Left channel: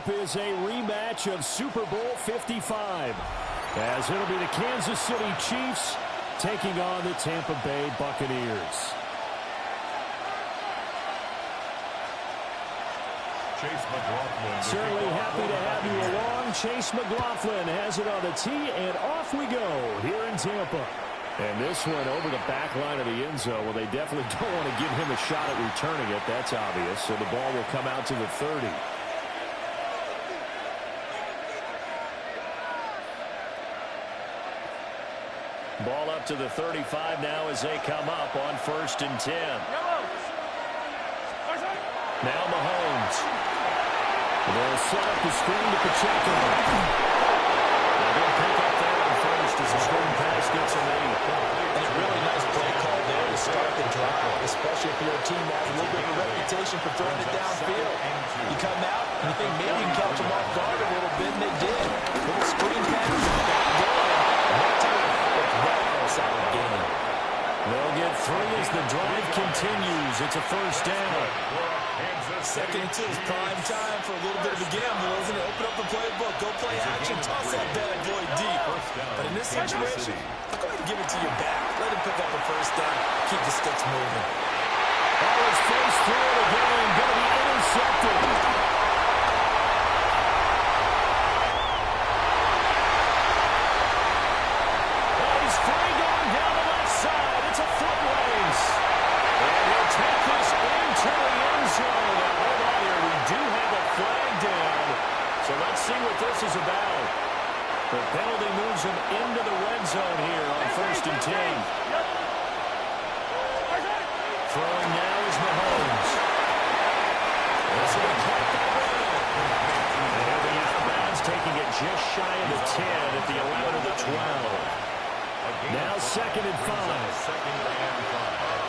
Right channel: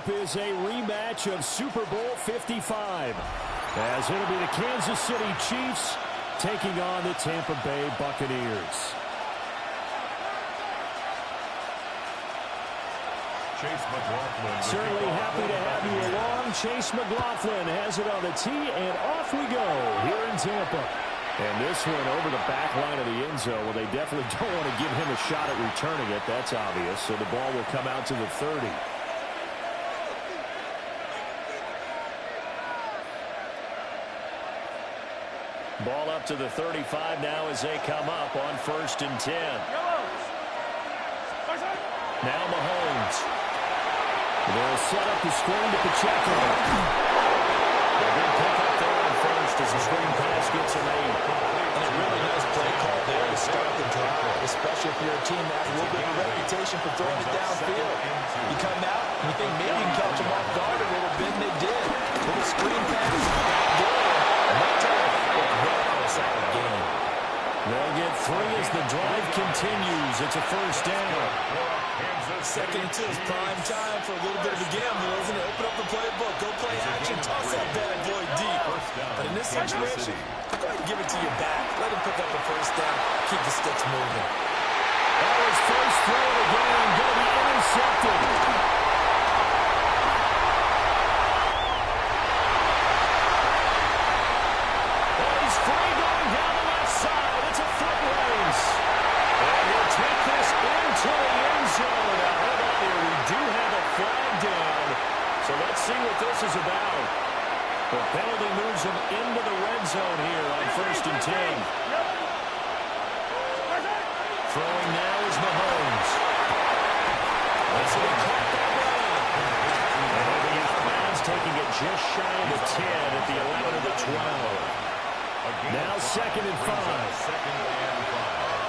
up is a rematch of Super Bowl 55, as it'll be the Kansas City Chiefs taking on the Tampa Bay Buccaneers. Chase McLaughlin. Certainly happy to have you along. Chase McLaughlin has it on the tee, and off we go here in Tampa. And this one over the back line of the end zone. Well, they definitely don't want to give him a shot at returning it. That's obvious. So the ball will come out to the 30. Ball up to the 35 now as they come up on 1st and 10. Now Mahomes. They'll set up the screen to Pacheco. A good pick up there on 1st as the screen pass gets a made. And a really nice play call there to start the drive, especially if you're a team that has a little bit of a reputation for throwing it downfield. You come out and you think maybe you can catch them off guard a little bit, and they did. A little screen pass, back door, and that time looked well for a solid game. They'll get 3 as the drive continues. It's a 1st down. 2nd and 2 is prime time for a little bit of a gamble, isn't it? Open up the playbook, go play action, toss that bad boy deep. But in this situation, go ahead and give it to your back. Let him pick up a 1st down, keep the sticks moving. Oh, his first throw of the game going to be intercepted. Well, he's free going down the left side. It's a foot race. And he'll take this into the end zone. Now, hold on here. We do have a flag down. So let's see what this is about. The penalty moves him into the red zone here on 1st and 10. Throwing now is Mahomes. This will be caught by Brown. And he'll be out of bounds, taking it just shy of the 10 at the 11 of the 12. Now 2nd and 5. 2nd and 5.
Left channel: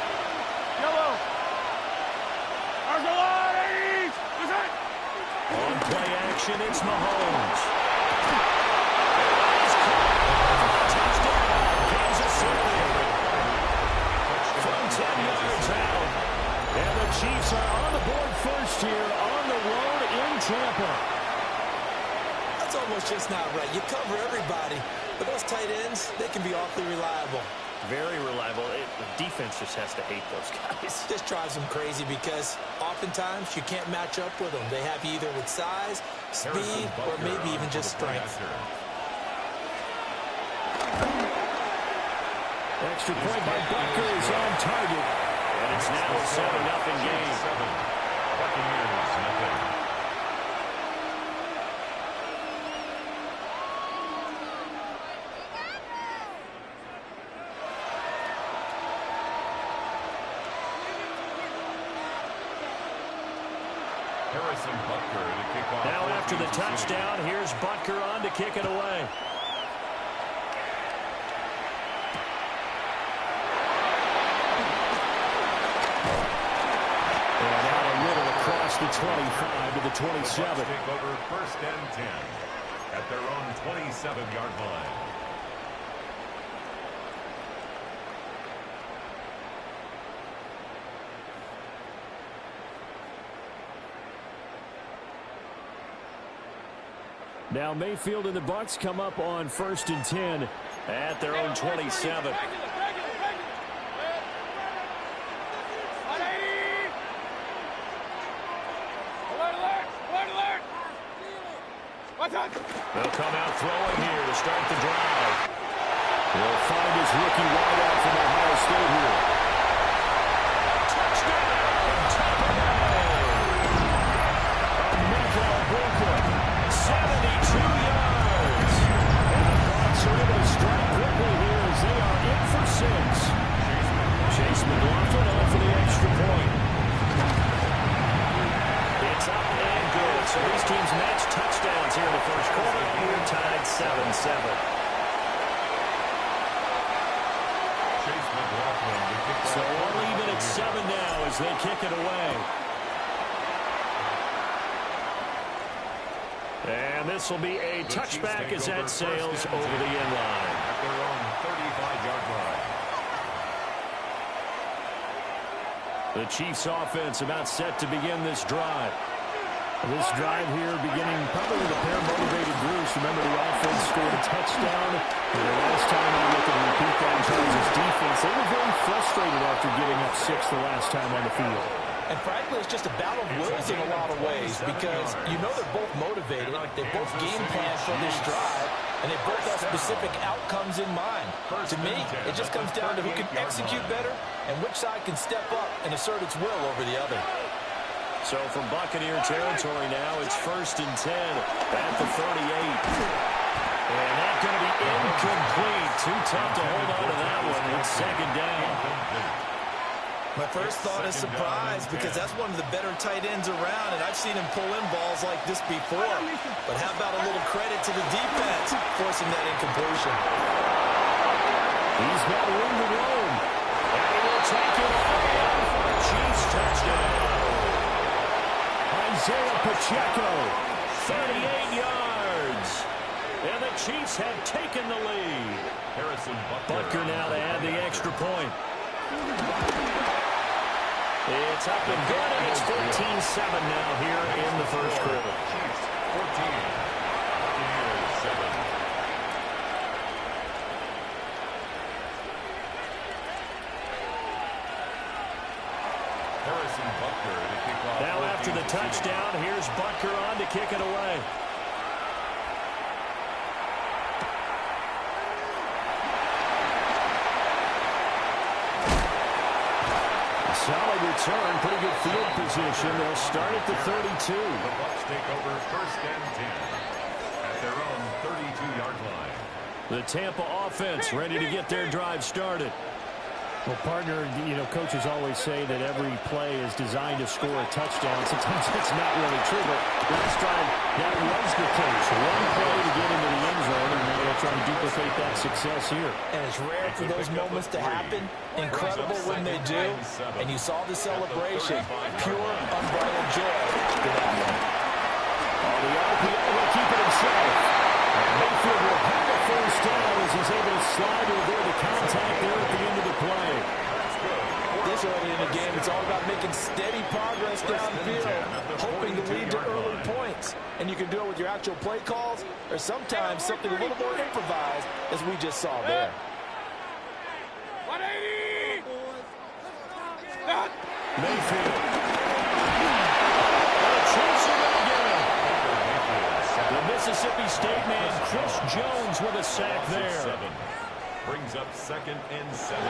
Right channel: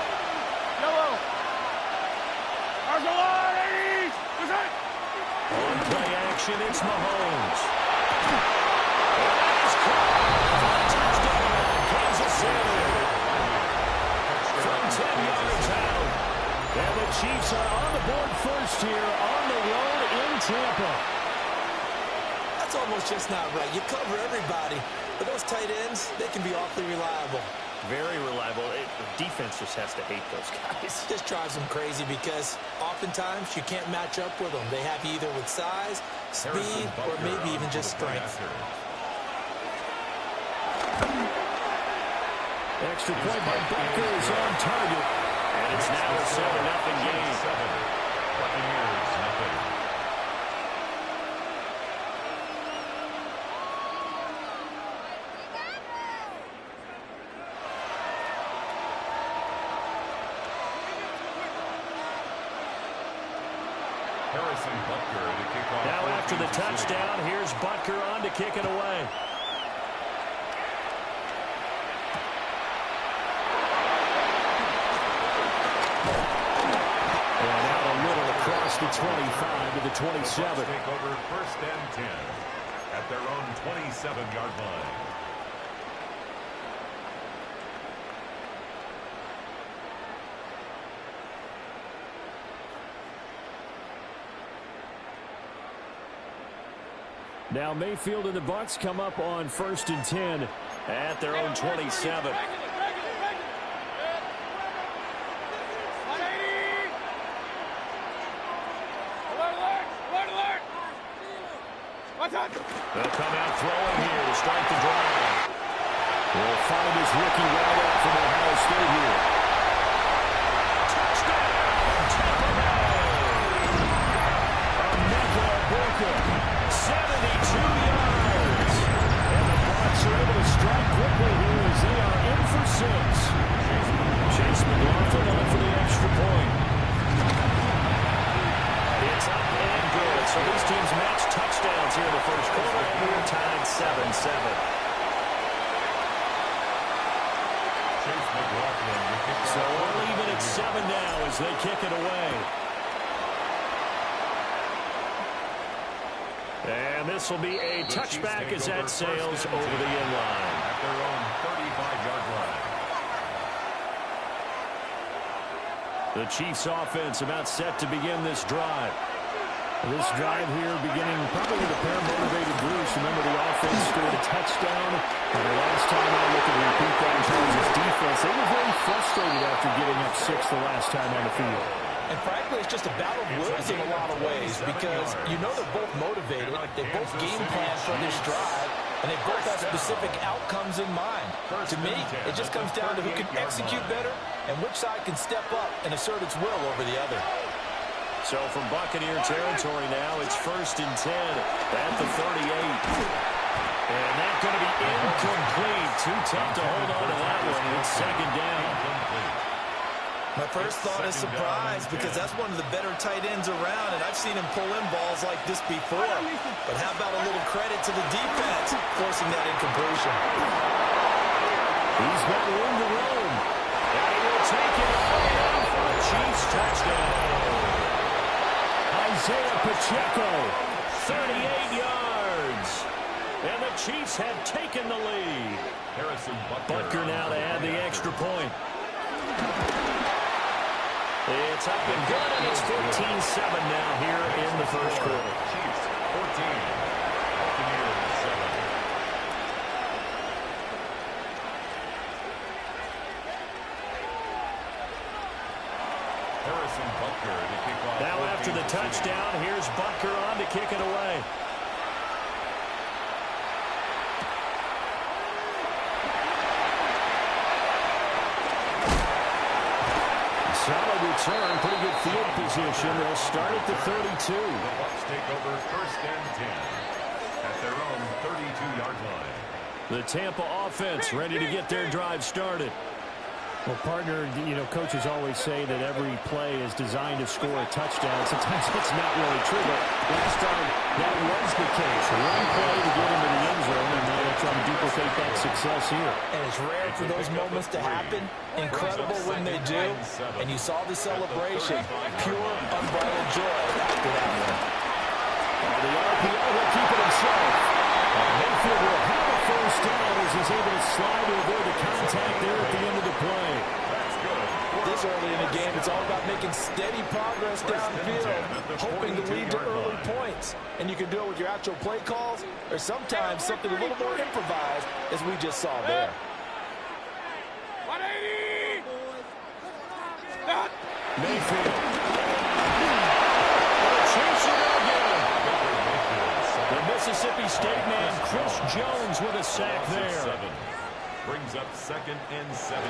On play action, it's Mahomes. And he's caught for the touchdown, Kansas City. From 10 yards out. And the Chiefs are on the board first here on the road in Tampa. That's almost just not right. You cover everybody, but those tight ends, they can be awfully reliable. Very reliable. The defense just has to hate those guys. This drives them crazy because oftentimes you can't match up with them. They have you either with size, speed, or maybe even just strength. Extra point by Butker is on target. And it's now a 7-0 game. 7. Buccaneers, nothing. Harrison Butker to kick off. Now after the touchdown, here's Butker on to kick it away. And out a little across the 25 to the 27. The Bucs take over 1st and 10 at their own 27-yard line. Now Mayfield and the Bucs come up on 1st and 10 at their own 27. They'll come out throwing here to start the drive. We'll find his rookie wideout from Ohio State here. Touchdown, Tampa Bay! Emeka Egbuka, 72 yards. And the Bucs are able to strike quickly here as they are in for 6. Chase McLaughlin on for the extra point. It's up and good. So these teams match touchdowns here in the first quarter, and we're tied 7-7. Chase McLaughlin to kick off. So all even at 7 now as they kick it away. And this will be a touchback as that sails over the end line. At their own 35-yard line. The Chiefs offense about set to begin this drive. This drive here beginning Speaking of the pair of motivated groups, remember the offense scored a touchdown. And the last time I look at the repeat that Chargers defense, they were very frustrated after giving up 6 the last time on the field. And frankly, it's just a battle of wills in a lot of ways because you know they're both motivated, they both game plan for this drive, and they both have specific outcomes in mind. To me, it just comes down to who can execute better and which side can step up and assert its will over the other. So from Buccaneer territory now, it's 1st and 10 at the 38. And that's going to be incomplete. Too tough to hold on to that one. It's 2nd down. My first thought is surprise because that's one of the better tight ends around, and I've seen him pull in balls like this before. But how about a little credit to the defense forcing that incompletion? He's got room to roam. And he will take it all in for a Chiefs touchdown. Isaiah Pacheco, 38 yards. And the Chiefs have taken the lead. Harrison Butker now to add the extra point. It's up and good, and it's 14-7 now here in the first quarter. Chiefs 14, Buccaneers 7. Harrison Butker to kick off. Now after the touchdown, here's Butker on to kick it away. Solid return, pretty good field position. They'll start at the 32. The Bucs take over 1st and 10 at their own 32-yard line. The Tampa offense ready to get their drive started. Well, partner, you know, coaches always say that every play is designed to score a touchdown. Sometimes that's not really true, but last time that was the case. One play to get into the end zone, and now they're trying to duplicate that success here. And it's rare for those moments to happen. Incredible when they do. And you saw the celebration. Pure, unbridled joy after that one. Oh, the RPO will keep it himself. And Mayfield will have a first down as he's able to slide to avoid the contact there at the end of the play. This early in the game, it's all about making steady progress downfield, hoping to lead to early points. And you can do it with your actual play calls or sometimes something a little more improvised, as we just saw there. 180! Mayfield. And the Chiefs are going to get him. The Mississippi State man, Chris Jones, with a sack there. Brings up 2nd and 17.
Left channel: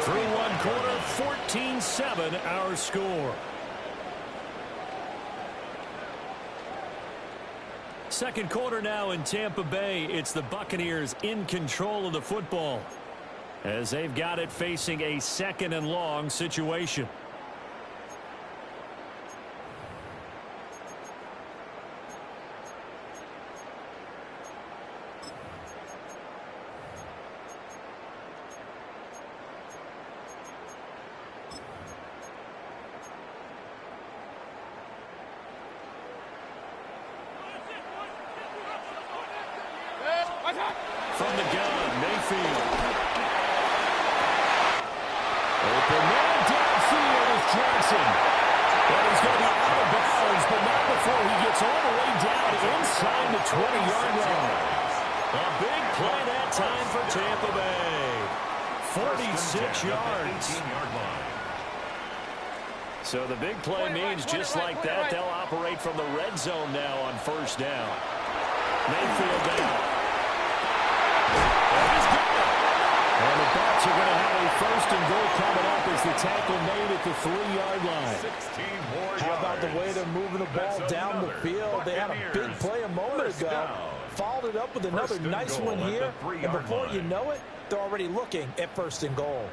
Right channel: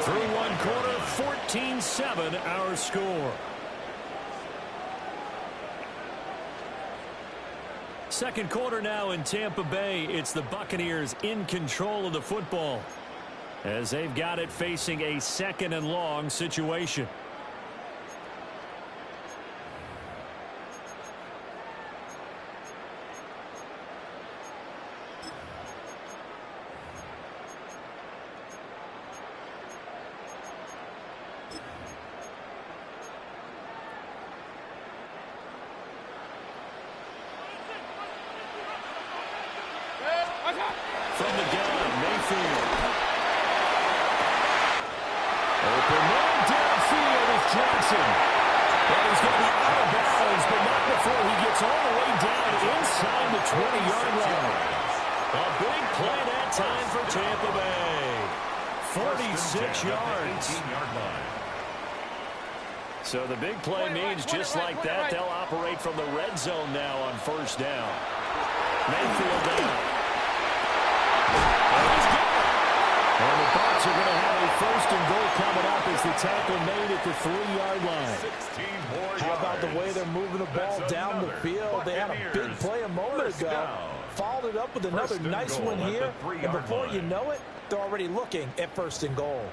Through one quarter, 14-7 our score. Second quarter now in Tampa Bay. It's the Buccaneers in control of the football as they've got it facing a 2nd and long situation. From the gun, Mayfield. Open man downfield is Johnson. And he's going to be out of bounds, but not before he gets all the way down inside the 20-yard line. A big play that time for Tampa Bay. 46 yards. 18-yard line. So the big play means just like that, they'll operate from the red zone now on first down. Mayfield down. And he's got it. And the Bucs are going to have a 1st and goal coming up as the tackle made at the 3-yard line. 16 more yards. How about the way they're moving the ball down the field? They had a big play a moment ago. Followed it up with another nice one here. And before you know it, they're already looking at 1st and goal.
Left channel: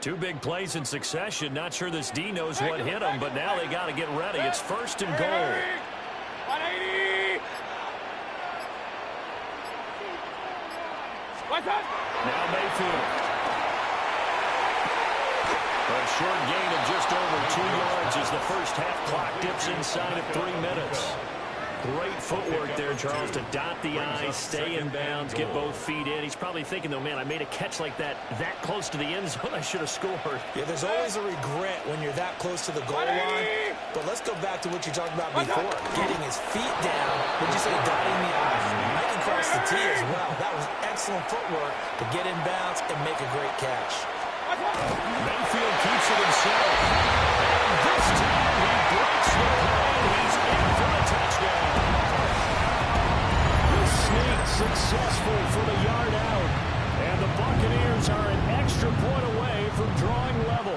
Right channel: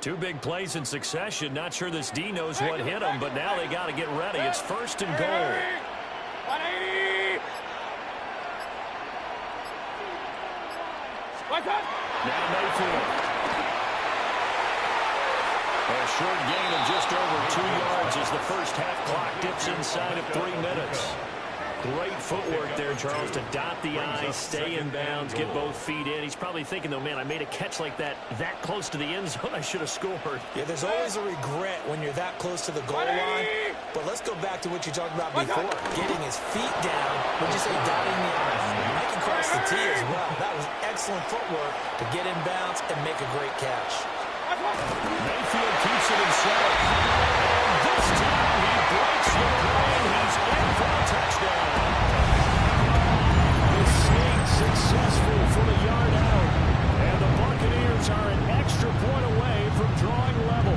Two big plays in succession. Not sure this D knows what hit him, but now they got to get ready. It's 1st and goal. 180! Now Mayfield. A short gain of just over 2 yards as the first half clock dips inside of 3 minutes. Great footwork there, Charles, to dot the I, stay in bounds, get both feet in. He's probably thinking, though, man, I made a catch like that close to the end zone. I should have scored. Yeah, there's always a regret when you're that close to the goal line. But let's go back to what you talked about before. Getting his feet down, would you say dotting the I? Making cross the T as well. That was excellent footwork to get in bounds and make a great catch. Mayfield keeps it himself. And this time he breaks the play, and he's in for the touchdown. The sneak successful from a yard out. And the Buccaneers are an extra point away from drawing level.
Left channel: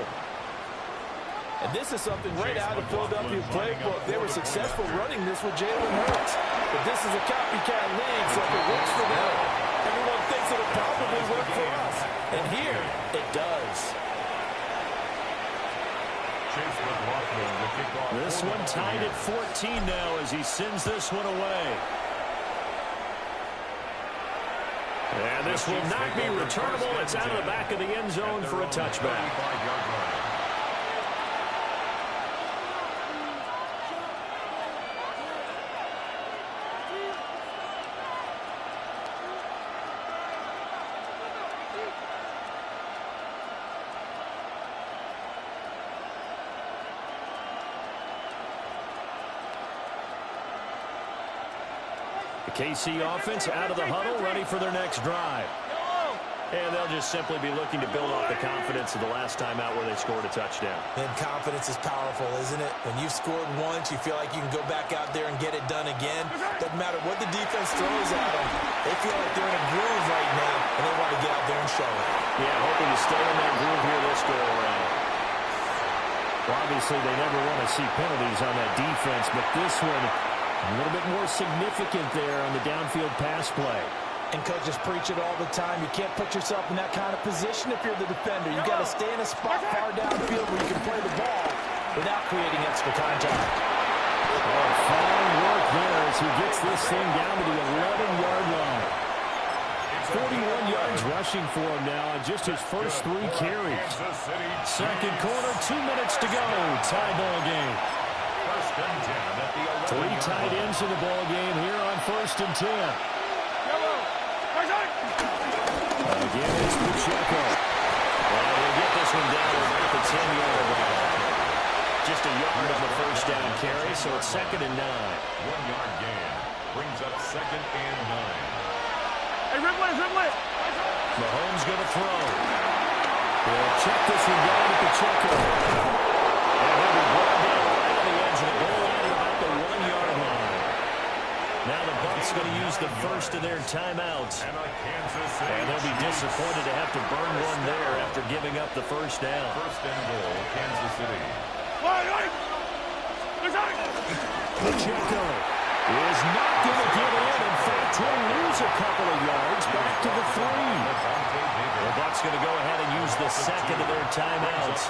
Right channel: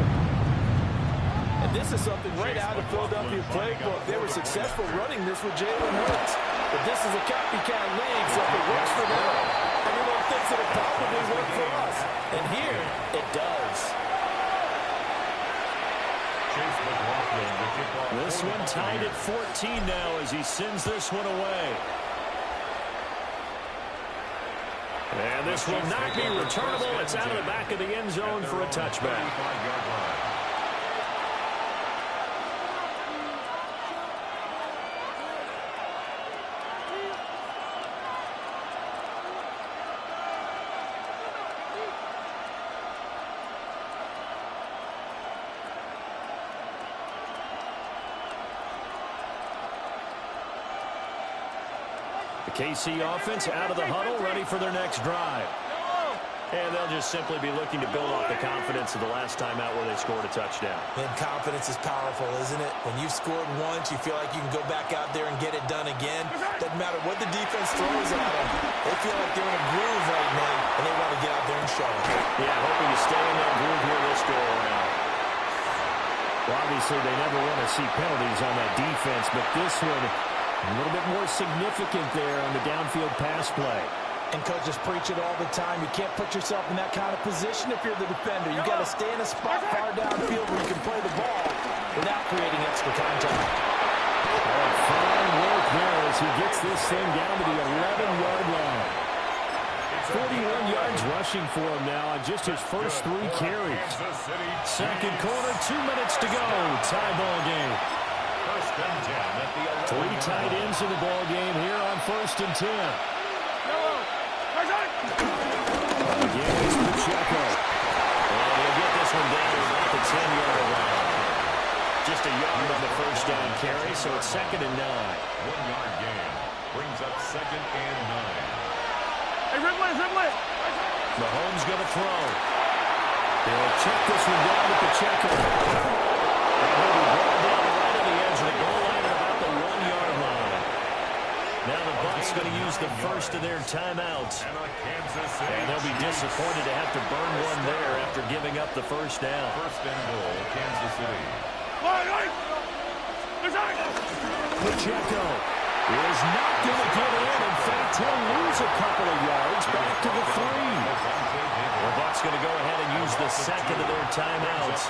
And this is something right out of Philadelphia playbook. They were successful running this with Jalen Hurts. But this is a copycat league, so if it works for them, everyone thinks it'll probably work for us. And here, it does. This one tied at 14 now as he sends this one away. And this will not be returnable. It's out of the back of the end zone for a touchback. KC offense out of the huddle, ready for their next drive. And they'll just simply be looking to build off the confidence of the last time out where they scored a touchdown. And confidence is powerful, isn't it? When you've scored once, you feel like you can go back out there and get it done again. Doesn't matter what the defense throws at them. They feel like they're in a groove right now, and they want to get out there and show it. Yeah, hoping to stay in that groove here this go-around. Well, obviously, they never want to see penalties on that defense, but this one a little bit more significant there on the downfield pass play. And coaches preach it all the time. You can't put yourself in that kind of position if you're the defender. You got to stay in a spot far downfield where you can play the ball without creating extra contact. Oh, fine work there as he gets this thing down to the 11-yard line. 41 yards rushing for him now on just his first 3 carries. Second quarter, 2 minutes to go. Tie ball game. First and 10 at the 11. 3 tight ends in the ball game here on first and 10. Again, it's Pacheco. And he'll get this one down to about the 10-yard line. Just a yard on the first down carry, so it's second and 9. 1-yard gain brings up second and 9. Hey, Ridley! Mahomes going to throw. He'll check this one down to Pacheco. And he'll be brought down right on the edge of the goal line at about the 1-yard line. Now the Bucs going to use the first of their timeouts. And they'll be disappointed to have to burn one there after giving up the first down. First and goal, Kansas City. Pacheco is not going to get in. In fact, he'll lose a couple of yards back to the 3. The Bucs going to go ahead and use the second of their timeouts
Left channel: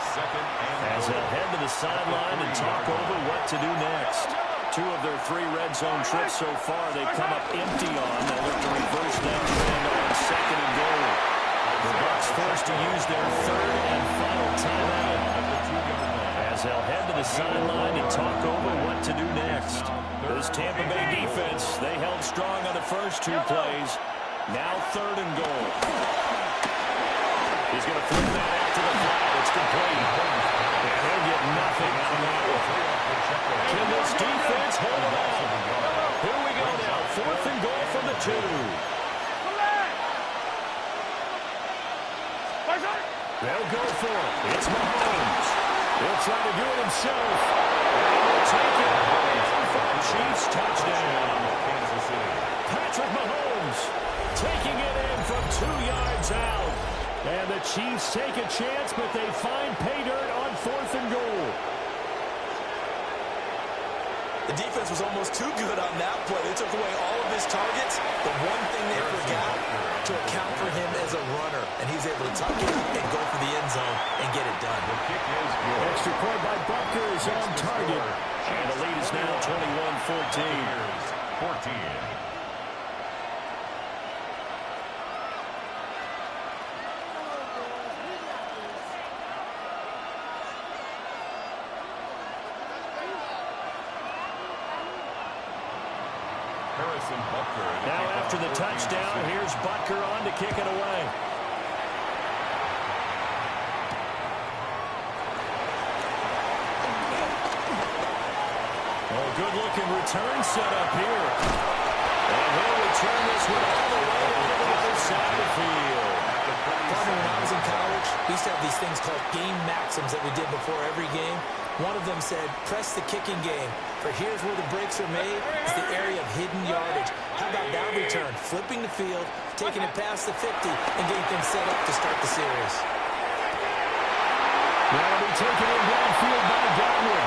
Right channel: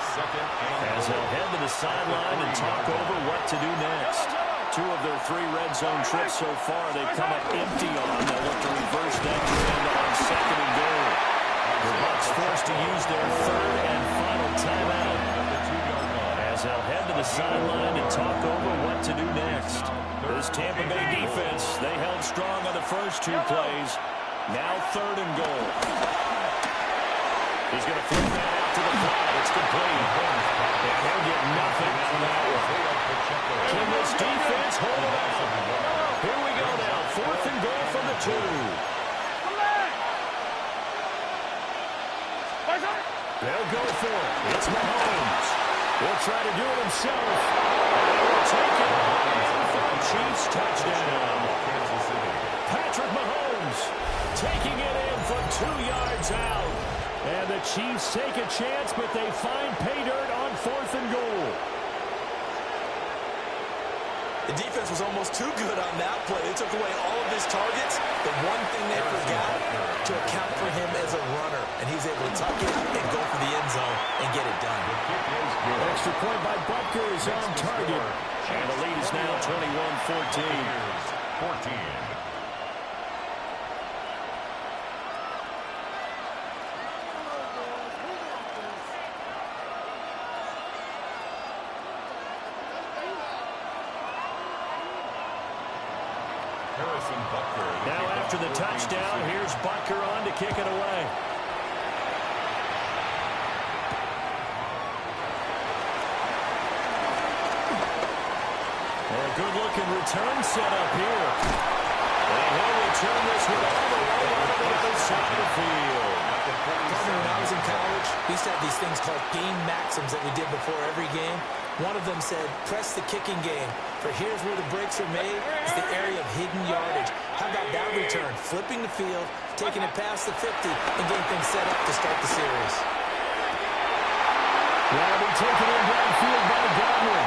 as they'll head to the sideline and talk over what to do next. 2 of their 3 red zone trips so far they've come up empty on. They'll look to reverse that trend on second and goal. The Bucs forced to use their third and final timeout as they'll head to the sideline and talk over what to do next. This Tampa Bay defense, they held strong on the first 2 plays. Now third and goal. He's going to flip that out to the flat. It's complete. And he'll get nothing out of that one. Can this defense hold him out? Here we go now. 4th and goal from the 2. They'll go for it. It's Mahomes. He'll try to do it himself. And he'll take it all in for a Chiefs touchdown. Kansas City. Patrick Mahomes taking it in from 2 yards out. And the Chiefs take a chance, but they find pay dirt on 4th and goal. The defense was almost too good on that play. They took away all of his targets. The one thing they forgot to account for him as a runner. And he's able to tuck it and go for the end zone and get it done. The kick is good. Extra point by Butker is on target. And the lead is now 21-14. 14. Now after the touchdown, here's Butker on to kick it away. Oh, good-looking return set up here. And he'll return this one all the way onto the other side of the field. Partner, when I was in college, we used to have these things called game maxims that we did before every game. One of them said, press the kicking game. For here's where the breaks are made. It's the area of hidden yardage. How about that return? Flipping the field, taking it past the 50, and getting things set up to start the series. That'll be taken in downfield by Godwin.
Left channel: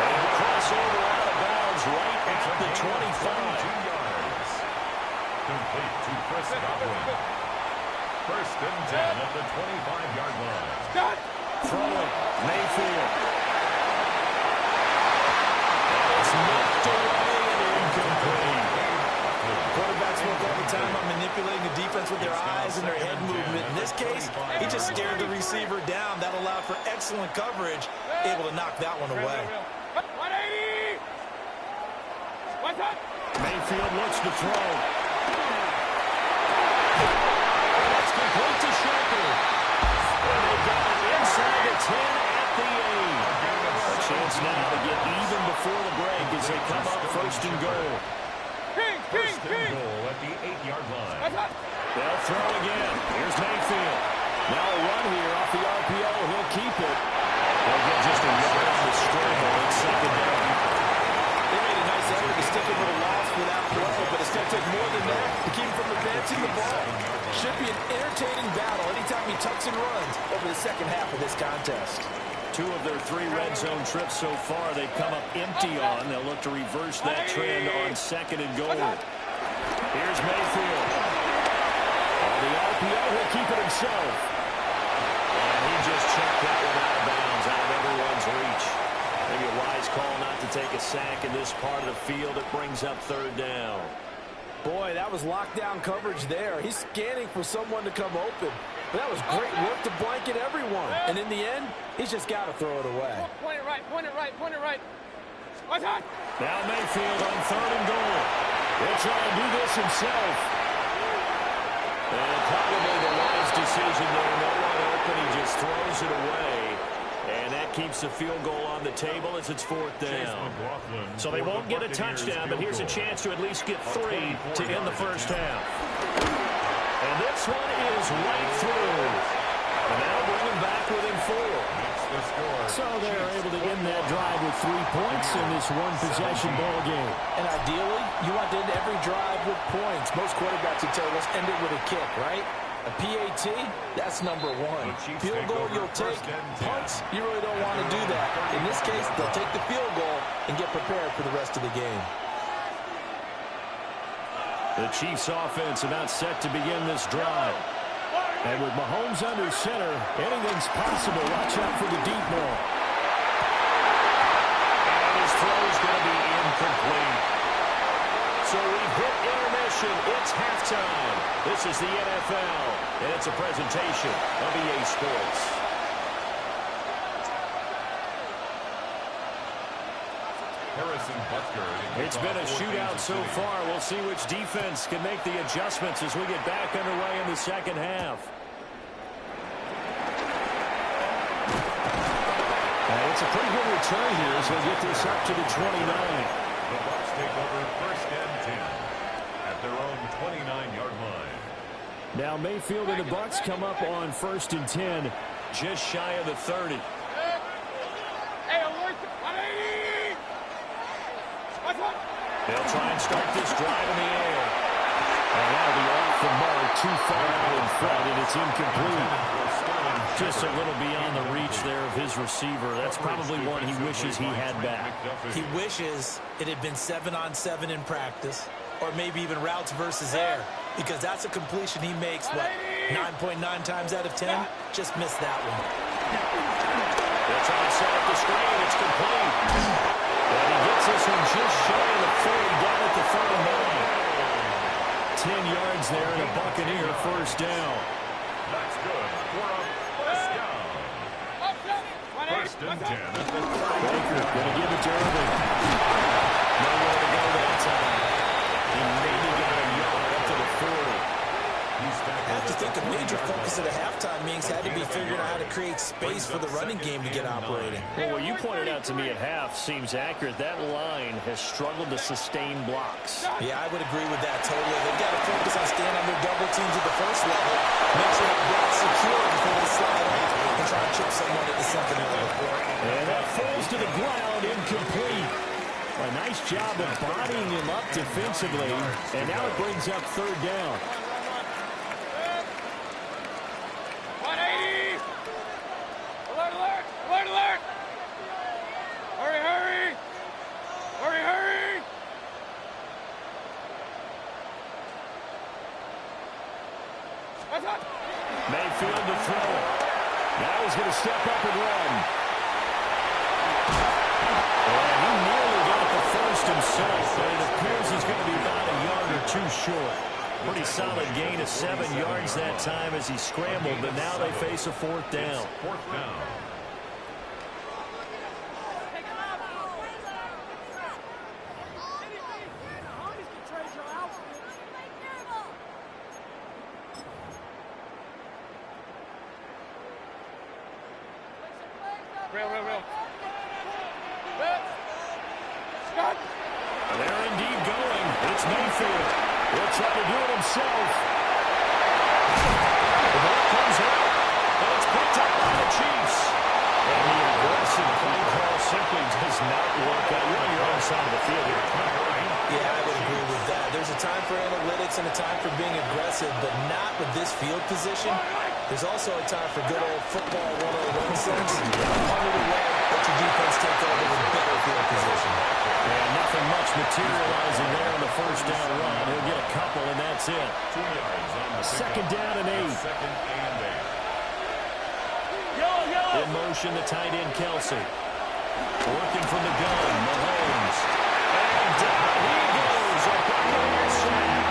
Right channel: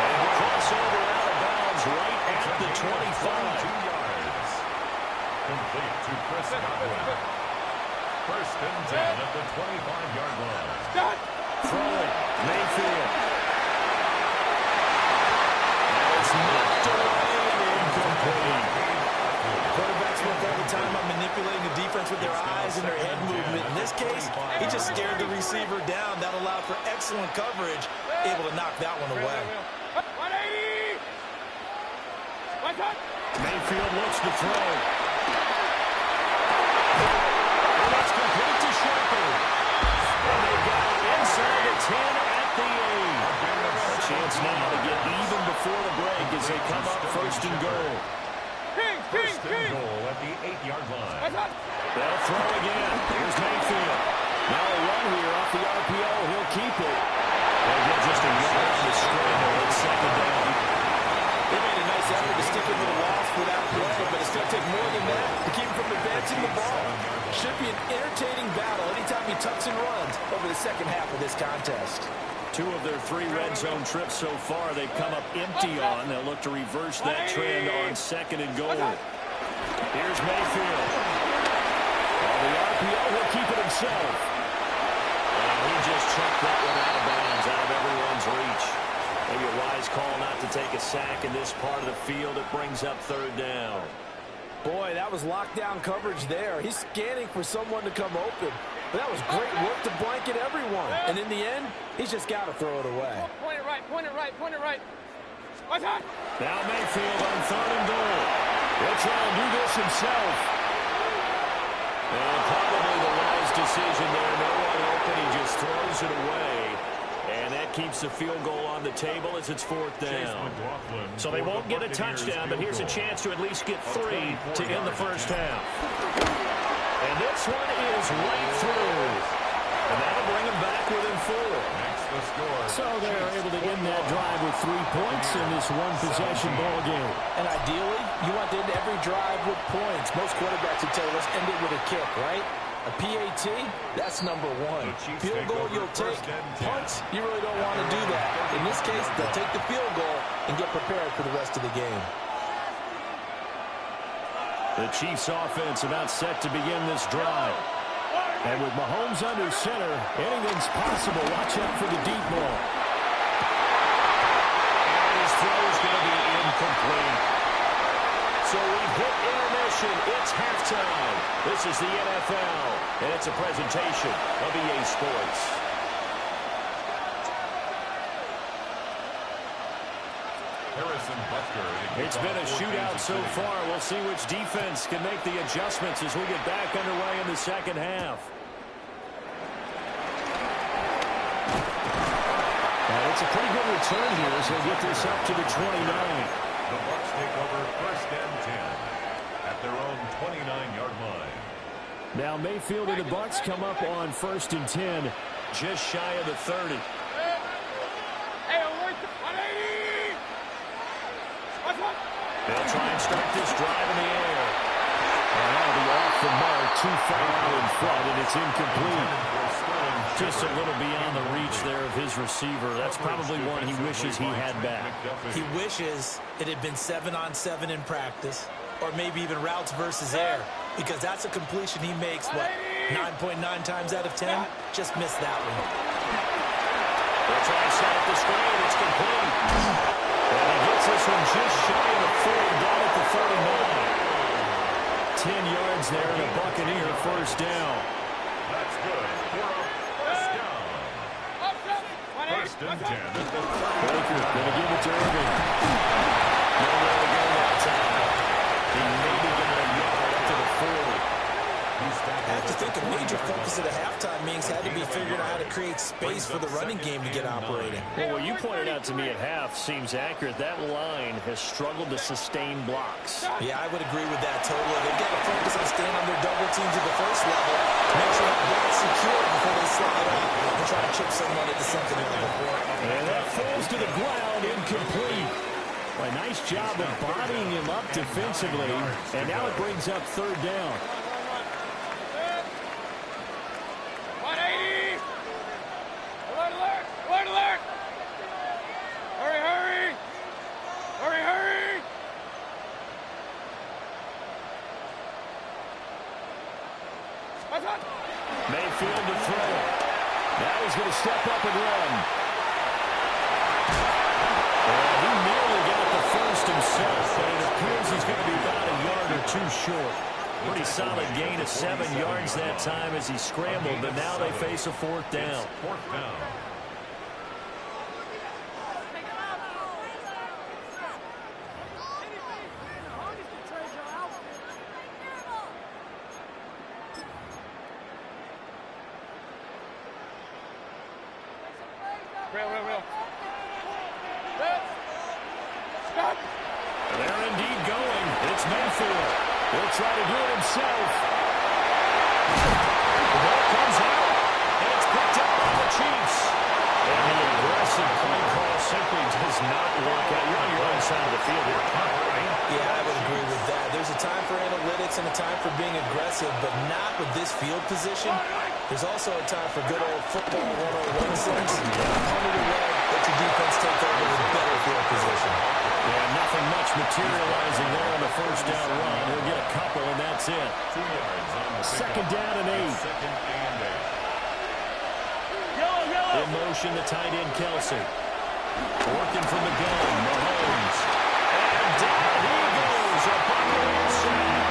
And he'll cross over out of bounds right at the 25. 2 yards. Complete to Chris Godwin. First and 10 at the 25-yard line. Start. Throwing. Mayfield. And it's knocked away and incomplete. Quarterbacks work all the time on manipulating the defense with their eyes and their head movement. In this case, he just stared the receiver down. That allowed for excellent coverage, able to knock that one away. 180. What's up? Mayfield looks to throw. And that's complete to Shepard. And they got it inside the 10 at the 8. A chance now to get even before the break as they come up first and goal. First and goal at the 8-yard line. They'll throw again. Here's Mayfield. Now a run here off the RPO. He'll keep it. They'll get just a yard on the scramble. It's second down. They made a nice effort to stick him with a loss for that play, but it's going to take more than that to keep him from advancing the ball. Should be an entertaining battle anytime he tucks and runs over the second half of this contest. 2 of their 3 red zone trips so far they've come up empty on. They'll look to reverse that trend on second and goal. Here's Mayfield. On the RPO, he'll keep it himself. And he just chucked that one out of bounds, out of everyone's reach. Maybe a wise call not to take a sack in this part of the field. It brings up third down. Boy, that was lockdown coverage there. He's scanning for someone to come open. But that was great work to blanket everyone. And in the end, he's just got to throw it away. Point it right, point it right, point it right. What's up? Now Mayfield on third and goal. He'll try and do this himself. And probably the wise decision there. No one open. He just throws it away. And that keeps the field goal on the table as it's fourth down. So they won't get a touchdown, but here's a chance to at least get 3 to end the first half. And this one is right through. And that'll bring them back within 4. So they're able to end that drive with 3 points in this one-possession ball game. And ideally, you want to end every drive with points. Most quarterbacks would tell you, let's end it with a kick, right? A PAT, that's number 1. Field goal you'll take. Punts, you really don't want to do that. In this case, they'll take the field goal and get prepared for the rest of the game. The Chiefs offense about set to begin this drive. And with Mahomes under center, anything's possible. Watch out for the deep ball. And his throw's going to be incomplete. So we've hit intermission. It's halftime. This is the NFL, and it's a presentation of EA Sports. It's been a shootout so far. We'll see which defense can make the adjustments as we get back underway in the second half. And it's a pretty good return here as he'll get this up to the 29. The Bucs take over first and 10 at their own 29-yard line. Now Mayfield and the Bucs come up on first and 10, just shy of the 30. Hey, alert! 180! What's up? They'll try and start this drive in the air. And that'll be off the mark, too far out in front, and it's incomplete. Just a little beyond the reach there of his receiver. That's probably one he wishes he had back. He wishes it had been 7-on-7 in practice, or maybe even routes versus air, because that's a completion he makes, what, 9.9 times out of 10? Just missed that one. They'll try and set up the screen. It's complete. And he gets this one just shy of the 40, down at the 39. 10 yards there and a Buccaneer first down. That's good for a first down. First and 10 at the 30. Baker going to give it to Irving. Nowhere to go that time. I have to think a major focus of the halftime meetings had to be figuring out how to create space for the running game to get operating. Well, what you pointed out to me at half seems accurate. That line has struggled to sustain blocks. Yeah, I would agree with that totally. They've got to focus on staying on their double teams at the first level, make sure that block's secure before they slide off and try to chip someone at the second level. And that falls to the ground, incomplete. A nice job of bodying him up defensively, and now it brings up third down. 180! Alert, alert! Alert, alert! Hurry, hurry! Hurry, hurry! What's up? Mayfield to throw it. Now he's going to step up and run. And he nearly got the first himself, but it appears he's going to be about a yard or two short. Pretty solid gain of 7 yards that time as he scrambled, but now they face a fourth down. Fourth down. Real. Stop! They're indeed going. It's Mayfield. He'll try to do it himself. The ball comes out, and it's picked up by the Chiefs. And the aggressive play call simply does not work out. You're on your own side of the field here, right? Yeah, I would agree with that. There's a time for analytics and a time for being aggressive, but not with this field position. There's also a time for good old football 101 sense. Punt it away, let your defense take over with better field position. Yeah, nothing much materializing there on the first down run. He'll get a couple, and that's it. 2 yards on the Second down and 8. Second and 8. In motion, the tight end, Kelsey. Working from the gun, Mahomes. And down he goes, a Buccaneer sack.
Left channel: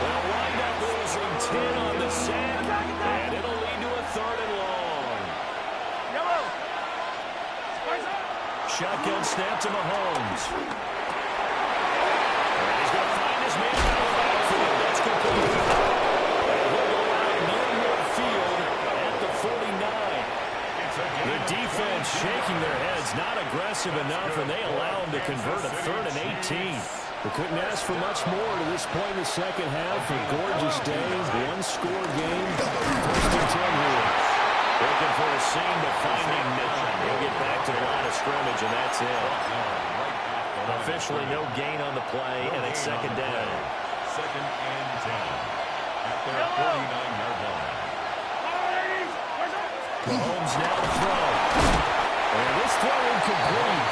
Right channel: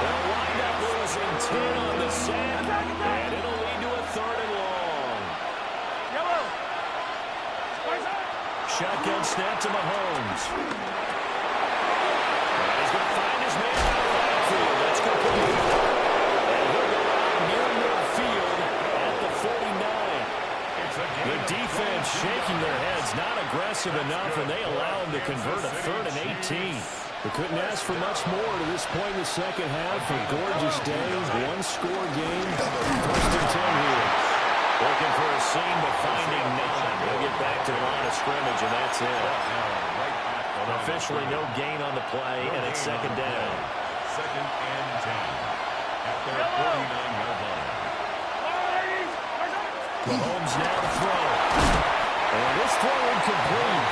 They'll wind up losing 10 on the sack, and it'll lead to a third and long. Shotgun snap to Mahomes. And he's going to find his man out of the backfield. That's complete. And he'll go out near midfield at the 49. The defense shaking their heads, not aggressive enough, and they allow him to convert a 3rd and 18. We couldn't ask for much more to this point in the second half. A gorgeous day, one-score game. First and 10 here. Looking for a seam, but finding none. He'll get back to the line of scrimmage, and that's it. Officially no gain on the play, and it's second down. Second and 10 at their 49-yard line. Mahomes now to throw. And this throw incomplete.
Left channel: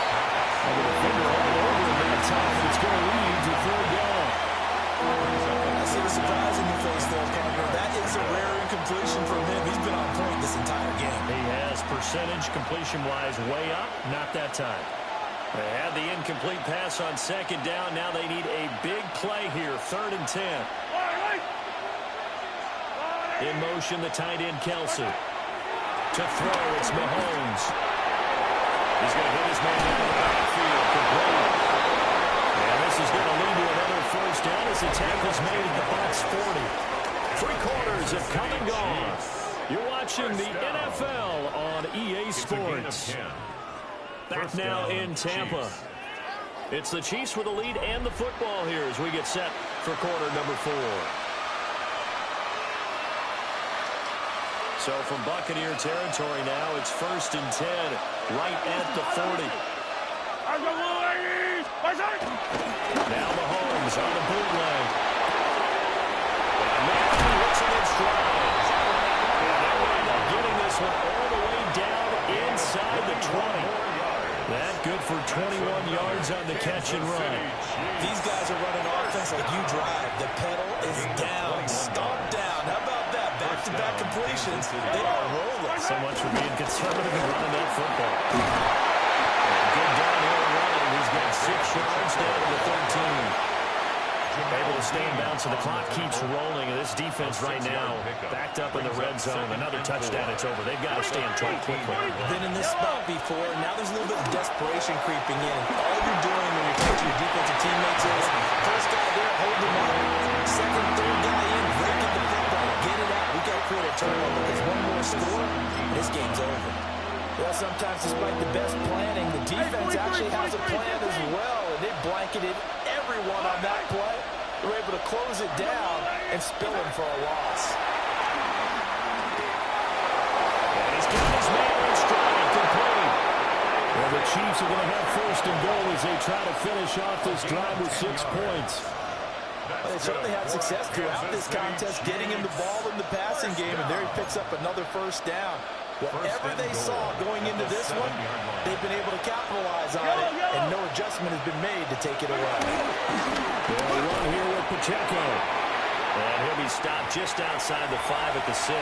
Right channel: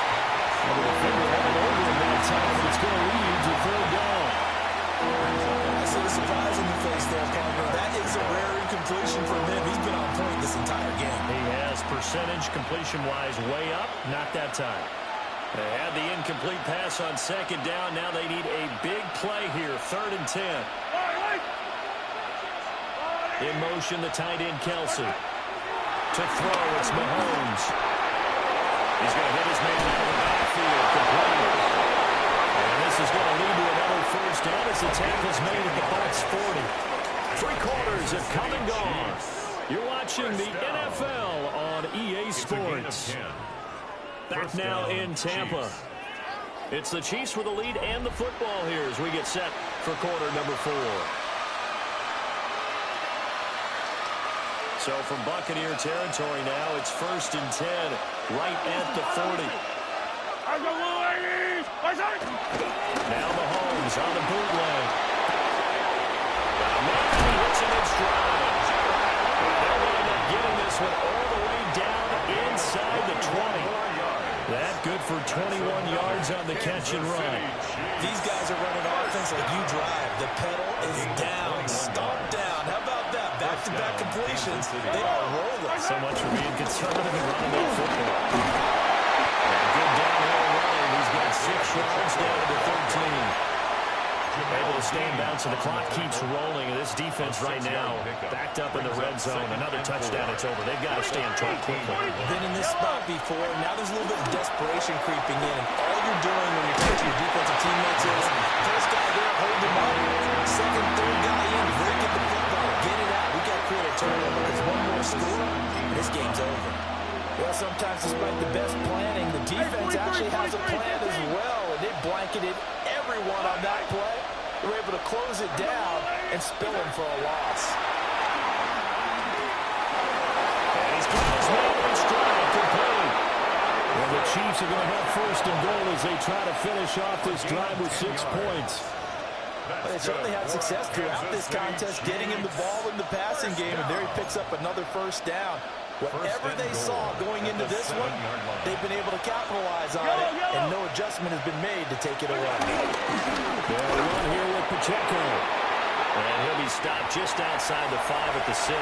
And the defender all over him that time, but it's going to lead to third down. I see the surprise in your face there, partner. That is a rare incompletion from him. He's been on point this entire game. He has percentage completion-wise way up. Not that time. They had the incomplete pass on second down. Now they need a big play here. 3rd and 10. In motion, the tight end, Kelsey. To throw, it's Mahomes. He's going to hit his man out of the backfield. Complete. And this is going to lead to another first down as the tackle's made at the Bucs 40. 3 quarters have come and gone. You're watching the NFL on EA Sports. Back now in Tampa. It's the Chiefs with the lead and the football here as we get set for quarter number 4. So from Buccaneer territory now, it's 1st and 10, right at the 40. Now Mahomes on the bootleg. Man, he hits him in stride. And they'll wind up getting this one all the way down inside the 20. That good for 21 yards on the catch and run. These guys are running offense like you drive. The pedal is down, stomp down. How about that? Back-to-back completions. They are rolling. So much for being conservative and running that football. And good downhill running. He's got 6 yards down to the 13. Able to stay in bounds, so the clock keeps rolling. And this defense right now backed up in the red zone. Another touchdown, it's over. They've got to stay on track quickly. Been in this spot before. Now there's a little bit of desperation creeping in. And all you're doing when you're coaching your defensive teammates is first guy there, hold them up. Second, third guy in, break at the football. Get it out. We got to create a turnover. There's one more score, and this game's over. Well, sometimes despite the best planning, the defense actually has a plan as well, and they blanketed everyone on that play. They were able to close it down and spill him for a loss. And he's got his man in stride, complete. And the Chiefs are going to have first and goal as they try to finish off this drive with 6 points. Well, they certainly had success throughout this contest, getting him the ball in the passing game, and there he picks up another first down. Whatever they saw going into this one, they've been able to capitalize on it, and no adjustment has been made to take it away. They'll run here with Pacheco. And he'll be stopped just outside the 5 at the 6.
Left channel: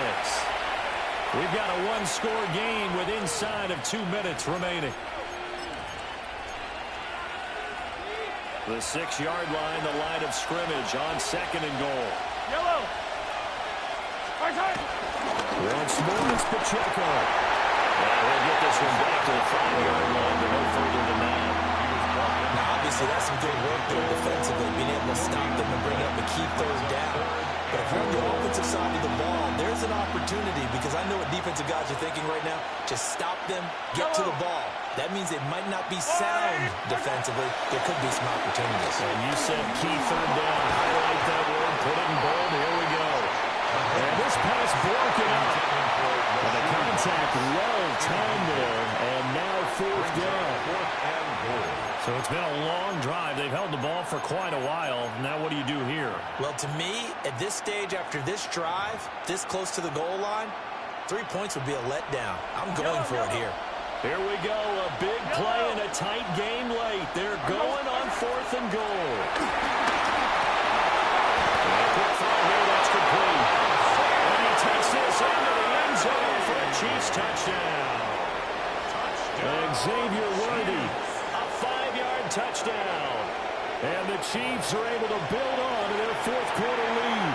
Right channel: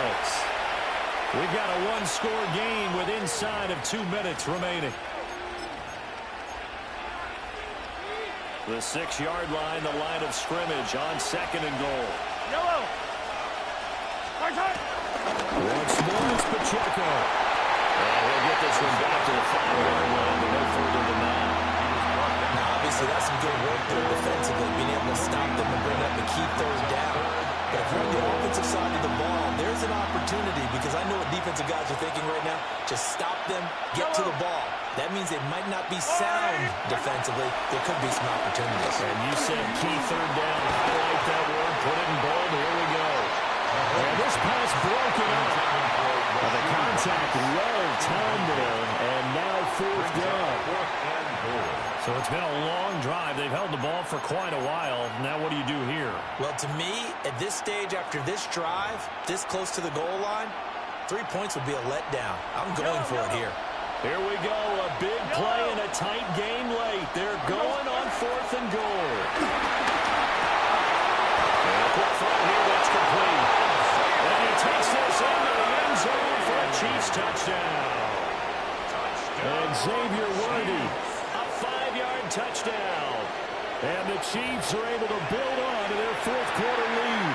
We've got a one-score game with inside of 2 minutes remaining. The 6-yard line, the line of scrimmage on second and goal. Yellow. Once more, it's Pacheco. And he'll get this one back to the 5-yard line, but no further than that. Now, obviously, that's some good work there defensively, being able to stop them and bring up a key third down. But if you're on the offensive side of the ball, there's an opportunity, because I know what defensive guys are thinking right now. Just stop them, get to the ball. That means it might not be sound defensively. There could be some opportunities. And you said key third down. Highlight that word, put it in bold. Here we go. And this pass broken up. Well, the contact well-timed there, and now fourth down. So it's been a long drive. They've held the ball for quite a while. Now what do you do here? Well, to me, at this stage, after this drive, this close to the goal line, 3 points would be a letdown. I'm going for it here. Here we go. A big play in a tight game late. They're going on 4th and goal. And a quick throw here. That's complete. And he takes this into the end zone for a Chiefs touchdown. Xavier Worthy, a 5-yard touchdown. And the Chiefs are able to build on to their 4th quarter lead.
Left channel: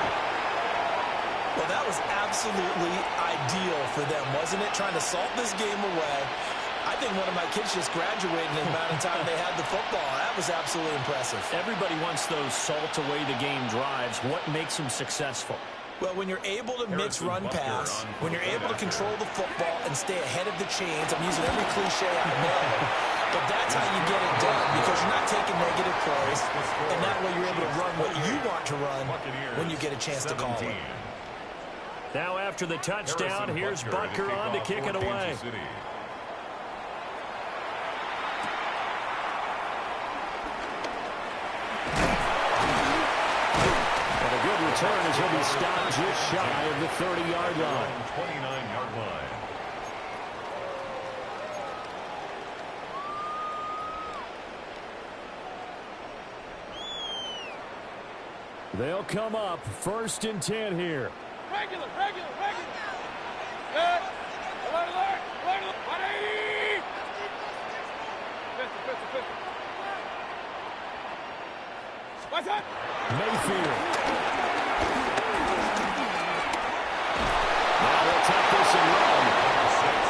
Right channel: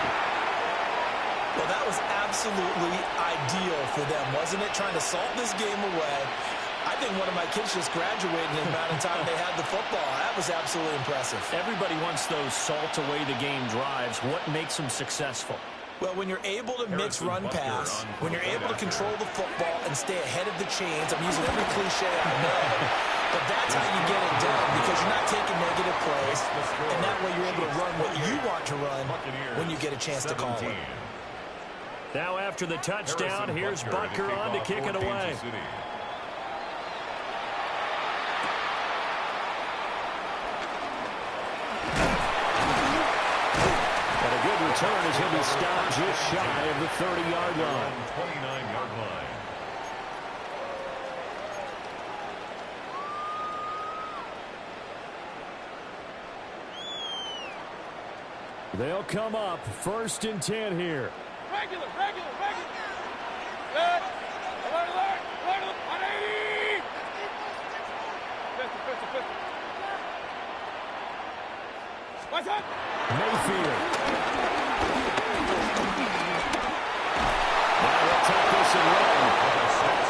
Well, that was absolutely ideal for them, wasn't it? Trying to salt this game away. I think one of my kids just graduated in the amount of time they had the football. That was absolutely impressive. Everybody wants those salt away the game drives. What makes them successful? Well, when you're able to mix run-pass, when you're able to control the football and stay ahead of the chains, I'm using every cliche I know, but that's how you get it done, because you're not taking negative plays, and that way you're able to run what you want to run when you get a chance to call it. Now after the touchdown, here's Butker on to kick it away. And a good return as he'll be stopped just shy of the 30-yard line. 29-yard line. They'll come up 1st and 10 here. Regular. Good. Alert. 180. Pistol. What's up? Mayfield. Now they'll take this and run.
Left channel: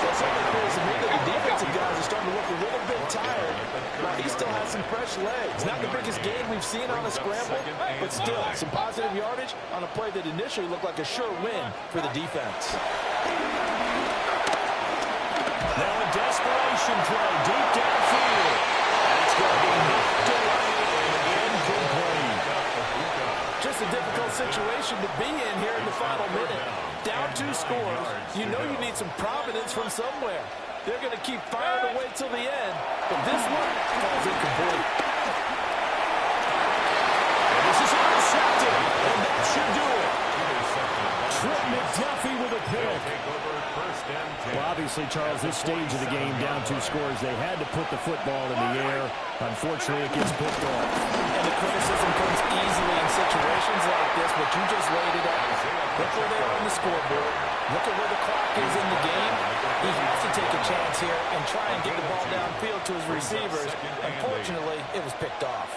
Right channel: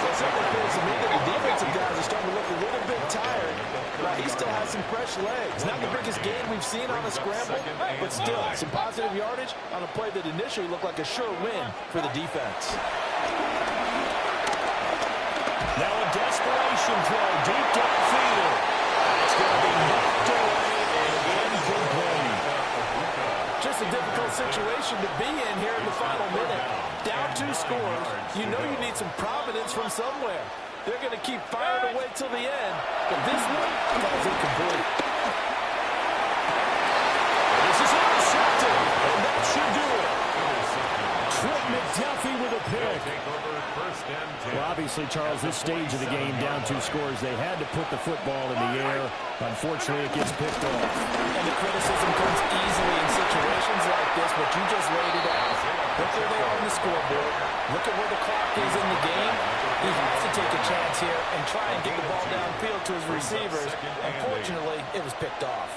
Well, something appears to me that the defensive guys are starting to look a little bit tired, while he still has some fresh legs. Not the biggest gain we've seen on a scramble, but still some positive yardage on a play that initially looked like a sure win for the defense. Now a desperation throw deep downfield. That's going to be knocked away and incomplete. Just a difficult situation to be in here in the final minute. Down 2 scores, you know you need some providence from somewhere. They're going to keep firing away till the end, but this one falls incomplete. And this is intercepted, and that should do it. Trent McDuffie with a pick. Well, obviously, Charles, this stage of the game, down 2 scores, they had to put the football in the air. Unfortunately, it gets picked off. And the criticism comes easily in situations like this, but you just laid it out. Look where they are on the scoreboard. Look at where the clock is in the game. He has to take a chance here and try and get the ball downfield to his receivers. Unfortunately, it was picked off.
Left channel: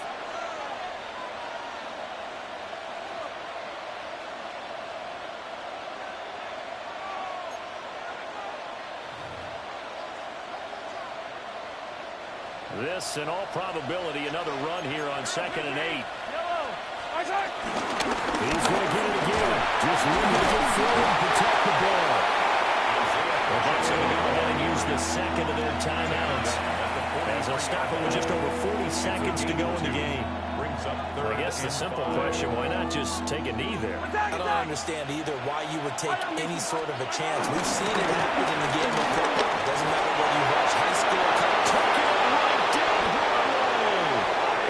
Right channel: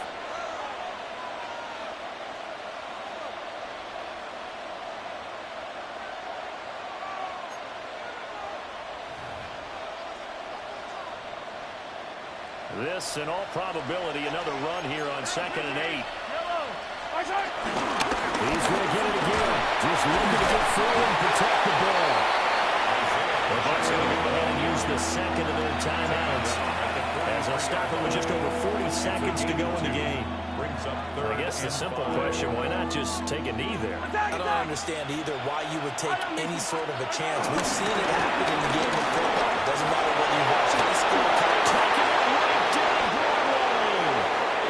This, in all probability, another run here on 2nd and 8. He's going to get it again. Just looking to get through and protect the ball. The Bucs going to go ahead and use the second of their timeouts as they'll stop it with just over 40 seconds to go in the game. I guess the simple question, why not just take a knee there? I don't understand either why you would take any sort of a chance. We've seen it happen in the game of football. It doesn't matter whether you watch high school or college. Taking it right down Broadway.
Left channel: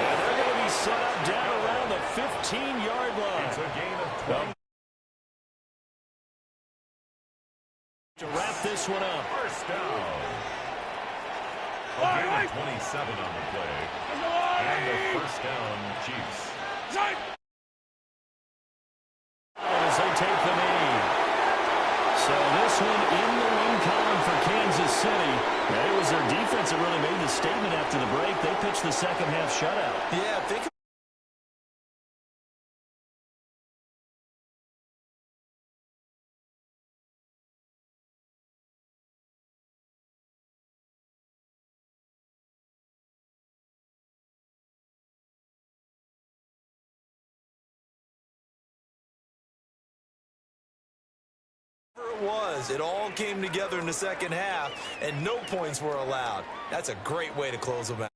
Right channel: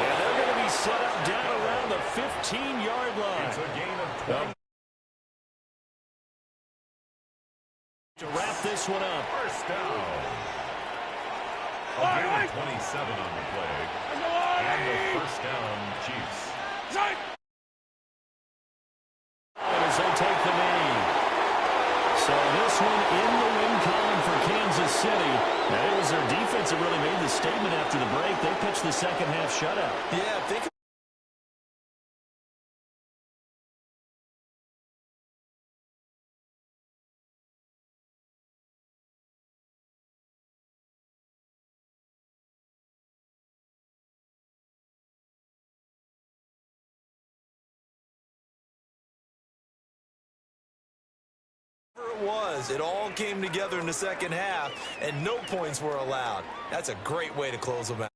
And they're going to be set up down around the 15-yard line. It's a gain of 20. To wrap this one up. First down. A gain of 27 on the play. And the first down, Chiefs. As they take the knee. So this one in the win column for Kansas City. And it was their defense that really made the statement after the break. They pitched the second half shutout. Yeah, think it all came together in the second half, and no points were allowed. That's a great way to close them out.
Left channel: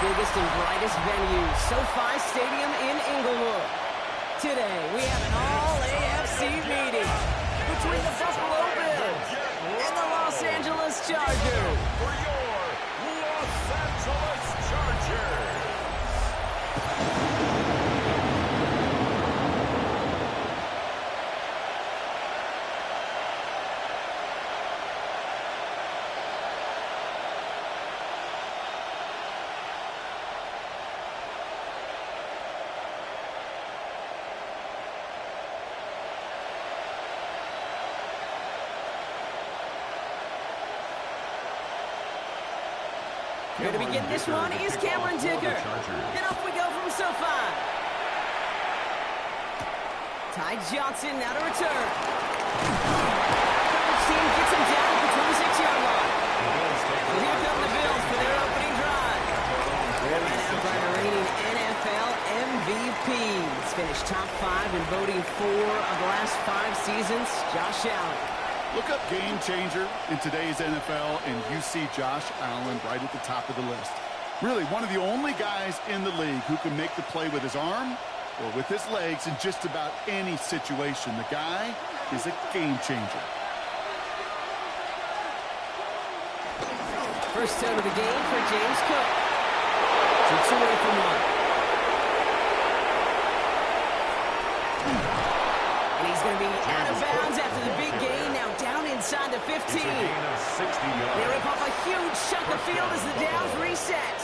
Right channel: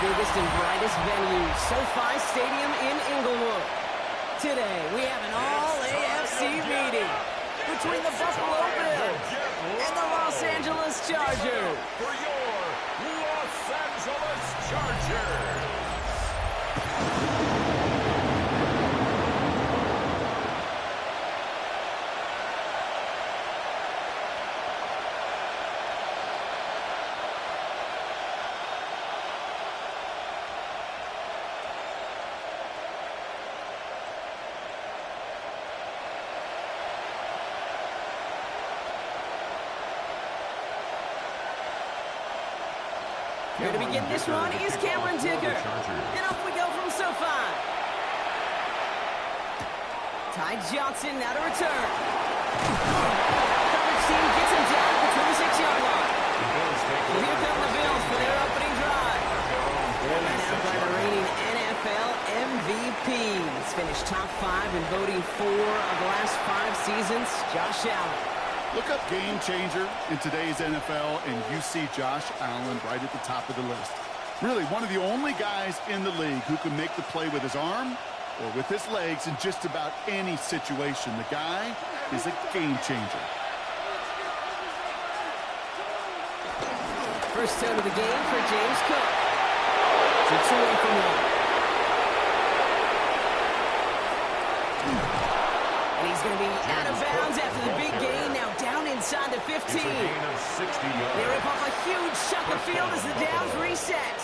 biggest and brightest venues, SoFi Stadium in Inglewood. Today, we have an all-AFC meeting between the Buffalo Bills and the Los Angeles Chargers. For your Los Angeles Chargers. Here to begin this one is Cameron Dicker. And off we go from SoFi. Ty Johnson now to return. Coverage team gets him down at the 26-yard line. So here come the Bills for their opening drive. They're led out by the reigning NFL MVPs. Finished top 5 in voting 4 of the last 5 seasons. Josh Allen. Look up game changer in today's NFL, and you see Josh Allen right at the top of the list. Really, one of the only guys in the league who can make the play with his arm or with his legs in just about any situation. The guy is a game changer. First out of the game for James Cook. So 2 away from 1. And he's going to be out of bounds after the big gain. Now down inside the 15. It's a gain of 60 yards. They rip off a huge chunk of field as the downs reset.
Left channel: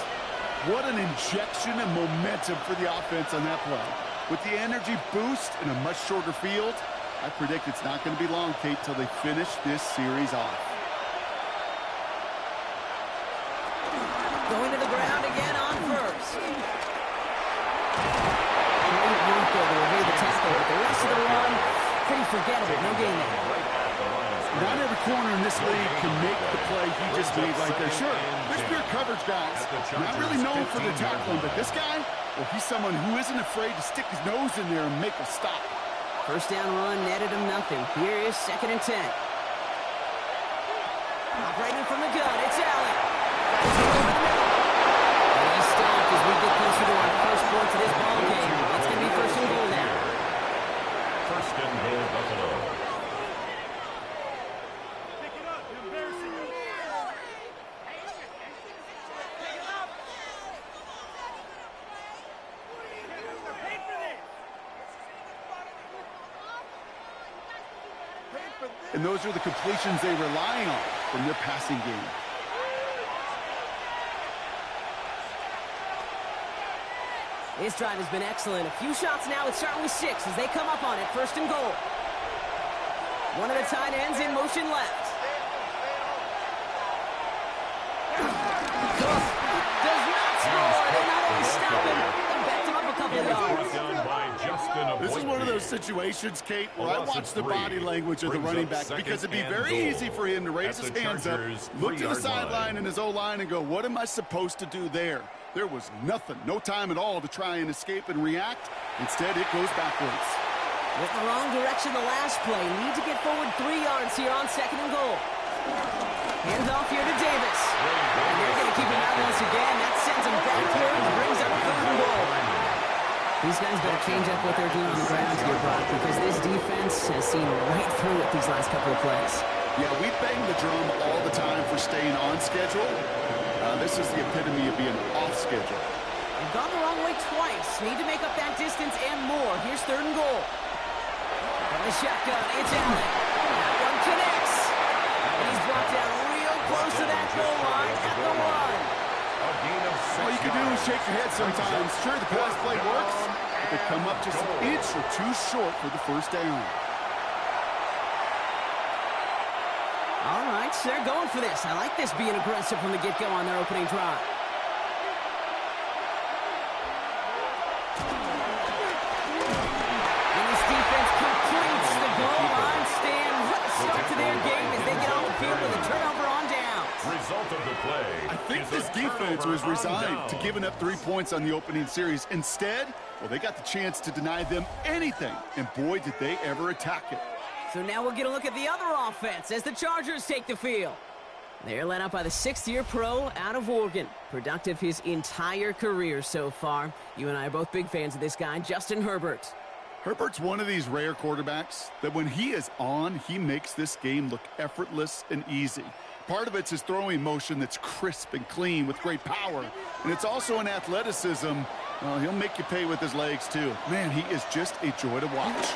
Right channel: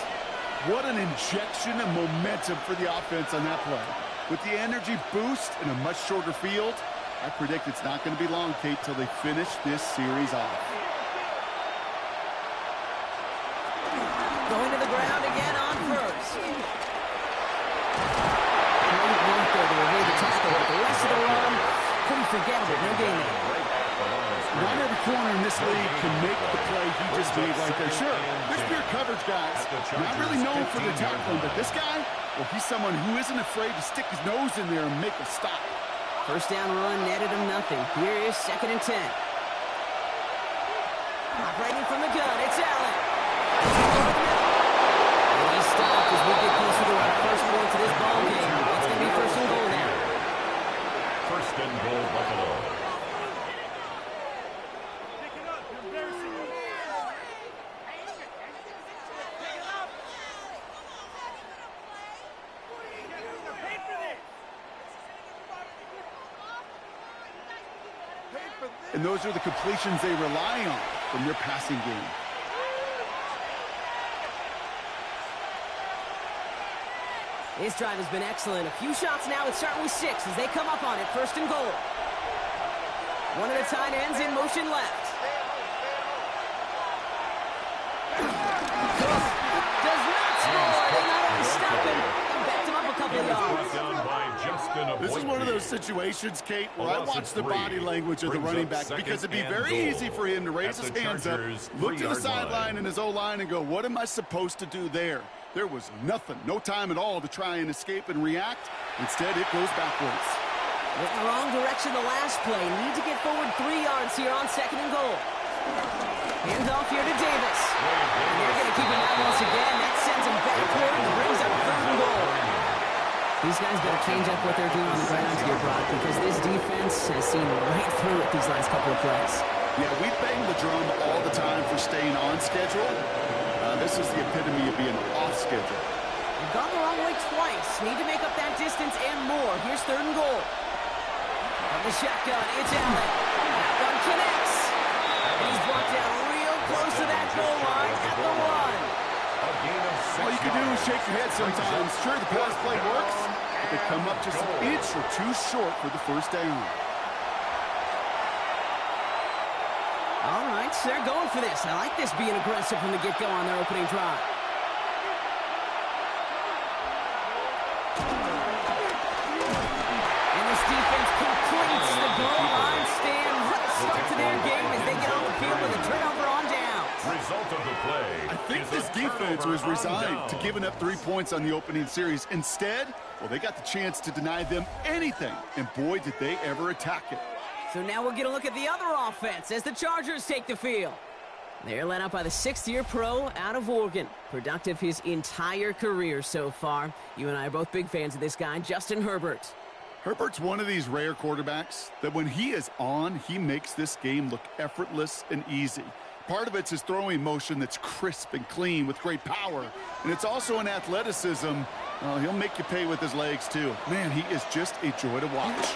What an injection of momentum for the offense on that play. With the energy boost and a much shorter field, I predict it's not going to be long, Kate, till they finish this series off. Going to the ground again on first. Great work there to evade the tackle, but the rest of the run, pretty forgettable. No gain there. Not every corner in this league can make the play he just made right there. Sure, there's pure coverage guys, not really known for their tackling, but this guy, well, he's someone who isn't afraid to stick his nose in there and make a stop. First down run netted him nothing. Here is 2nd and 10. Operating from the gun, it's Allen. Over the middle. And he's stopped as we get closer to our first points of this ball game. It's going to be 1st and goal now. 1st and goal, Buffalo. Pick it up. You're embarrassing me. And those are the completions they rely on from their passing game. This drive has been excellent. A few shots now. It's starting with 6 as they come up on it. 1st and goal. One of the tight ends in motion left. Cook does not score. They not only stop him, they backed him up a couple of yards. This is one of those situations, Kate, where I watch the body language of the running back because it'd be very easy for him to raise his hands up, look to the sideline and his O-line and go, what am I supposed to do there? There was nothing, no time at all to try and escape and react. Instead, it goes backwards. Went in the wrong direction the last play. Need to get forward 3 yards here on 2nd and goal. Hands off here to Davis. And they're going to keep him out once again. That sends him backwards, brings up 3rd and goal. These guys better change up what they're doing on the ground here, Brock, because this defense has seen right through it these last couple of plays. Yeah, we bang the drum all the time for staying on schedule. This is the epitome of being off schedule. They've gone the wrong way twice. Need to make up that distance and more. Here's 3rd and goal. From the shotgun, it's Allen. That one connects. And he's brought down real close to that goal line at the 1. All you can do is shake your head sometimes. Sure, the pass play works, but they come up just an inch or 2 short for the 1st down. All right, so they're going for this. I like this being aggressive from the get-go on their opening drive. And this defense completes the goal line stand. What a start to their game as they get on the field with a turnover on downs. Result of the play. I think this defense was resigned to giving up 3 points on the opening series. Instead, well, they got the chance to deny them anything. And boy, did they ever attack it. So now we'll get a look at the other offense as the Chargers take the field. They're led out by the sixth-year pro out of Oregon. Productive his entire career so far. You and I are both big fans of this guy, Justin Herbert. Herbert's one of these rare quarterbacks that when he is on, he makes this game look effortless and easy. Part of it's his throwing motion that's crisp and clean with great power. And it's also an athleticism. Well, he'll make you pay with his legs, too. Man, he is just a joy to watch.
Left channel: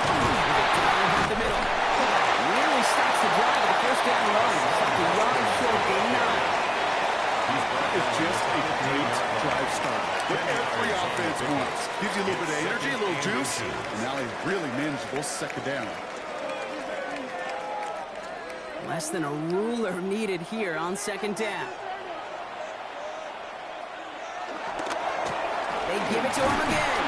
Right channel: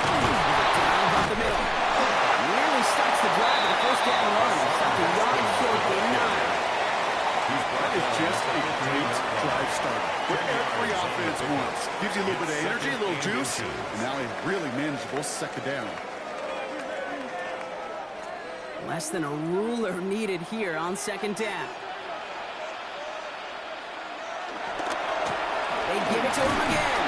Down about the middle. Nearly stops the drive with a first down run. Stopped a yard short in 9. That is just a great drive starter. What every offense wants. Gives you a little bit of energy, a little juice, and now a really manageable second down. Less than a ruler needed here on second down. They give it to him again.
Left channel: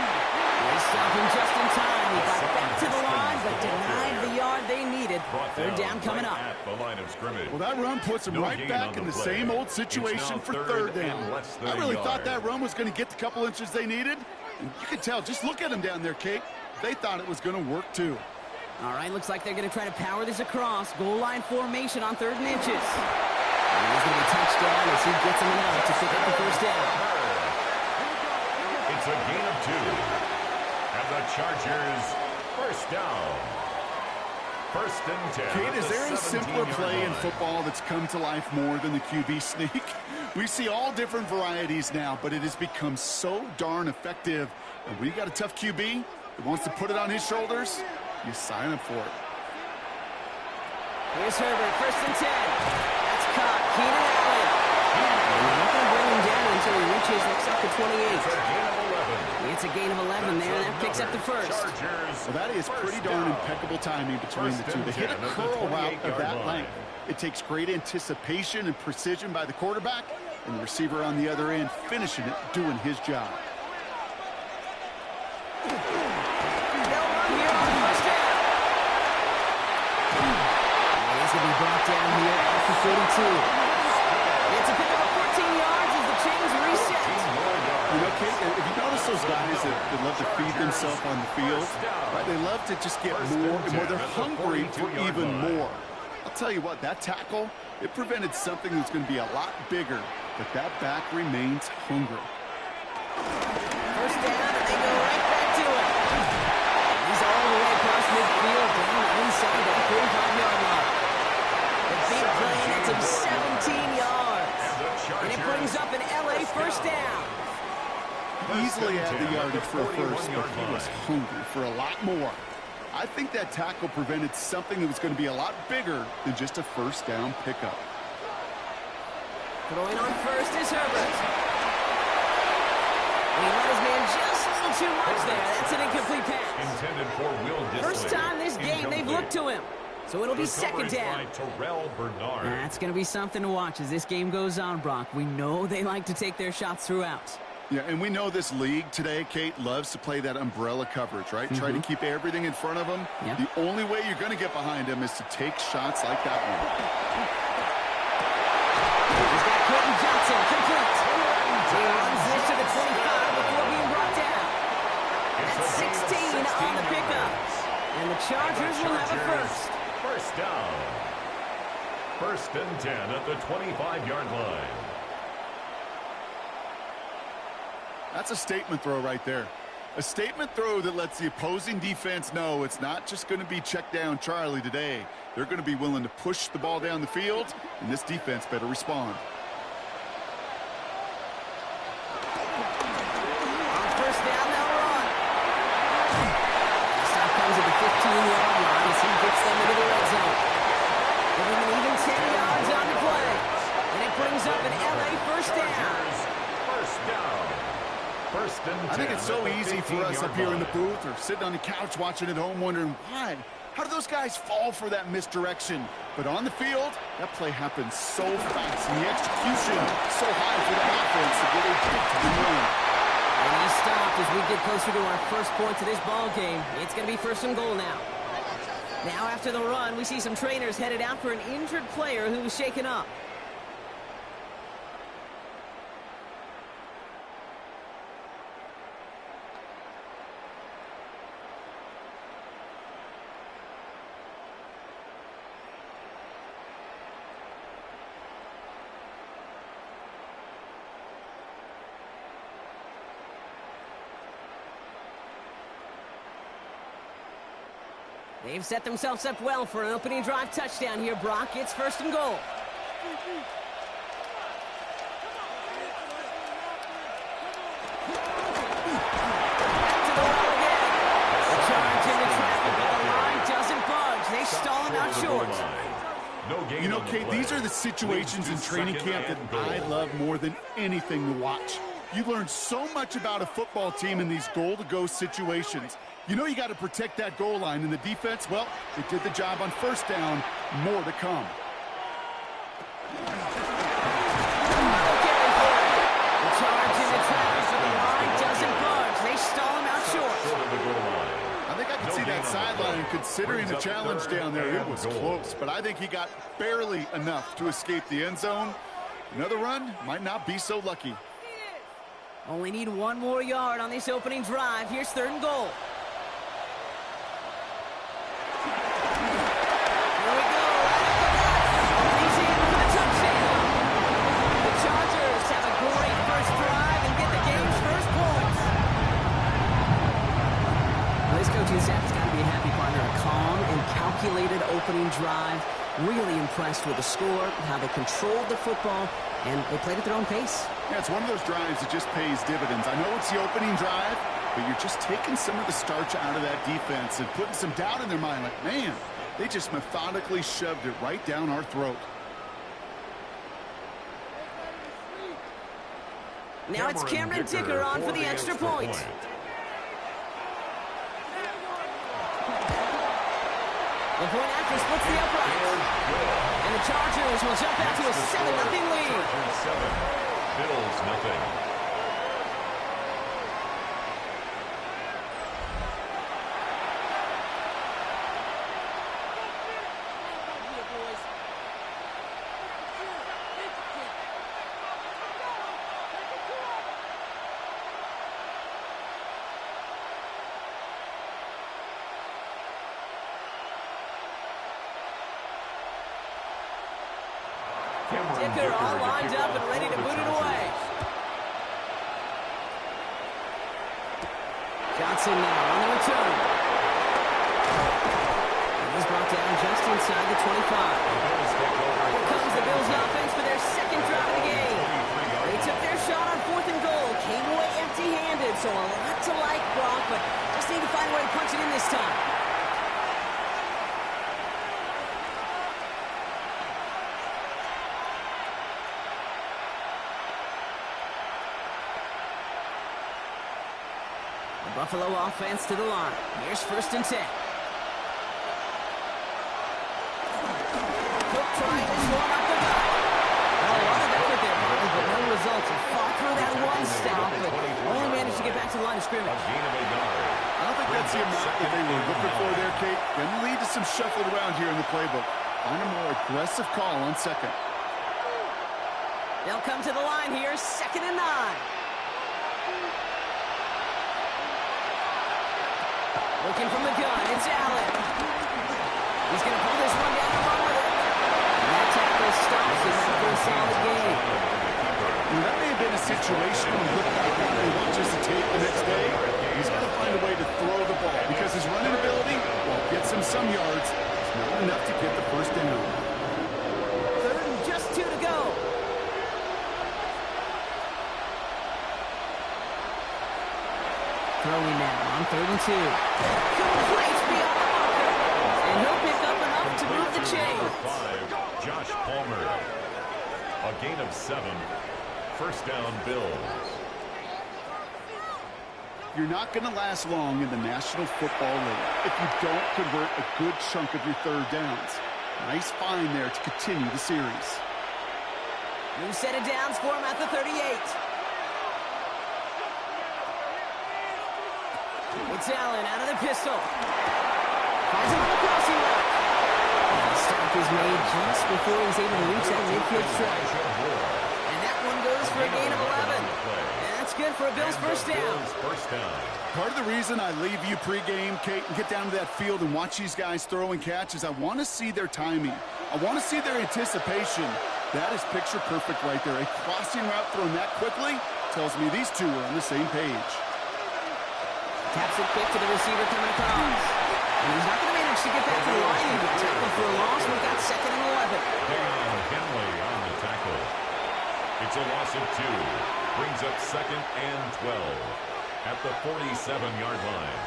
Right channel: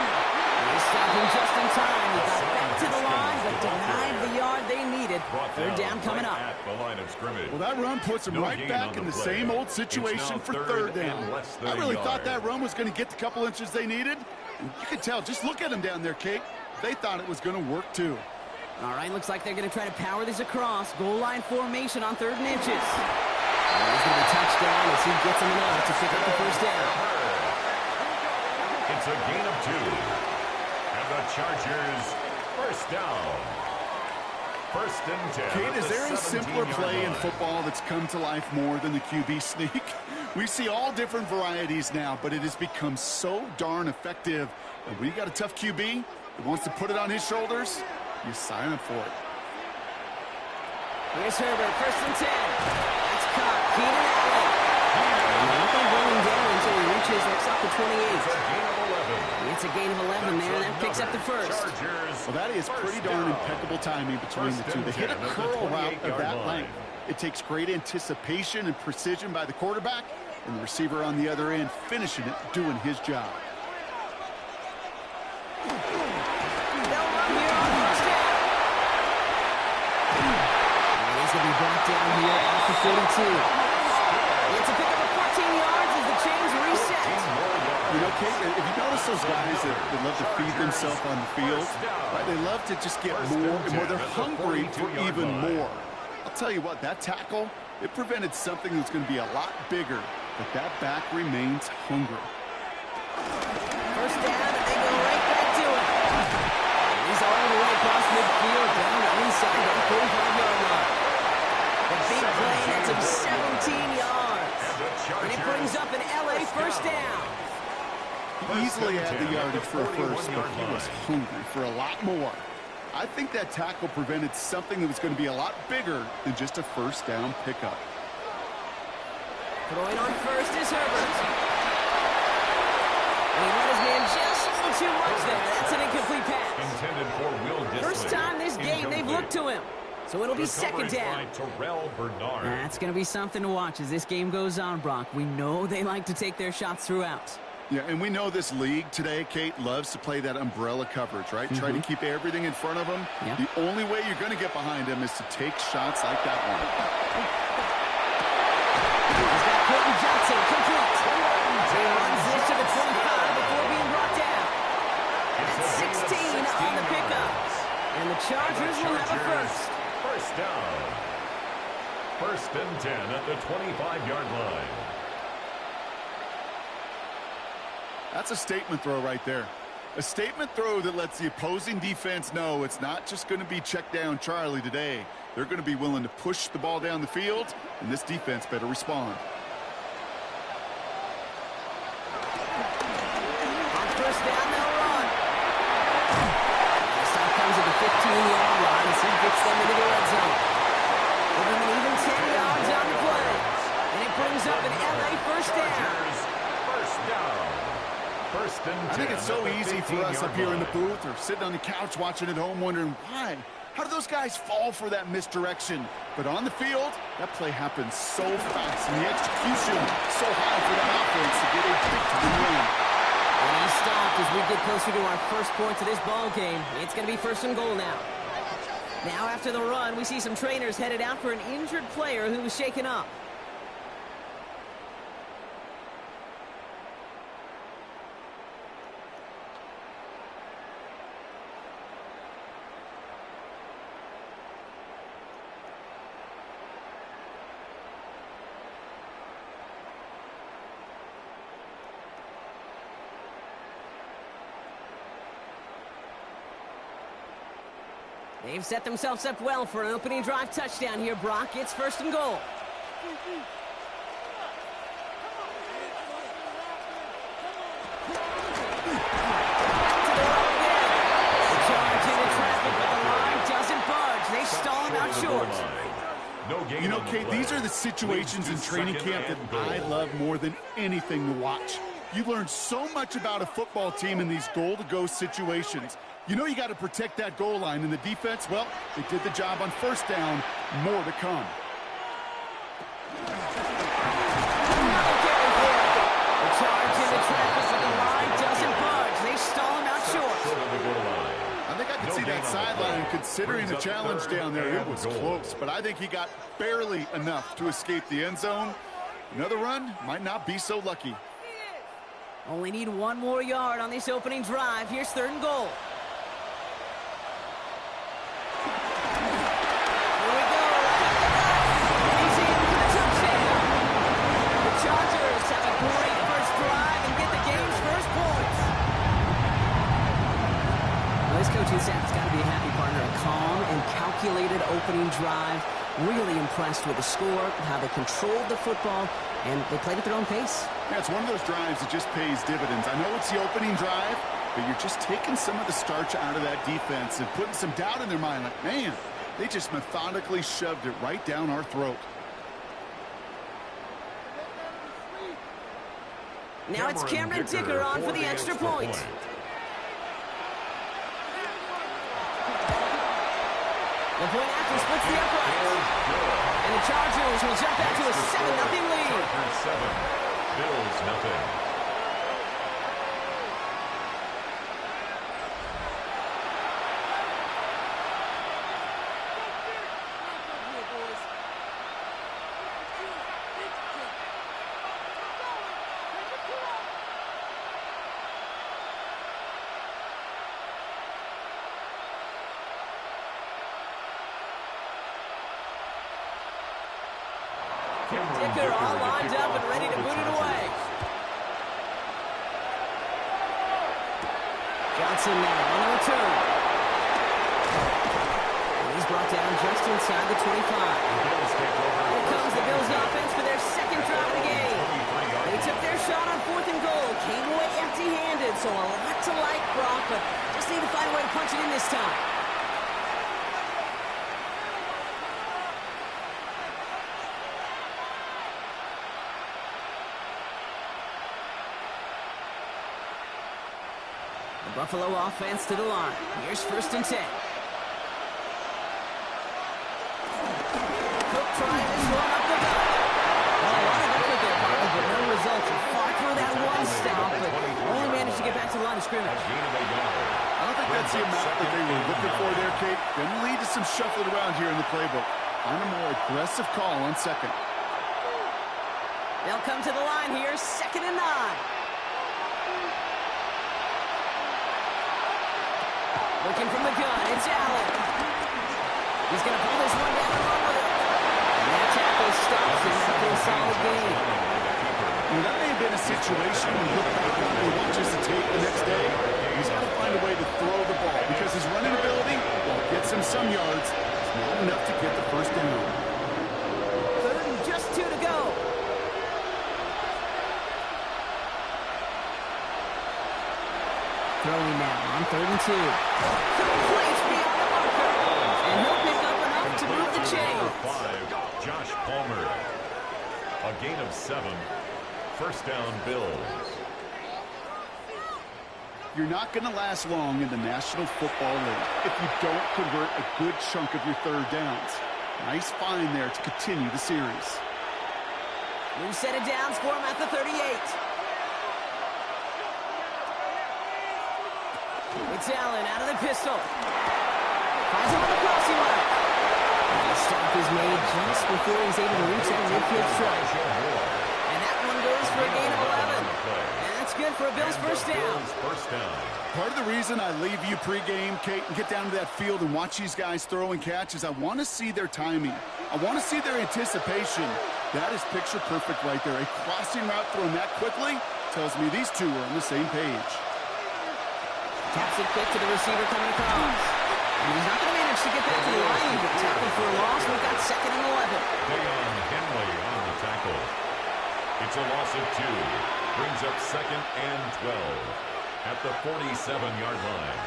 They stop him just in time. He got back to the line, but denied the yard they needed. Third down coming up. Well, that run puts him right back in the same old situation for third down. I really thought that run was going to get the couple inches they needed. And you can tell, just look at them down there, Kate. They thought it was going to work, too. All right, looks like they're going to try to power this across. Goal line formation on 3rd and inches. And he's going to be touchdown as he gets him enough to pick up the first down. It's a gain of 2. And the Chargers, first down. 1st and 10. Kate, is there a simpler play in football that's come to life more than the QB sneak? We see all different varieties now, but it has become so darn effective. And when you got a tough QB that wants to put it on his shoulders, you sign up for it. Here's Herbert, 1st and 10. That's caught. Keenan Allen. And they're not going to bring him down until he reaches, looks up to 28. It's a gain of 11. It's a gain of 11 there, and that picks up the first. Well, that is pretty darn impeccable timing between the two. They hit a curl route of that length. It takes great anticipation and precision by the quarterback, and the receiver on the other end finishing it, doing his job. They'll run here on first down. And he's going to be brought down here at the 42. It's a pickup of 14 yards as the chains reset. You know, Kate, if you notice those guys that love to feed themselves on the field, right? They love to just get more and more. They're hungry for even more. I'll tell you what, that tackle, it prevented something that's going to be a lot bigger, but that back remains hungry. First down, and they go right back to it. And he's all the way across midfield, down inside that 45-yard line. The big play nets him 17 yards. And it brings up an LA first down. He easily had the yardage for a first, but he was hungry for a lot more. I think that tackle prevented something that was going to be a lot bigger than just a first down pickup. Throwing on first is Herbert. And he let his man just a little too much there. That's an incomplete pass. Intended for Will Dissly. First time this game they've looked to him. So it'll be second down. That's going to be something to watch as this game goes on, Brock. We know they like to take their shots throughout. Yeah, and we know this league today, Kate, loves to play that umbrella coverage, right? Try to keep everything in front of them. Yep. The only way you're going to get behind them is to take shots like that one. He's got Quentin Johnson complete. He runs this to the 25 before being brought down. That's 16 on the pickup. And the Chargers will have a first. First down. 1st and 10 at the 25-yard line. That's a statement throw right there. A statement throw that lets the opposing defense know it's not just going to be check down Charlie today. They're going to be willing to push the ball down the field, and this defense better respond. On first down, they'll run. And the stop comes at the 15-yard line as he gets them into the red zone. Give him an even 10 yards on the play. And it brings up an LA first down. First down. 1st and 10. I think it's so easy for us up here in the booth or sitting on the couch watching at home wondering why. How do those guys fall for that misdirection? But on the field, that play happens so fast, and the execution so high for the offense to get a big-time win. And he stopped as we get closer to our first points of this ball game. It's going to be 1st and goal now. Now after the run, we see some trainers headed out for an injured player who was shaken up. They've set themselves up well for an opening drive touchdown here, Brock. It's 1st and goal. Back to the well again. The charge into traffic, but the line doesn't budge. They stall him out short. You know, Kate, these are the situations in training camp that I love more than anything to watch. You learn so much about a football team in these goal-to-go situations. You know you got to protect that goal line, and the defense, well, they did the job on 1st down. More to come. Another carry for it. The charge into traffic, but the line doesn't budge. They stall him out short. I think I can see that sideline considering the challenge down there. It was close, but I think he got barely enough to escape the end zone. Another run might not be so lucky. Only need 1 more yard on this opening drive. Here's 3rd and goal. Here we go, right up the gut. And he's in for the touchdown. The Chargers have a great first drive and get the game's first points. Well, this coaching staff has got to be a happy partner. A calm and calculated opening drive. Really impressed with the score, how they controlled the football, and they played at their own pace. Yeah, it's one of those drives that just pays dividends. I know it's the opening drive, but you're just taking some of the starch out of that defense and putting some doubt in their mind. Like, man, they just methodically shoved it right down our throat. Now it's Cameron Dicker on for the extra point. The point after splits the uprights. And the Chargers will jump out to a 7-0 lead. Chargers 7, Bills nothing. Dicker all lined up and ready to boot it away. Johnson now on the return. And he's brought down just inside the 25. Here comes the Bills offense for their 2nd drive of the game. They took their shot on 4th and goal, came away empty-handed, so a lot to like, Brock, but just need to find a way to punch it in this time. Buffalo offense to the line. Here's 1st and 10. Cook trying to shore up the gut. Well, a lot of effort there, Bobby, but no results. He fought through that one stop, but only managed to get back to the line of scrimmage. I don't think that's the amount that they were looking for there, Kate. Going to lead to some shuffling around here in the playbook. Find a more aggressive call on 2nd. They'll come to the line here, 2nd and 9. Looking from the gun, it's Allen. He's going to pull this one down and run with it. And that tackle stops him after a solid game. Now, that may have been a situation when you look back on it and watch just the tape the next day. He's got to find a way to throw the ball because his running ability, well, gets him some yards. It's not enough to get the 1st down. 3rd and just 2 to go. Throwing now on 3rd and 2. Complete beyond the marker. And he'll pick up enough to move the chains. 5, Josh Palmer. A gain of 7. 1st down, Bills. You're not going to last long in the National Football League if you don't convert a good chunk of your 3rd downs. Nice find there to continue the series. New set of downs for him at the 38. It's Allen out of the pistol. Finds him on the crossing route. And the stop is made just before he's able to reach that midfield strike. And that one goes for a gain of 11. And that's good for a Bills 1st down. Part of the reason I leave you pregame, Kate, and get down to that field and watch these guys throw and catch is I want to see their timing. I want to see their anticipation. That is picture perfect right there. A crossing route thrown that quickly tells me these two are on the same page. Taps it quick to the receiver coming across. And he's not going to manage to get back to the line even. Tackle for a loss. We've got 2nd and 11. Dayon Henley on the tackle. It's a loss of 2. Brings up 2nd and 12 at the 47-yard line.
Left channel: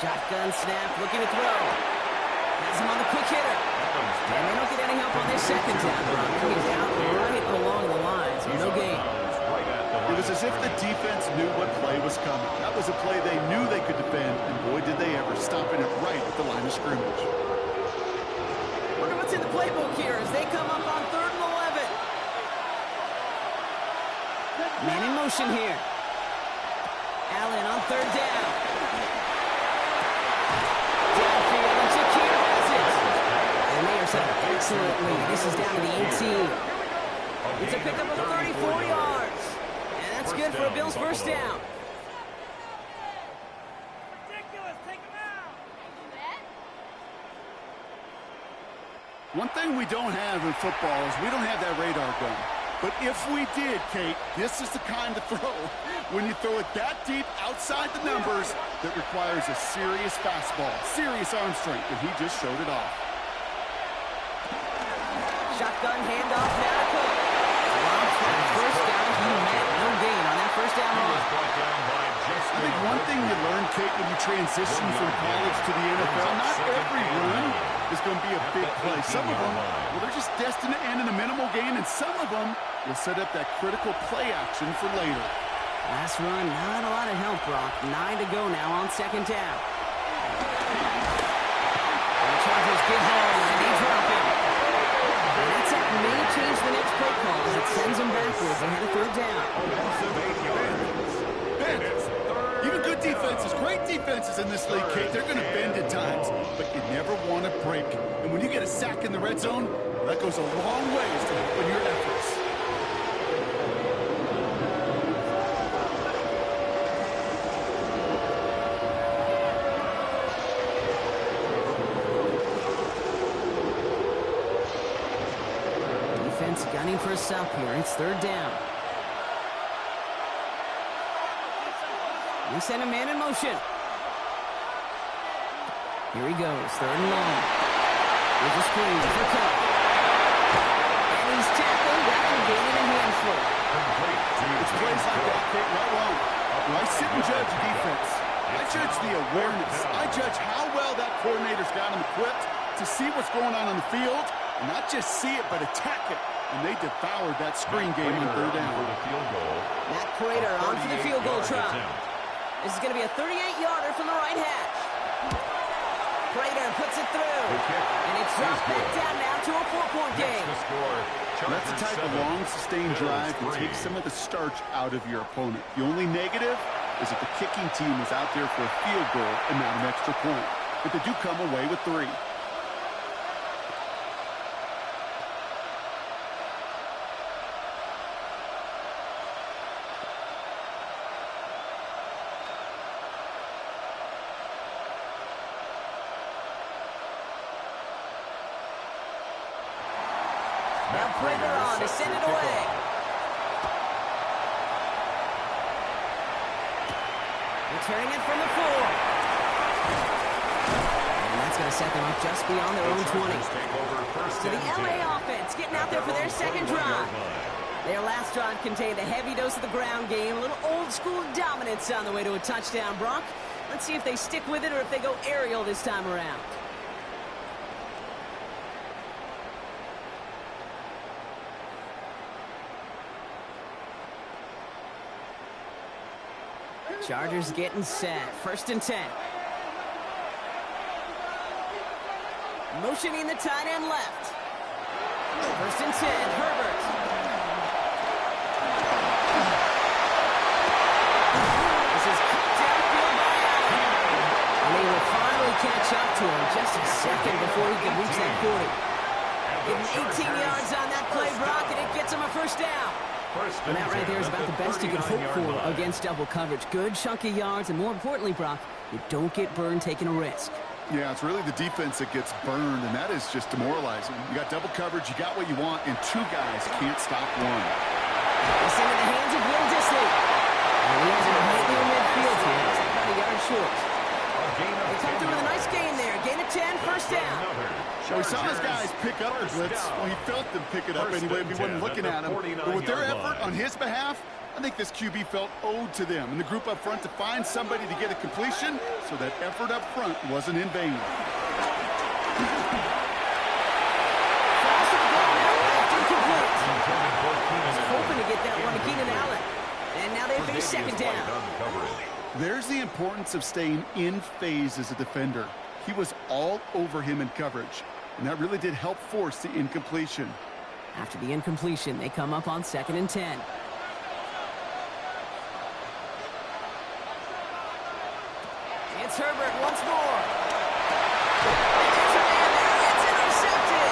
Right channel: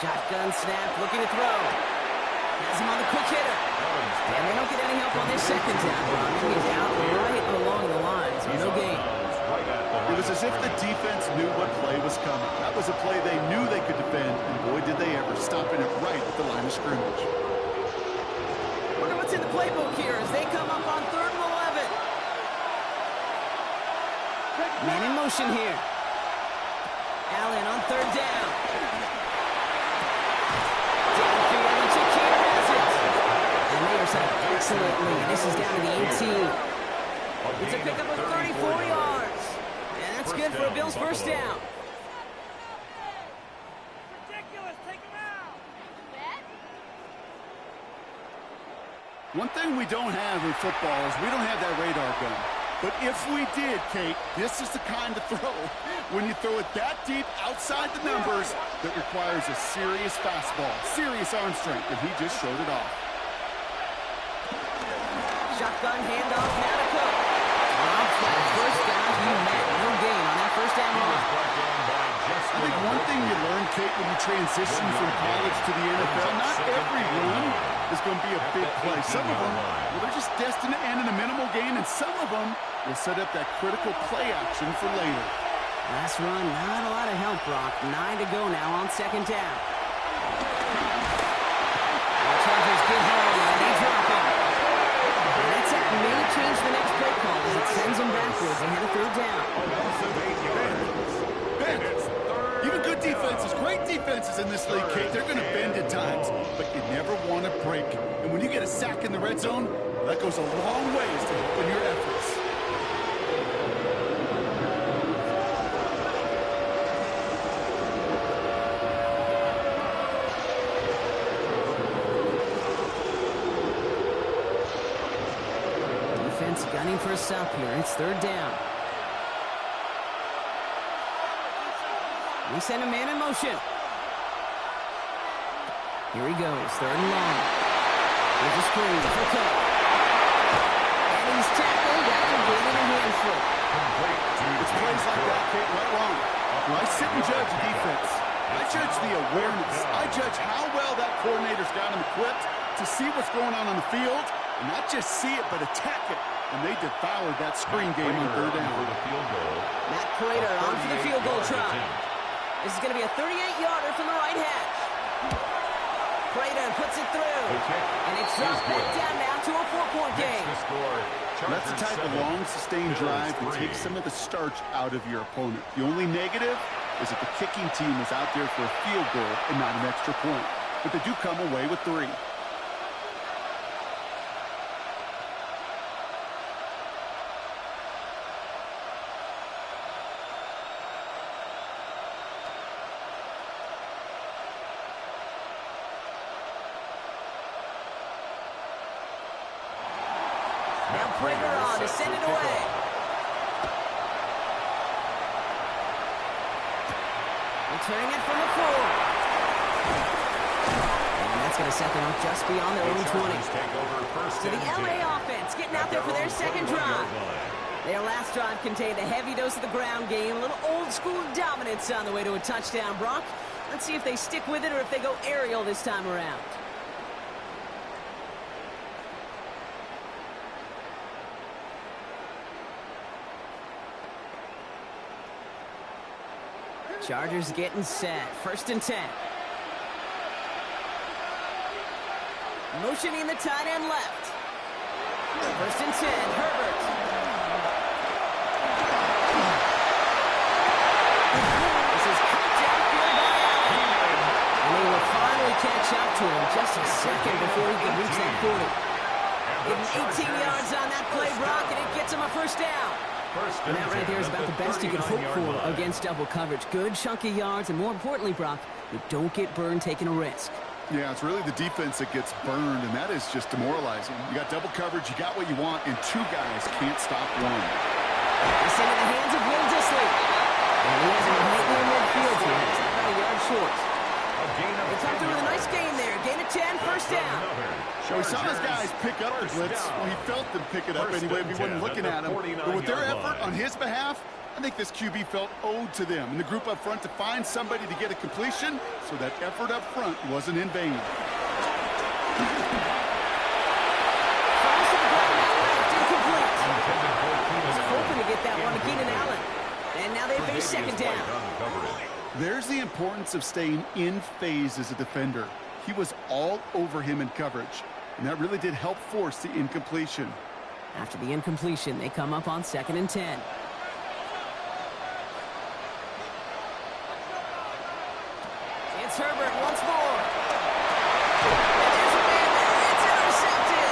Shotgun snap, looking to throw. Has him on the quick hitter. And they don't get any help on this 2nd down. Brock is out right along the line, so no gain. It was as if the defense knew what play was coming. That was a play they knew they could defend, and boy, did they ever, stopping it right at the line of scrimmage. Wonder what's in the playbook here as they come up on 3rd and 11. Man in motion here. Allen on 3rd down. Downfield, and Shakir has it. And they are set up excellently. This is down to the 18. It's a pickup of 34 yards. And that's good for a Bills first down. Ridiculous. Take him out. One thing we don't have in football is we don't have that radar gun. But if we did, Kate, this is the kind of throw, when you throw it that deep outside the numbers, that requires a serious fastball, serious arm strength, and he just showed it off. Shotgun handoff now to Cook. Rob flat, first down, he met no gain on that first down run. I think one thing you learn, Kate, when you transition from college to the NFL, not every run is going to be a big play. Some of them, well, they're just destined to end in a minimal gain, and some of them will set up that critical play action for later. Last run, not a lot of help, Brock. 9 to go now on 2nd down. The Chargers get home, and they drop him. And that sack may change the next play call as it sends them backwards ahead of 3rd down. Ben, even good defenses, great defenses in this league, Kate, they're going to bend at times, but you never want to break. And when you get a sack in the red zone, well, that goes a long ways to helping your efforts. Defense gunning for a stop here. It's 3rd down. We send a man in motion. Here he goes, 3rd and long. Here's a screen for Cook. And he's tackled after gaining a handful. It's plays like that, Kate, right wrong. When I sit and judge defense, I judge the awareness. I judge how well that coordinator's got him equipped to see what's going on the field, and not just see it, but attack it. And they devoured that screen game on 3rd down. Matt Prater on for the field goal try. This is going to be a 38-yarder from the right hash. Prater puts it through. And it's dropped back down now to a 4-point game. That's the type of long, sustained drive that takes some of the starch out of your opponent. The only negative is that the kicking team is out there for a field goal and not an extra point. But they do come away with 3. Now Prater on to send it away. Returning it from the 4. And that's going to set them up just beyond their own 20. So the LA offense getting out there for their 2nd drive. Their last drive contained a heavy dose of the ground game, a little old-school dominance on the way to a touchdown, Brock. Let's see if they stick with it or if they go aerial this time around. Chargers getting set. 1st and 10. Motioning the tight end left. 1st and 10. Herbert. This is cut downfield by Allen. And they will finally catch up to him just a second before he can reach that 40. Getting 18 yards on that play, Brock, and it gets him a 1st down. And that right there is about the best you can hope for against double coverage. Good chunky yards, and more importantly, Brock, you don't get burned taking a risk. Yeah, it's really the defense that gets burned, and that is just demoralizing. You got double coverage, you got what you want, and two guys can't stop one. It's into the hands of Will Dissly. And he has him right near midfield here. He's about a yard short. They come through with a nice gain there. Gain of 10, first down. So we saw his guys pick up the blitz. Well, he felt them pick it up anyway if he wasn't looking at him. But with their effort on his behalf, I think this QB felt owed to them and the group up front to find somebody to get a completion, so that effort up front wasn't in vain. Falls to the ground now, left, incomplete. He's hoping to get that one to Keenan Allen. And now they face second down. There's the importance of staying in phase as a defender. He was all over him in coverage, and that really did help force the incompletion. After the incompletion, they come up on 2nd and 10. It's Herbert once more. And there's a man there. It's intercepted.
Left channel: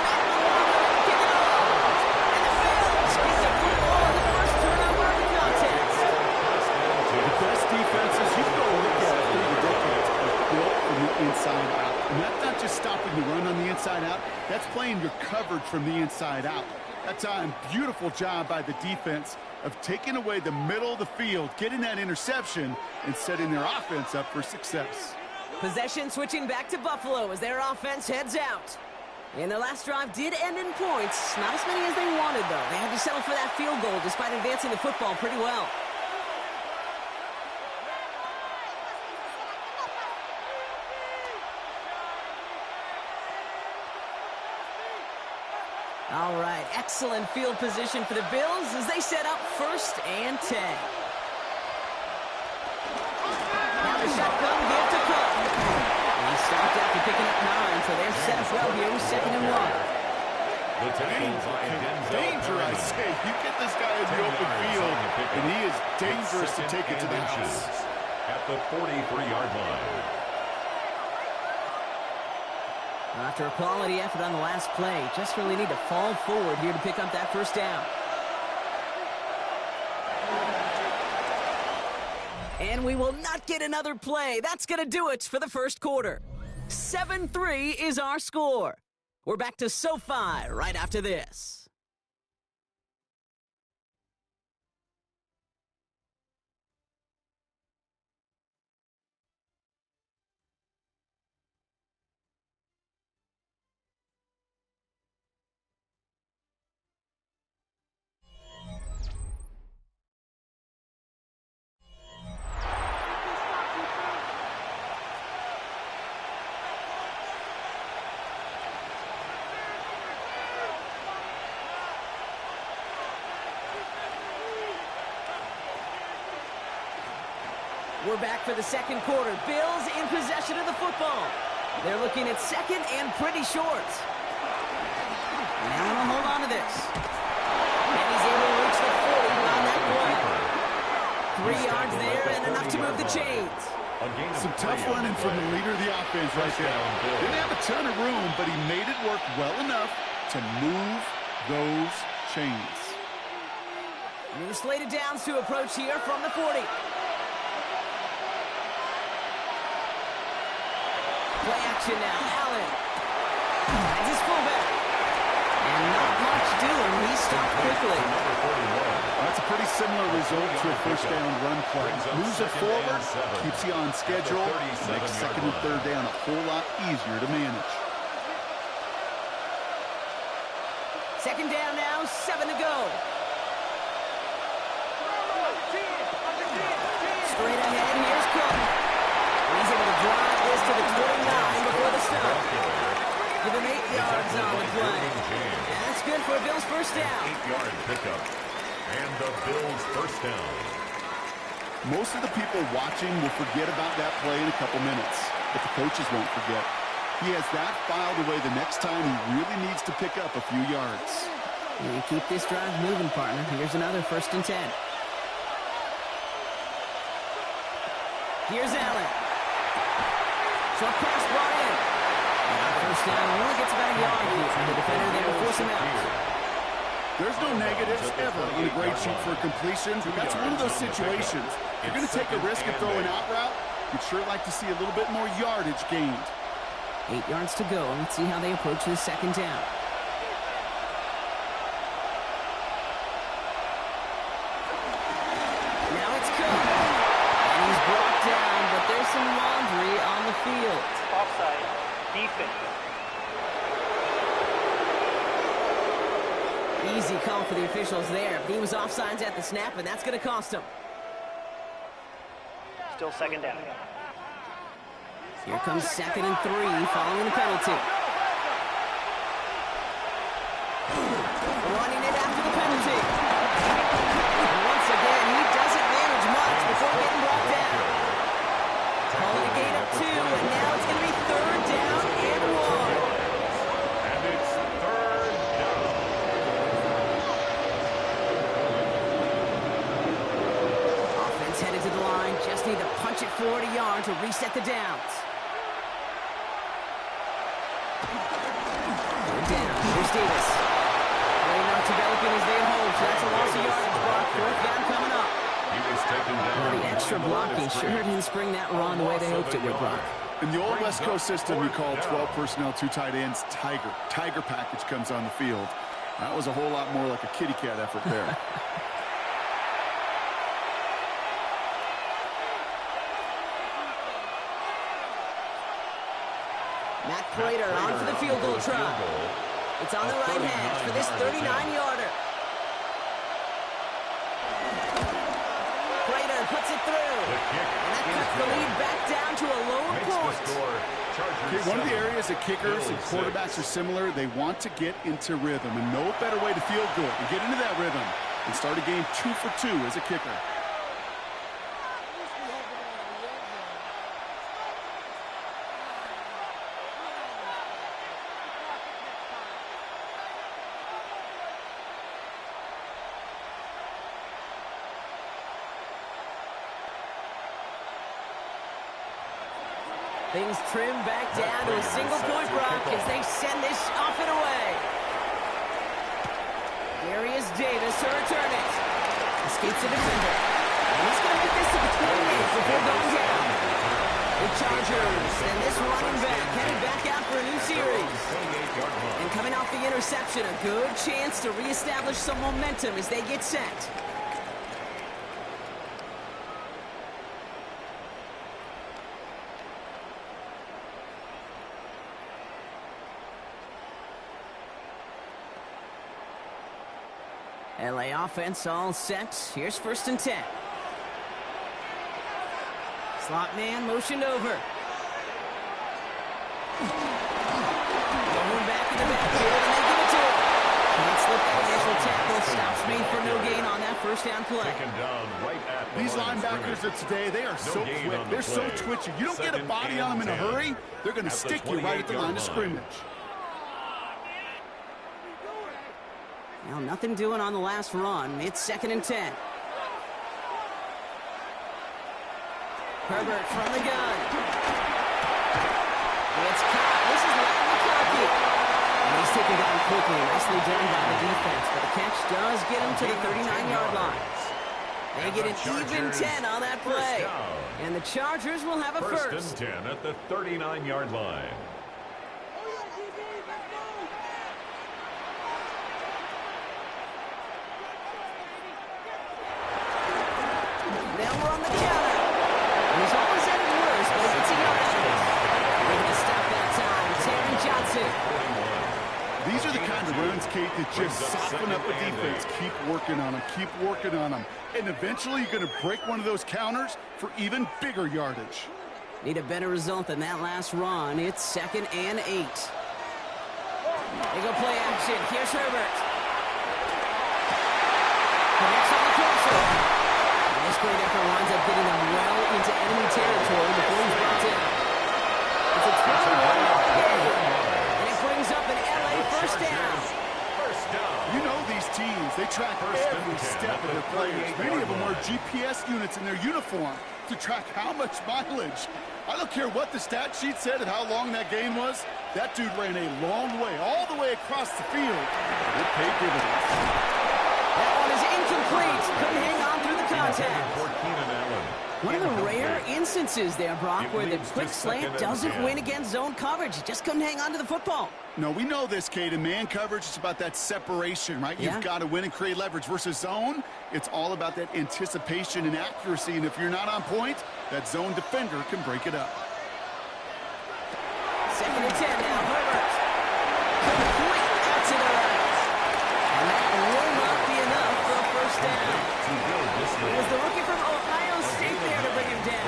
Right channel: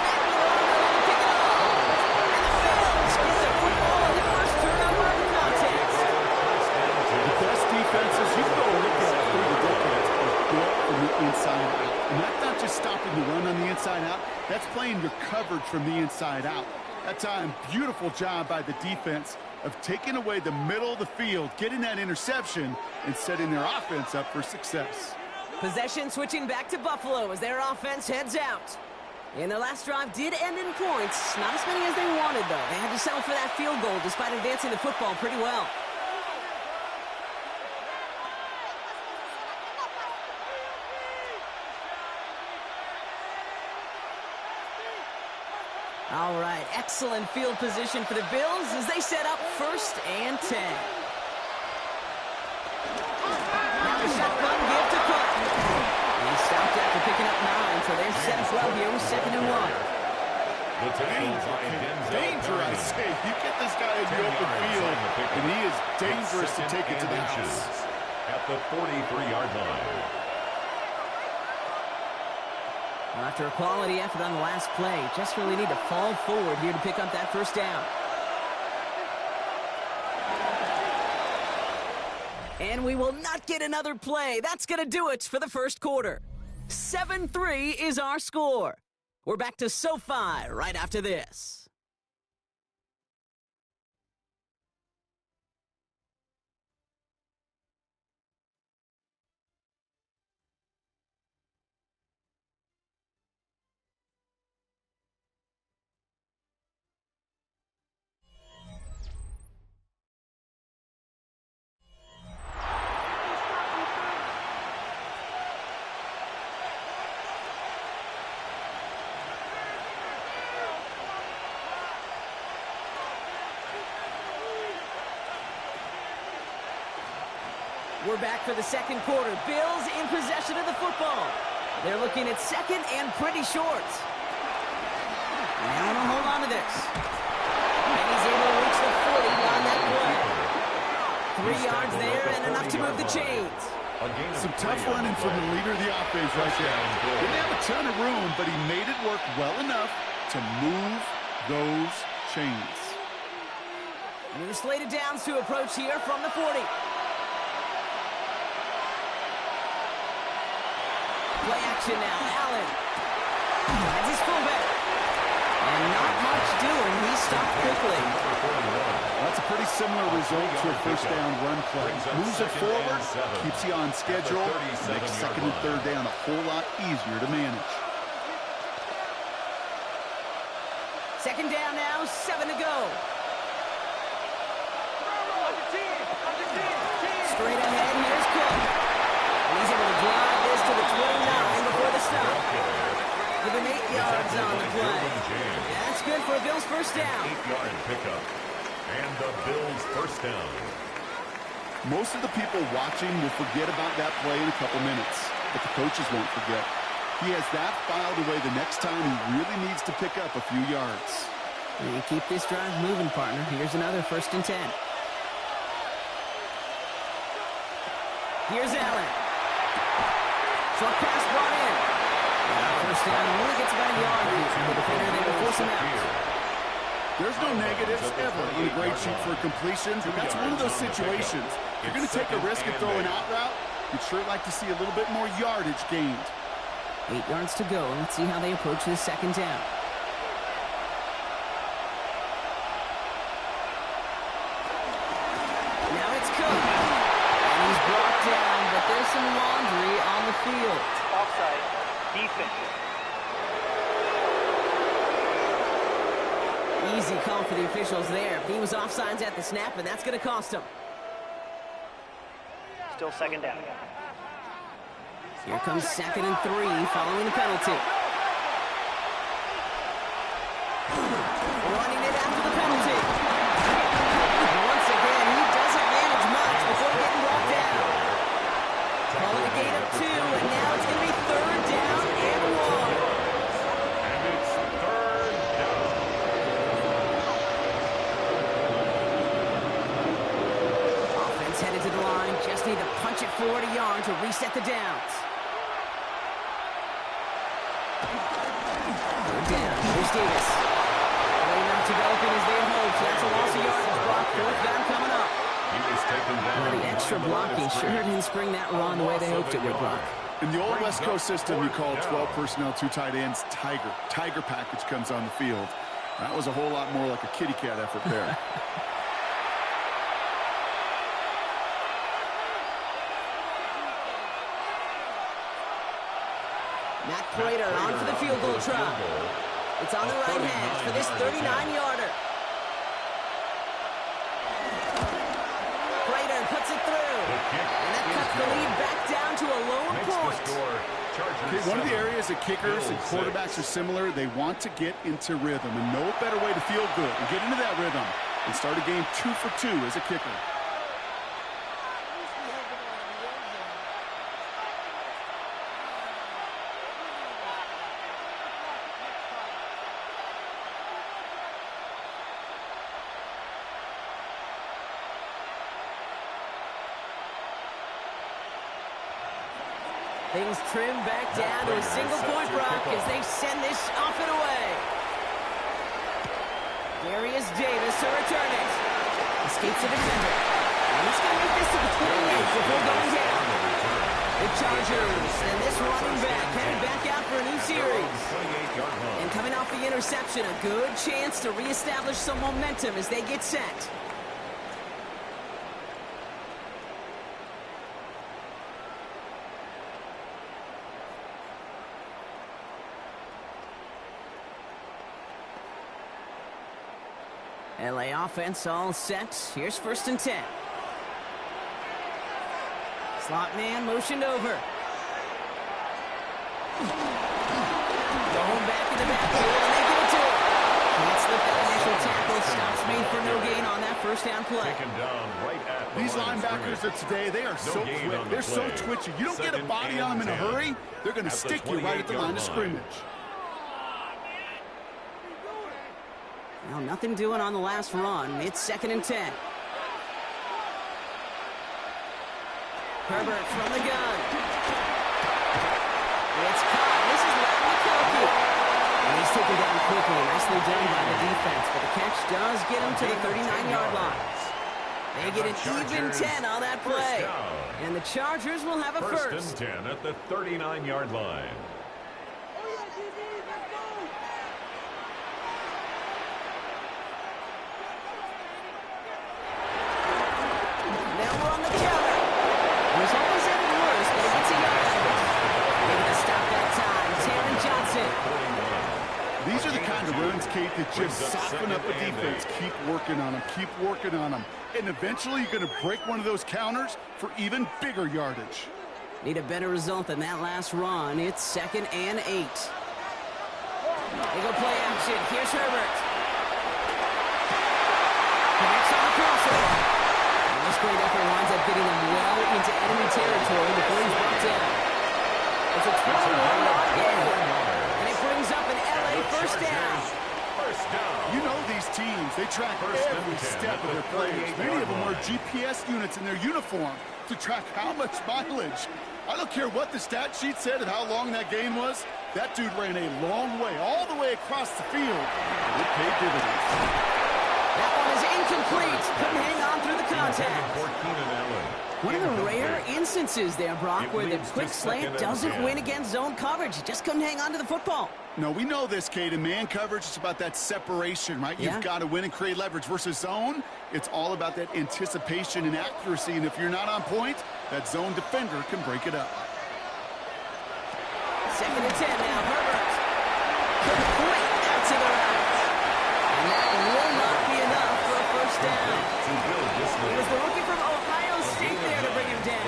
Matt Milano to kick it off. And the Bills get the football on the first turnover of the contest. The best defenses you can go look at through the decades are built from the inside out. And that's not just stopping the run on the inside out. That's playing your coverage from the inside out. That time, beautiful job by the defense of taking away the middle of the field, getting that interception, and setting their offense up for success. Possession switching back to Buffalo as their offense heads out. And their last drive did end in points. Not as many as they wanted, though. They had to settle for that field goal despite advancing the football pretty well. All right, excellent field position for the Bills as they set up 1st and 10. Now the shotgun give to Cook. He stopped after picking up 9, so they're set up well here with 2nd and 1. Danger, I say. You get this guy in the open field, and he is dangerous to take it to the house. At the 43-yard line. After a quality effort on the last play, just really need to fall forward here to pick up that first down. And we will not get another play. That's going to do it for the first quarter. 7-3 is our score. We're back to SoFi right after this. We're back for the second quarter. Bills in possession of the football. They're looking at 2nd and pretty short. Now to hold on to this. And he's able to reach the 40 on that play. 3 yards there and enough to move the chains. Some tough running from the leader of the offense right there. Didn't have a ton of room, but he made it work well enough to move those chains. New slated downs to approach here from the 40. Play action now. Allen finds his fullback. And not much doing. He stopped quickly. That's a pretty similar result to a first down run play. Moves it forward, keeps you on schedule, makes 2nd and 3rd down a whole lot easier to manage. 2nd down now, 7 to go. Straight ahead, here's Cook. He's able to drive this to the 29 before the stop. Give him 8 yards on the play. That's good for a Bills first down. 8-yard pickup. And the Bills first down. Most of the people watching will forget about that play in a couple minutes, but the coaches won't forget. He has that filed away the next time he really needs to pick up a few yards. And keep this drive moving, partner. Here's another 1st and 10. Here's Allen. Short pass brought in. And first down only gets about a yard here. The defender there to force him out. There's no negatives ever on a grade sheet for a completion. That's one of those situations. You're going to take a risk and throw an out route. You'd sure like to see a little bit more yardage gained. 8 yards to go. Let's see how they approach this second down. Now it's Cook. And he's brought down, but there's some laundry on the field. Offside. Defense. Easy call for the officials there. He was offsides at the snap, and that's going to cost him. Still second down. Here comes 2nd and 3 following the penalty. Running it after the penalty. And once again, he doesn't manage much before getting brought down. Calling a gain of 2, and now it's going to be 3rd down and 1. And it's 3rd down. Offense headed to the line. Just need to punch it forward a yard to reset the downs. Third down. Here's Davis. Play not developing as they had hoped. So that's a loss of yardage, Brock. 4th down coming up. He was taken down. Well, the extra blocking sure didn't spring that run the way they hoped it would, Brock. In the old West Coast system, you called 12 personnel, 2 tight ends, Tiger. Tiger package comes on the field. That was a whole lot more like a kitty cat effort there. Matt Prater on for the field goal try. It's on the right hash for this 39-yarder. Prater puts it through. And that cuts the lead back down to a lone point. Okay, one of the areas that kickers and quarterbacks are similar, they want to get into rhythm. And no better way to feel good and get into that rhythm than start a game 2 for 2 as a kicker. Things trim back down to a single point, Brock, as they send this off and away. Darius Davis to return it. Escapes the defender. And he's going to make this to the 28 before going down. The Chargers and this running back headed back out for a new series. And coming off the interception, a good chance to reestablish some momentum as they get set. LA offense all set. Here's 1st and 10. Slot man motioned over. Going back in the backfield, and they give it to him. Can't slip that initial tackle. Stops made for no gain on that 1st down play. Taken down right at the These linebackers of today, they are so quick. They're so twitchy. You don't get a body on them in a hurry, they're going to stick you right at the line of scrimmage. Well, nothing doing on the last run. It's 2nd and 10. Herbert from the gun. It's caught. This is Lat McConkey. And he's taken down quickly. Nicely done by the defense. But the catch does get him to the 39-yard line. They get an even 10 on that play. And the Chargers will have a first. 1st and 10 at the 39-yard line. Now we're on the counter. And it's almost ended worse, but it gets a yard out of it. Making a stop that time, Taron Johnson. These are the kind of runs, Kate, that just soften up a defense. Keep working on them, keep working on them. And eventually you're going to break one of those counters for even bigger yardage. Need a better result than that last run. It's 2nd and 8. They go play action. Here's Herbert. Connects on the crossover. This great effort winds up getting them well into enemy territory before he's brought down. It's a 21-yard gain, and it brings up an LA first down. You know these teams, they track every step of their players. Many of them wear GPS units in their uniform to track how much mileage. I don't care what the stat sheet said and how long that gain was. That dude ran a long way, all the way across the field. It paid dividends. That one is incomplete. Couldn't hang on through the contact. One of the rare instances there, Brock, where the quick slant doesn't win against zone coverage. He just couldn't hang on to the football. No, we know this, Kate. In man coverage, it's about that separation, right? Yeah. You've got to win and create leverage. Versus zone, it's all about that anticipation and accuracy. And if you're not on point, that zone defender can break it up. 2nd and 10 now. Herbert. Complete out to the right. And that will not be enough for a first down. It was the rookie from Ohio State there to bring him down.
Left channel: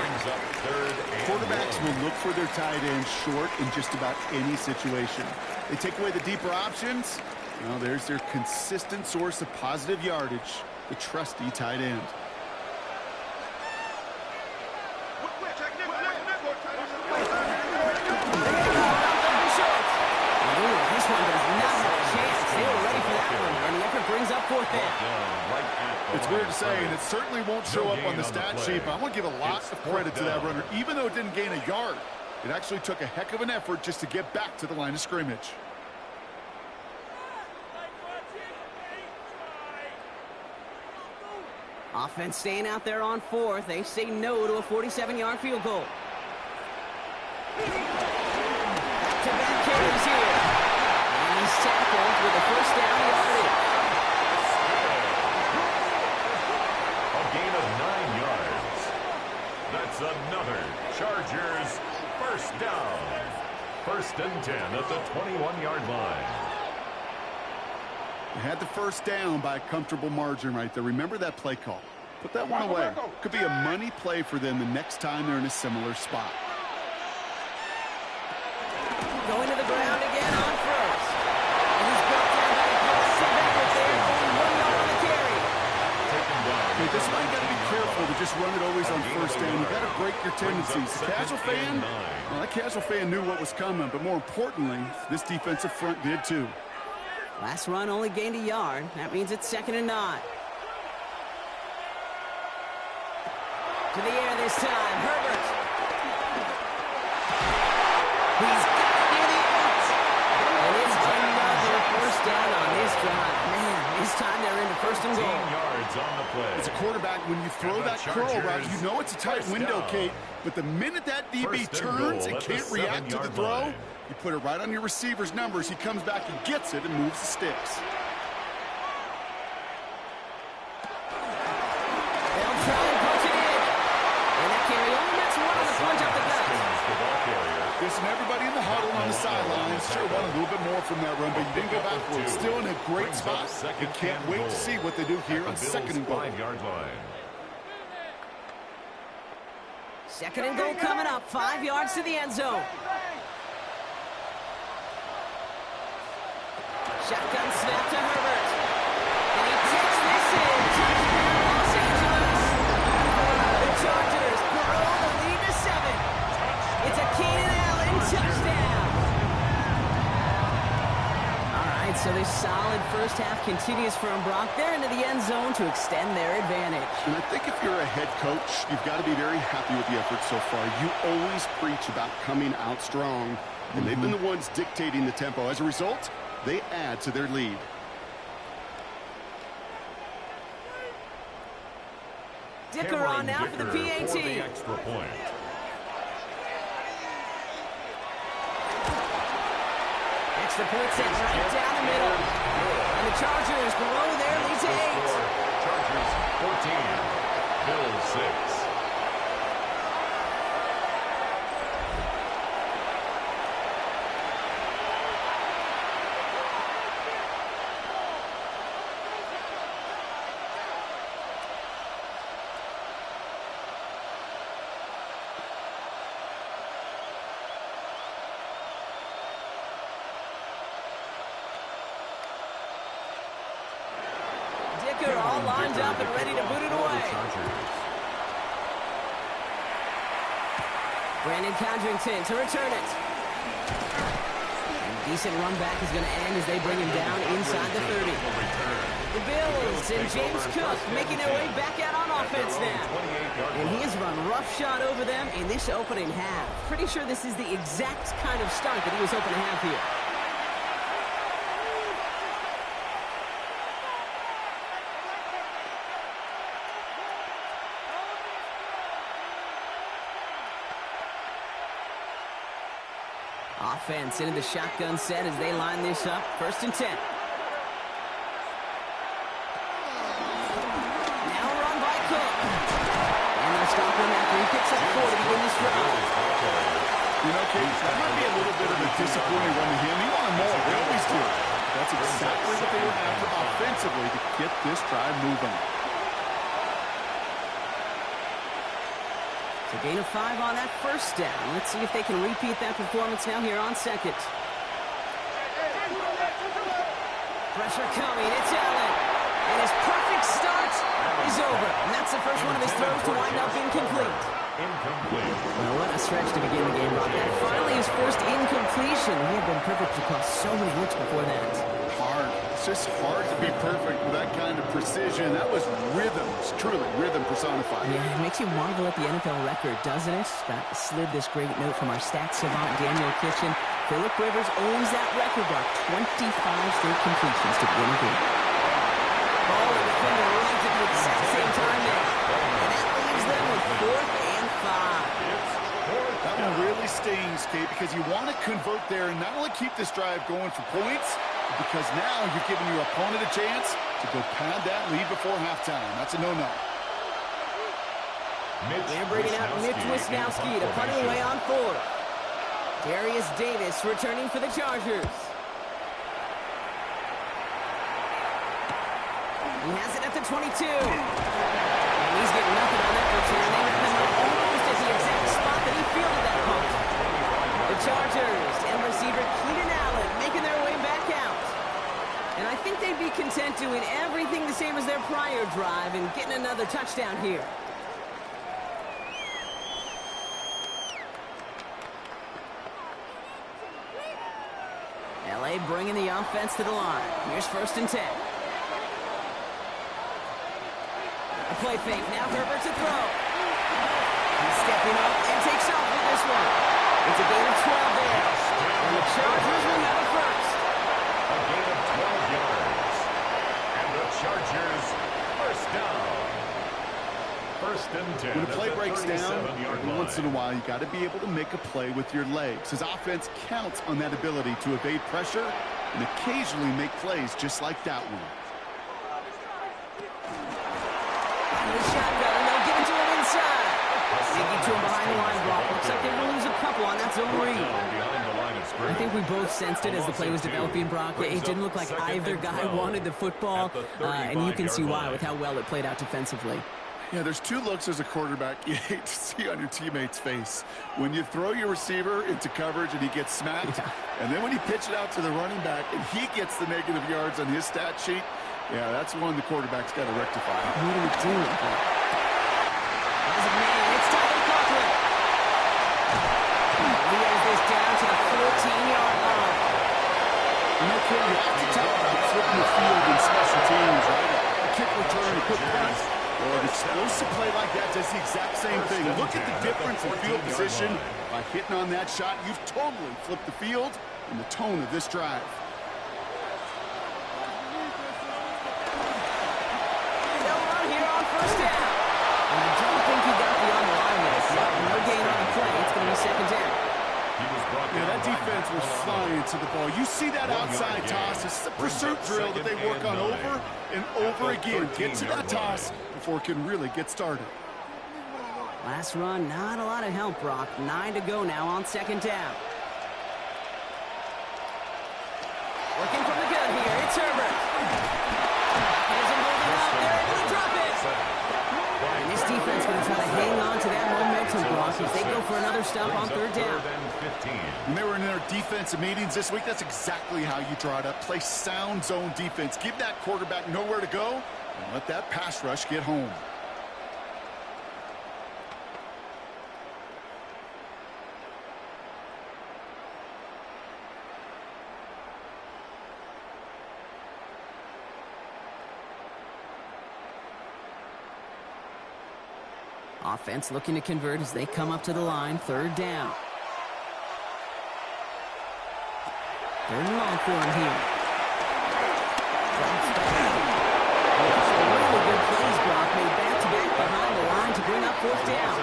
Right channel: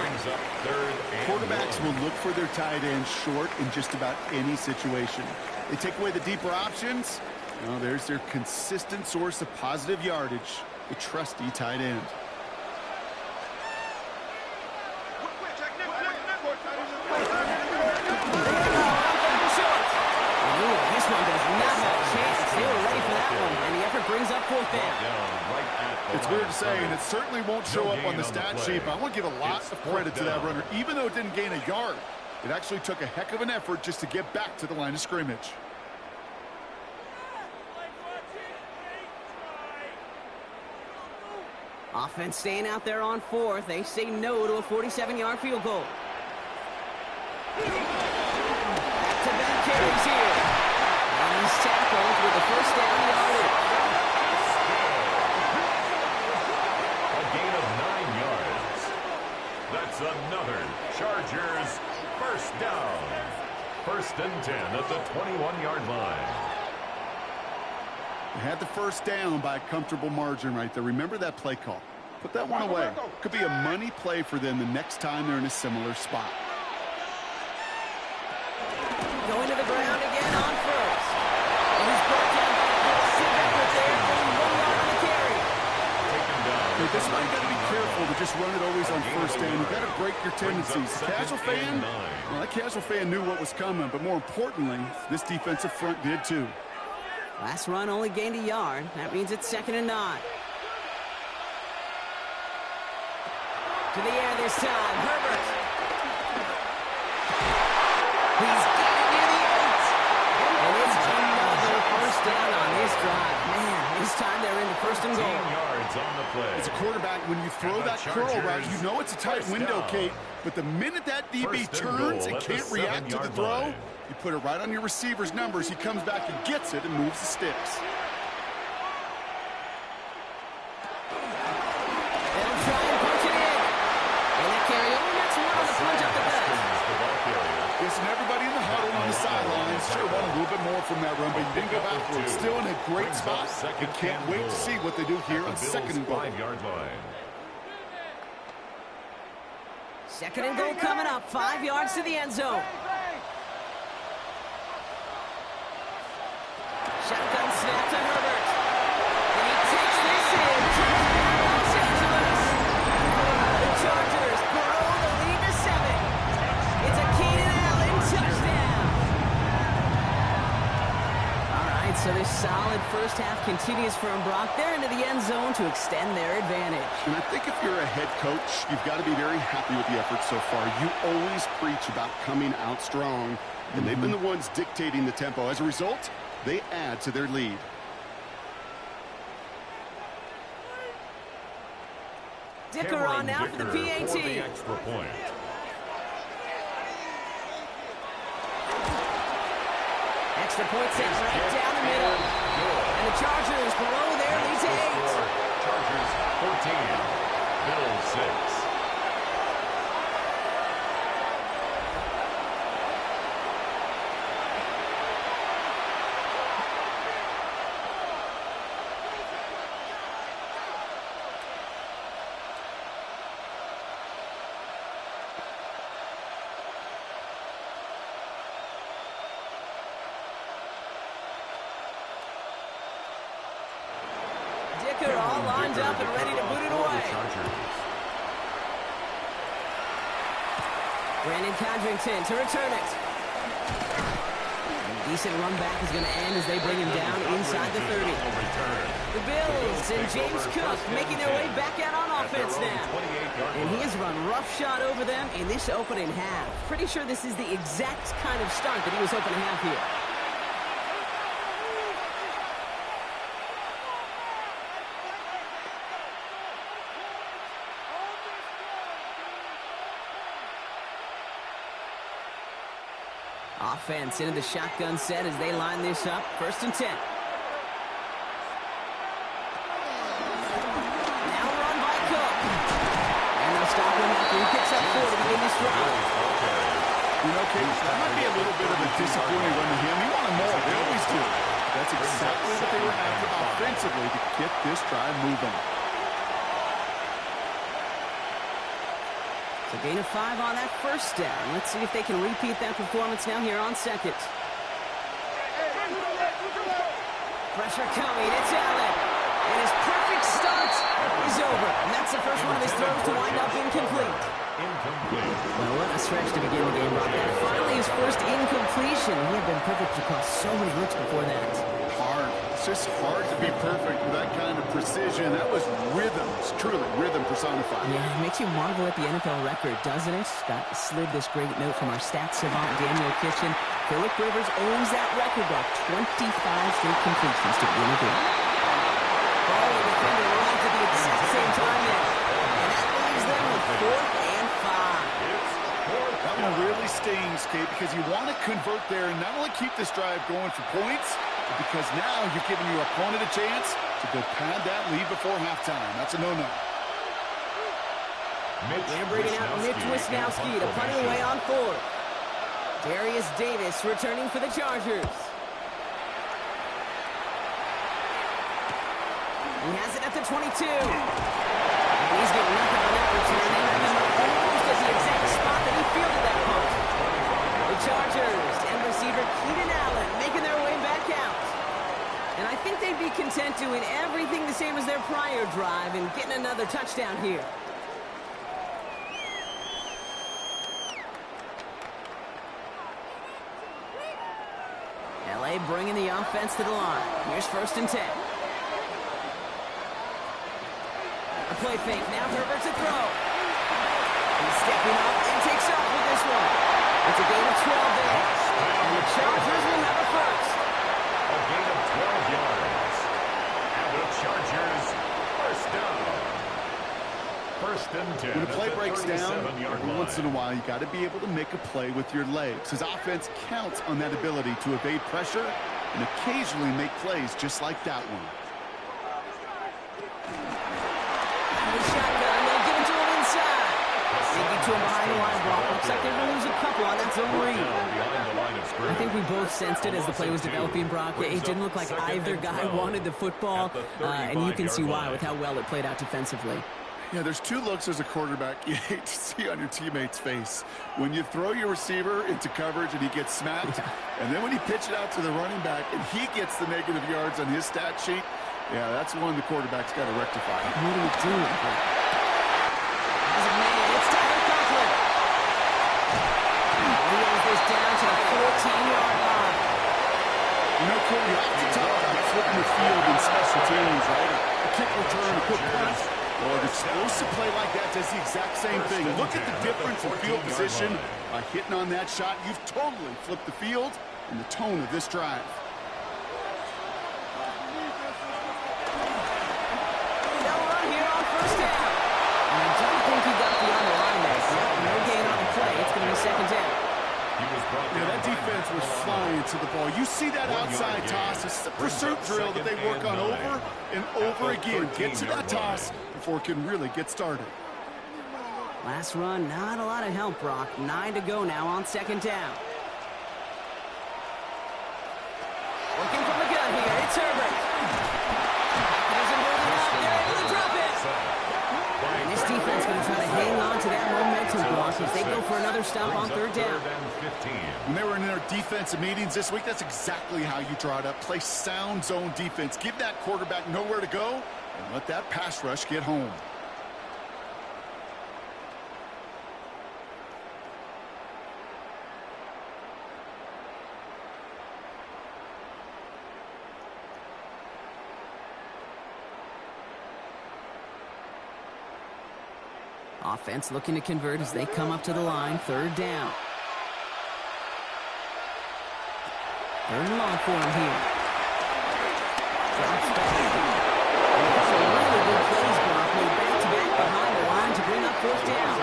Quarterbacks will look for their tight end short in just about any situation. They take away the deeper options. Well, there's their consistent source of positive yardage, the trusty tight end. This one does not have a chance. They were ready for that one, and the effort brings up 4th down. It's weird to say, and it certainly won't show up on the stat sheet, but I want to give a lot of credit to that runner. Even though it didn't gain a yard, it actually took a heck of an effort just to get back to the line of scrimmage. Offense staying out there on 4th. They say no to a 47-yard field goal. Back-to-back carries here. And he's tackled with a first down yardage. A gain of 9 yards. That's another Chargers first down. 1st and 10 at the 21-yard line. They had the first down by a comfortable margin right there. Remember that play call. Put that one away. Could be a money play for them the next time they're in a similar spot. Going to the ground again on 1st. And he's brought down by a progressive effort there. Only 1 yard on the carry. Okay, this is why you got to be careful to just run it always on first down. You got to break your tendencies. The casual fan, well, that casual fan knew what was coming, but more importantly, this defensive front did too. Last run only gained a yard. That means it's 2nd and 9. To the air this time. Herbert. He's got it near the 8. And it's another first down on this drive. Man, this time they're into 1st and goal. 15 yards on the play. As a quarterback, when you throw that curl route, you know it's a tight window, Kate. But the minute that DB turns and can't react to the throw, you put it right on your receiver's numbers. He comes back and gets it and moves the sticks. They'll try and punch it in. And that carry only gets one on the plunge up the gut. Listen, everybody in the huddle on the sidelines sure want a little bit more from that run, but you didn't go backwards. Still in a great spot. You can't wait to see what they do here on 2nd and goal. 5-yard line. 2nd and goal coming up. 5 yards to the end zone. Shotgun snap to Herbert. And he takes this in. Touchdown, Los Angeles. The Chargers grow the lead to 7. It's a Keenan Allen touchdown. All right, so this solid first half continues from Brock. They're into the end zone to extend their advantage. And I think if you're a head coach, you've got to be very happy with the effort so far. You always preach about coming out strong, and they've been the ones dictating the tempo. As a result, they add to their lead. Dicker on now for the PAT. For the extra point. Extra point set right down the middle. And the Chargers grow their lead to 8. Chargers 14, Bills 6. Dicker all lined up and ready to boot it away. Brandon Condrington to return it. And decent run back is going to end as they bring him down inside the 30. The Bills and James Cook making their way back out on offense now. And he has run roughshod over them in this opening half. Pretty sure this is the exact kind of start that he was hoping to have here. Offense into the shotgun set as they line this up. 1st and 10. Now a run by Cook. And they'll stop him after he picks up 4 to begin this drive. You know, Kate, that might be a little bit of a disappointing run to him. He wanted more. They always do. That's exactly what they were after offensively to get this drive moving. So gain of 5 on that 1st down. Let's see if they can repeat that performance now here on 2nd. Pressure coming. It's Allen. And his perfect start is over. And that's the first one of his throws to wind up incomplete. Well, what a stretch to begin the game, Rob. That finally his first incompletion. He had been perfect across so many looks before that. Hard. It's just hard to be perfect with that kind of precision. That was rhythm. It's truly rhythm personified. Yeah, it makes you marvel at the NFL record, doesn't it? Got slid this great note from our stats savant, Daniel Kitchen. Phillip Rivers owns that record, Brock. 25 straight completions to begin the game. Ball and defender runs at the exact same time there. And that leaves them with 4th and 5. That one really stings, Kate, because you want to convert there and not only keep this drive going for points, but because now you're giving your opponent a chance to go pad that lead before halftime. That's a no-no. They're bringing out Mitch Wisnowski to punt it away on 4th. Darius Davis returning for the Chargers. He has it at the 22. And he's getting nothing on that return. They have him almost at the exact spot that he fielded that punt. The Chargers and receiver Keenan Allen making their way back out. And I think they'd be content doing everything the same as their prior drive and getting another touchdown here. LA bringing the offense to the line. Here's 1st and 10. A play fake. Now Herbert to throw. He's stepping up and takes off with this one. It's a gain of 12 there. And the Chargers will have a 1st. A gain of 12 yards. And the Chargers 1st down. 1st and 10. When a play breaks down, every once in a while, you got to be able to make a play with your legs. His offense counts on that ability to evade pressure and occasionally make plays just like that one. The shotgun, they'll give it to him inside. Sneaking to him behind the line block. Looks like they're going to lose a couple on that zone read. I think we both sensed it as the play was developing, Brock. It didn't look like either guy wanted the football, and you can see why with how well it played out defensively. Yeah, there's 2 looks as a quarterback you hate to see on your teammate's face. When you throw your receiver into coverage and he gets smacked, and then when you pitch it out to the running back and he gets the negative yards on his stat sheet, yeah, that's one the quarterback's got to rectify. What do we do? As a man, it's Tyler Conklin. He has this down to the 14-yard line. You know, Kid, you have to talk about flipping the field in special teams, right? A kick return, a quick punt. Well, an explosive play like that does the exact same thing. Look at the difference in field position. By hitting on that shot, you've totally flipped the field and the tone of this drive. First down. And I don't think he got beyond the line there. Yep, no gain on the play. It's going to be 2nd down. That defense was flying to the ball. You see that outside toss. This is a pursuit drill that they work on over and over again. Get to that toss before it can really get started. Last run, not a lot of help, Brock. 9 to go now on 2nd down. Working from the gun here. It's Herbert. Pocket isn't holding up. They're able to drop it. And this defense going to try to hang on to that momentum, Brock, as they go for another stop on 3rd down. When they were in their defensive meetings this week, that's exactly how you draw it up. Play sound zone defense. Give that quarterback nowhere to go and let that pass rush get home. Offense looking to convert as they come up to the line. 3rd down. 3rd and long for him here. Drops back. And some really good plays, Brock. Made back-to-back behind the line to bring up 4th down.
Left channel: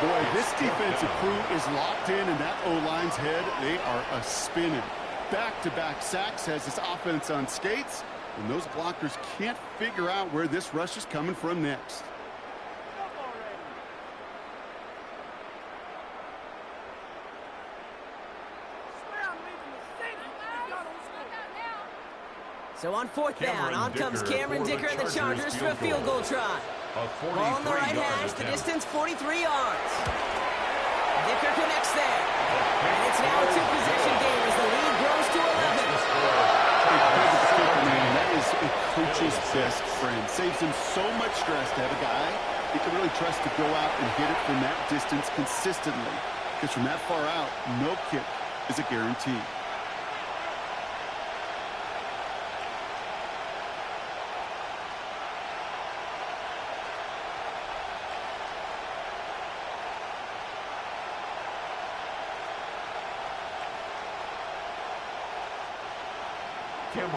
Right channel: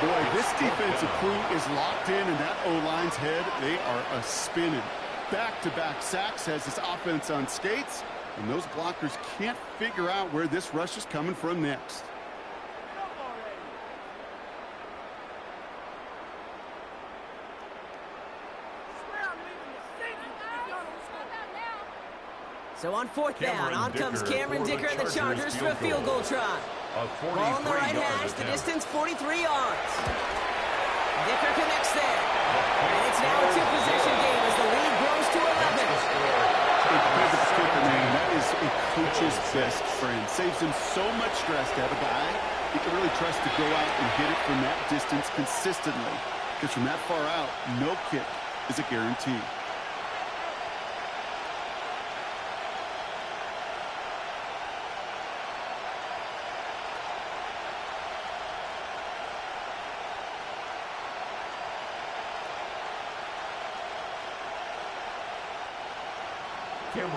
Boy, this defensive crew is locked in, and that O-line's head, they are a-spinning. Back-to-back sacks has this offense on skates, and those blockers can't figure out where this rush is coming from next. So on fourth down, on comes Cameron Dicker and the Chargers for a field goal try. Ball on the right hash, the distance 43 yards. Dicker connects there. And it's now a two-possession game as the lead grows to 11. The kicker, man, that is a coach's best friend. Saves him so much stress to have a guy he can really trust to go out and hit it from that distance consistently. Because from that far out, no kick is a guarantee.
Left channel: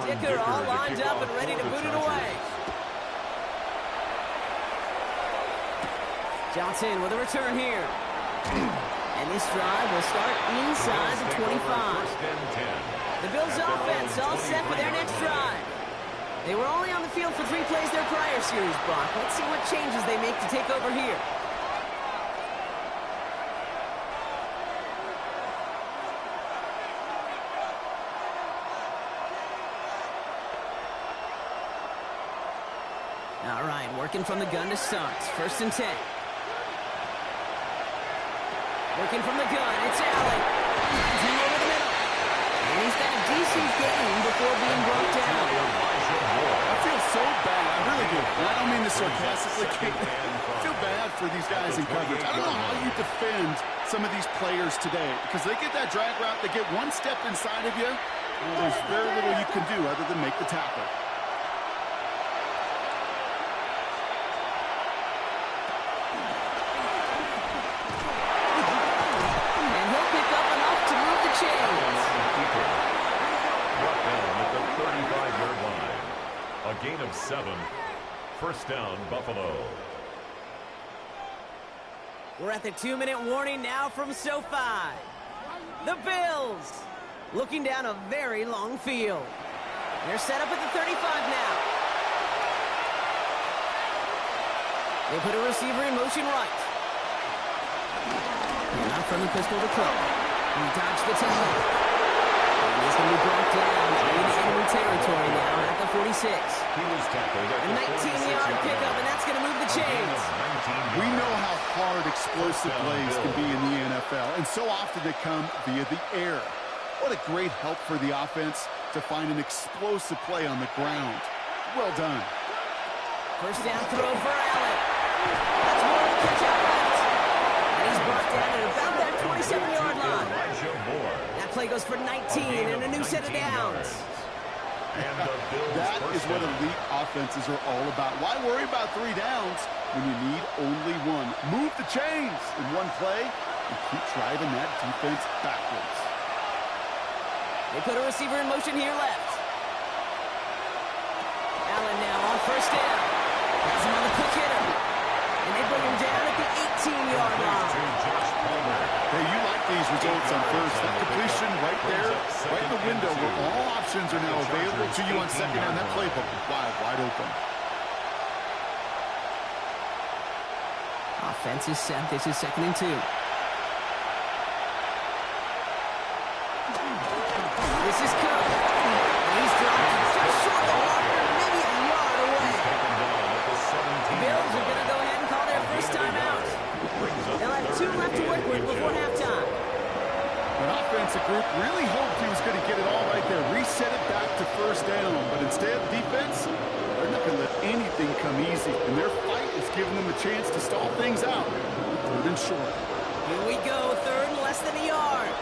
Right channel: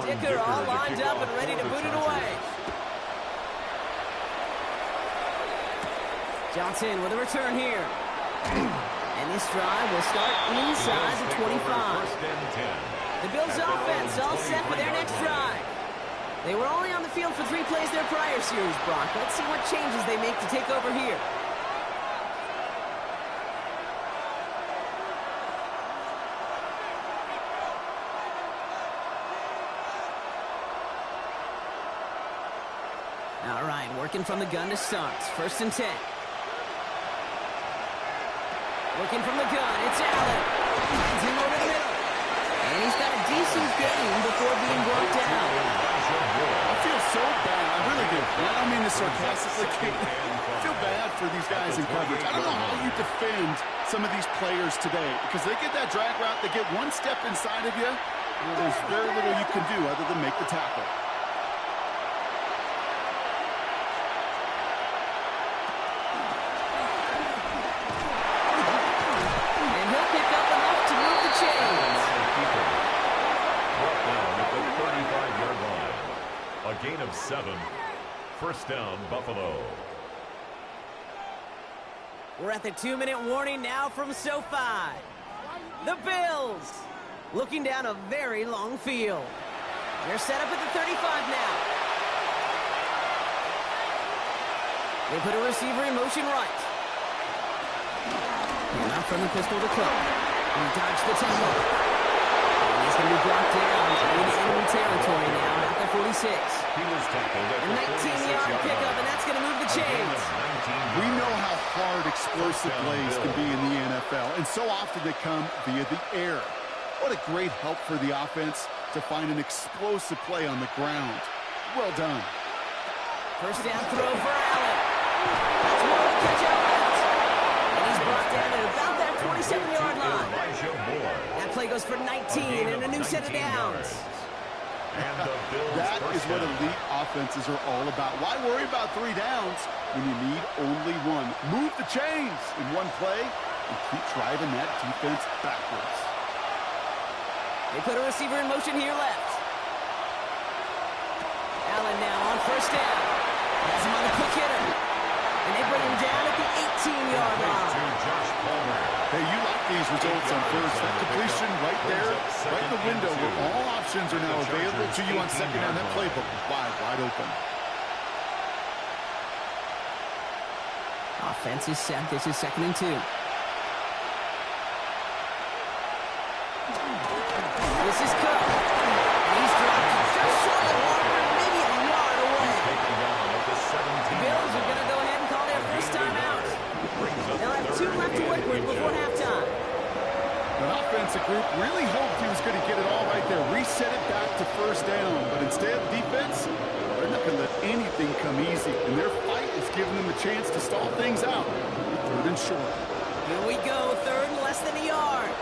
Dicker all lined up and ready to boot it away. Johnson with a return here. And this drive will start inside the 25. The Bills offense all set for their next drive. They were only on the field for 3 plays their prior series, Brock. Let's see what changes they make to take over here. All right, working from the gun to start. 1st and 10. Working from the gun, it's Allen. Finds him over the middle. And he's got a decent gain before being brought down. I feel so bad. I really do. And I don't mean this sarcastically. I feel bad for these guys in coverage. I don't know how you defend some of these players today. Because they get that drag route, they get one step inside of you. Well, there's very little you can do other than make the tackle. Brought down at the 35-yard line. A gain of 7. 1st down, Buffalo. We're at the 2-minute warning now from SoFi. The Bills looking down a very long field. They're set up at the 35 now. They put a receiver in motion right. And out from the pistol to Cook. He dodged the tempo. And he's going to be brought down into enemy territory now at the 46. He was tackled at the 19-yard pickup, and that's going to move the chains. We know how hard explosive plays can be in the NFL, and so often they come via the air. What a great help for the offense to find an explosive play on the ground. Well done. 1st down throw for Allen. That's more of a catch out left. And he's brought down at about that 27-yard line. That play goes for 19 and a new set of downs. That is what elite offenses are all about. Why worry about 3 downs when you need only 1? Move the chains in one play and keep driving that defense backwards. They put a receiver in motion here left. Allen now on 1st down. Has him on the quick hitter. And they bring him down at the 18-yard line. Hey, you like these results on first. That completion right there, right in the window where all options are now available to you on 2nd down. That playbook is wide open. Offense is set. This is 2nd and 2. This is Cook. And he's dropped just short of the marker, maybe a yard away. The Bills are going to go ahead and call their first timeout. They'll have 2 left to work with before halftime. An offensive group really hoped he was going to get it all right there, reset it back to 1st down. But instead, defense, they're not going to let anything come easy. And their fight is giving them a chance to stall things out. 3rd and short. Here we go, 3rd and less than a yard.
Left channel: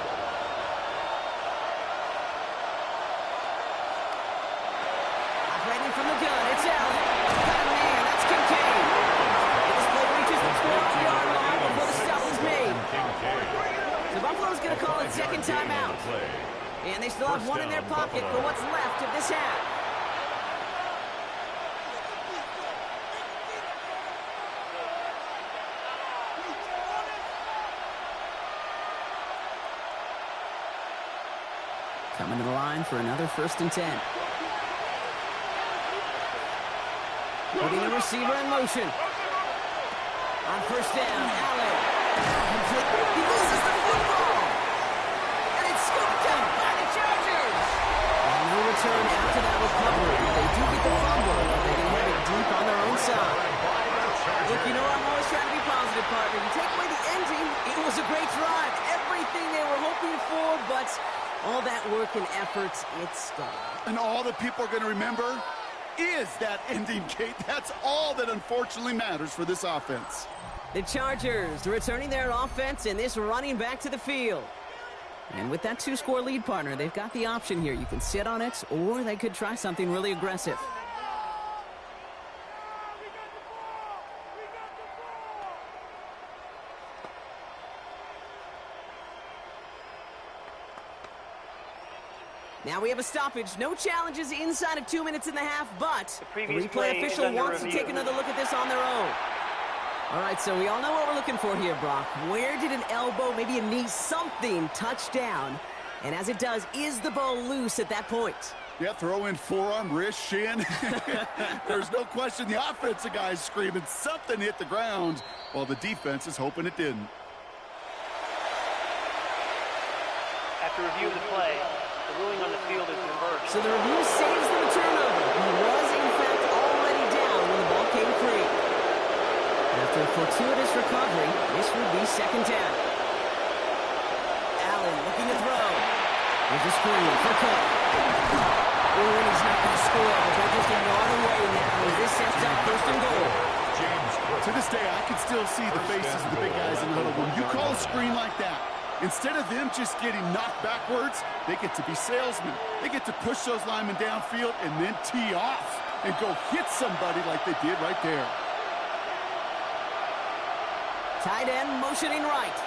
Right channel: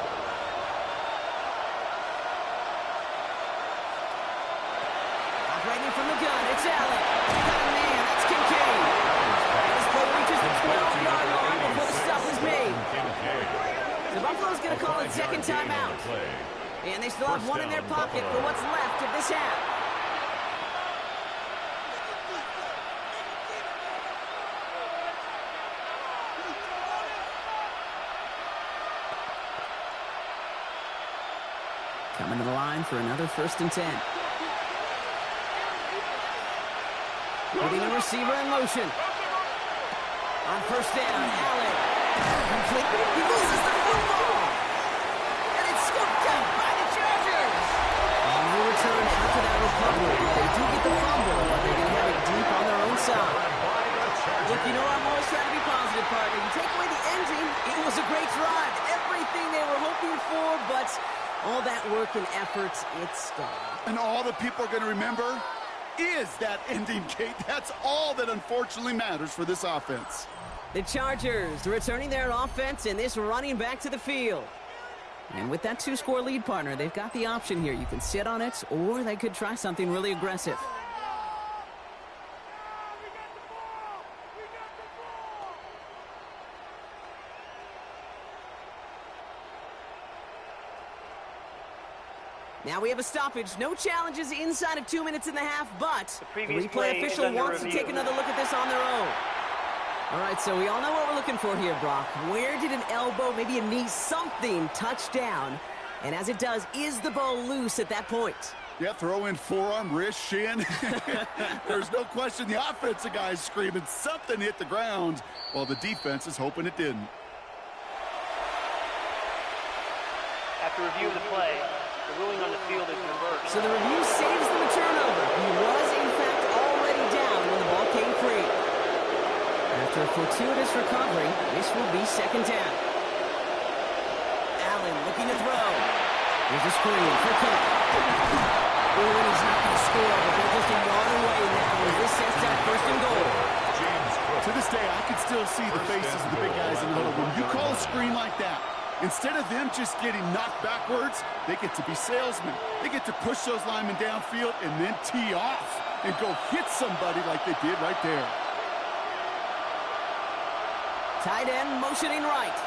Operating from the gun, it's Allen. Got a man, that's Kincaid. And this play reaches the 12-yard line before the stop is made. So Buffalo's going to call it 2nd timeout. And they still have 1 in their pocket for what's left of this half. Coming to the line for another 1st and 10. Putting the receiver in motion. On 1st down, Allen. Complete. He loses the football. And it's scooped up by the Chargers. And no return after that recovery. They do get the fumble, but they're going to have it deep on their own side. Look, you know, I'm always trying to be positive, partner. You take away the ending, it was a great drive. Everything they were hoping for, but all that work and effort, it's gone. And all that people are going to remember is that ending, Kate. That's all that unfortunately matters for this offense. The Chargers returning their offense and this running back to the field. And with that 2-score lead, partner, they've got the option here. You can sit on it, or they could try something really aggressive. Now we have a stoppage. No challenges inside of 2 minutes and a half, but the replay official wants to take another look at this on their own. All right, so we all know what we're looking for here, Brock. Where did an elbow, maybe a knee, something touch down? And as it does, is the ball loose at that point? Yeah, throw in forearm, wrist, shin. There's no question the offensive guy's screaming something hit the ground while the defense is hoping it didn't. After review of the play, the ruling on the field is reversed. So the review saves them a turnover. He was, in fact, already down when the ball came free. After a fortuitous recovery, this will be 2nd down. Allen looking to throw. Here's a screen for Cook. Oh, and he's not going to score, but they're just a yard away now as this sets up 1st and goal. To this day, I can still see the faces of the big guys in the huddle. When you call a screen like that, instead of them just getting knocked backwards, they get to be salesmen. They get to push those linemen downfield and then tee off and go hit somebody like they did right there. Tight end motioning right.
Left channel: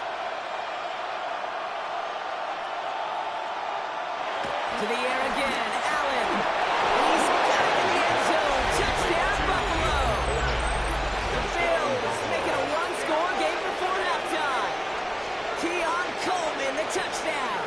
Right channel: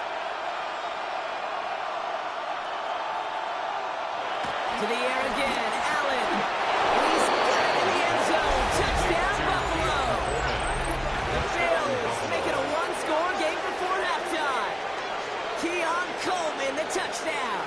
To the air again, Allen. And he's got it in the end zone. Touchdown, Buffalo. The Bills make it a 1-score game before halftime. Keon Coleman, the touchdown.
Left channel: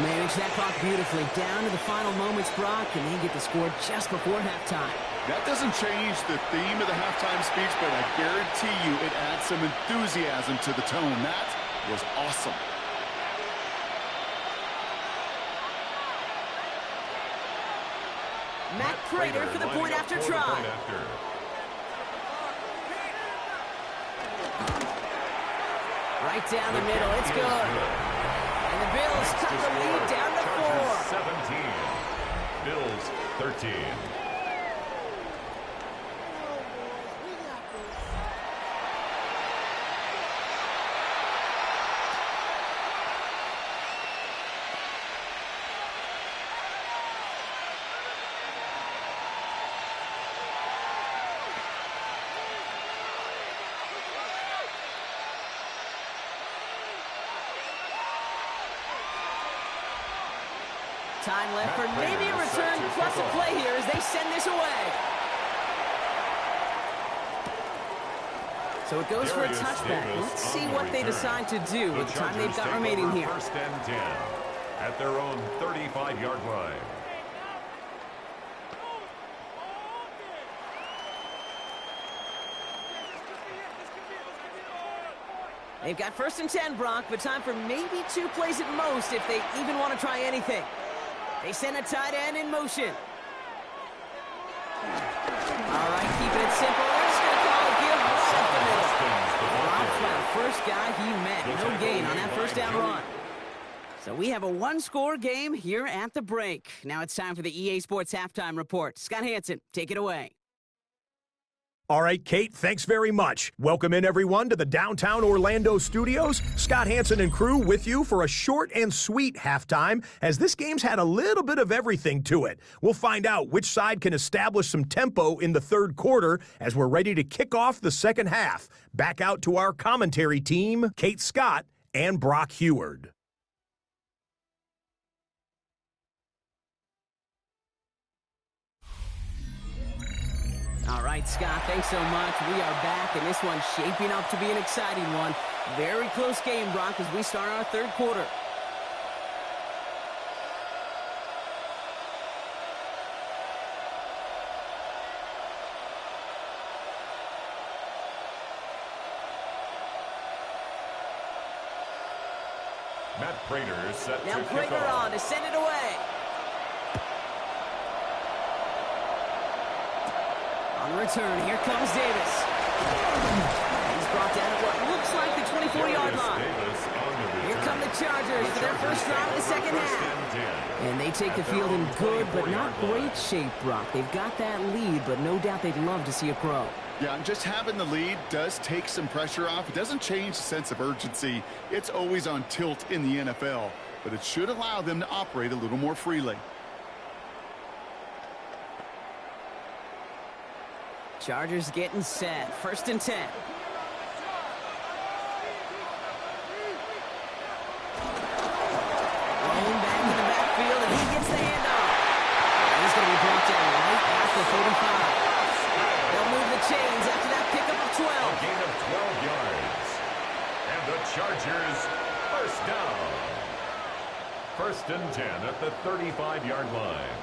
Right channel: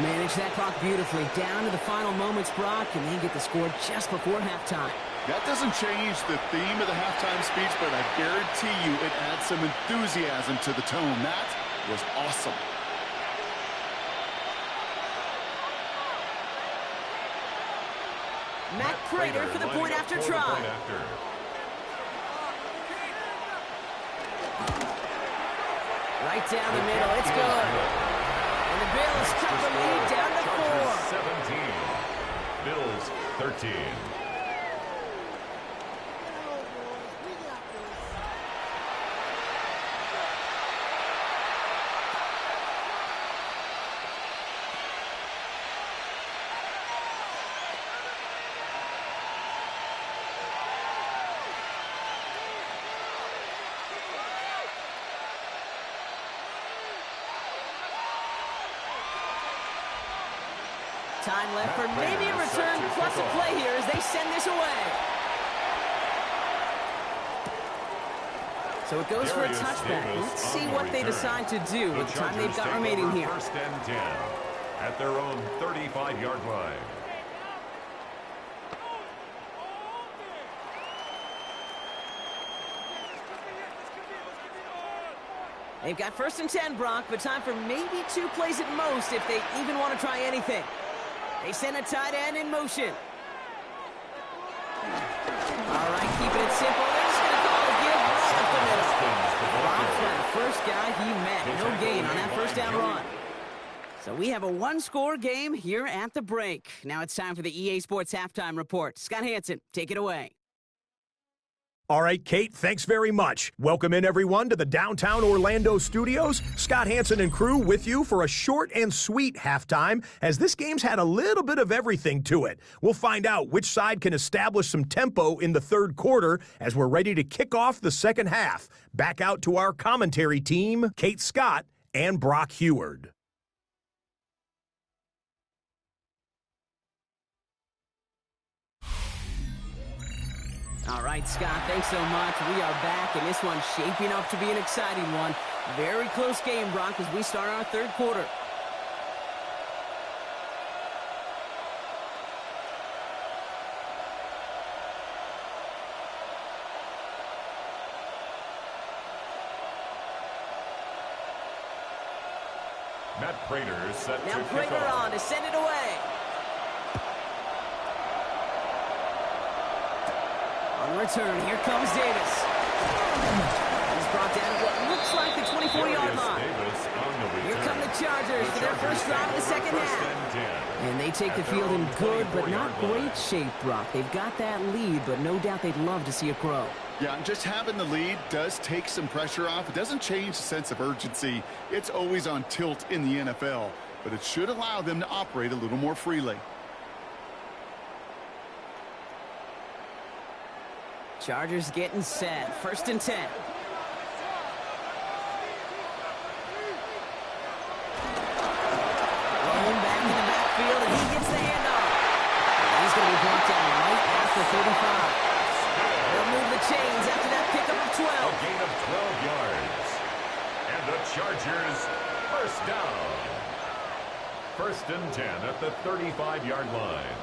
Manage that clock beautifully. Down to the final moments, Brock, and they get the score just before halftime. That doesn't change the theme of the halftime speech, but I guarantee you it adds some enthusiasm to the tone. That was awesome. Matt Prater for the point after try. Right down the middle. It's good. And the Bills cut the lead down to 4. 17. Bills 13. Time left for maybe a return plus a play here as they send this away. So it goes for a touchback. Let's see what they decide to do with the time they've got remaining here. 1st and 10 at their own 35-yard line. They've got 1st and 10, Brock, but time for maybe 2 plays at most if they even want to try anything. They send a tight end in motion. All right, keeping it simple. They're just going to call a give right up the middle. Brock flat, first guy he met. No gain on that 1st down run. So we have a 1-score game here at the break. Now it's time for the EA Sports Halftime Report. Scott Hansen, take it away. All right, Kate, thanks very much. Welcome in, everyone, to the downtown Orlando studios. Scott Hansen and crew with you for a short and sweet halftime, as this game's had a little bit of everything to it. We'll find out which side can establish some tempo in the 3rd quarter as we're ready to kick off the 2nd half. Back out to our commentary team, Kate Scott and Brock Heward. All right, Scott, thanks so much. We are back, and this one's shaping up to be an exciting one. Very close game, Brock, as we start our 3rd quarter. Matt Prater set Now to kick Prater off. on to send it away. On the return, here comes Davis. He's brought down at what looks like the 24-yard line. Davis on the return. Here come the Chargers for their first drive of the second half. And they take the field in good but not great shape, Brock. They've got that lead, but no doubt they'd love to see it grow. Yeah, and just having the lead does take some pressure off. It doesn't change the sense of urgency. It's always on tilt in the NFL, but it should allow them to operate a little more freely. Chargers getting set. First and 10. Blown back in the backfield, and he gets the handoff. And he's going to be brought down right at the 35. They'll move the chains after that pickup of 12. A gain of 12 yards. And the Chargers first down. First and 10 at the 35-yard line.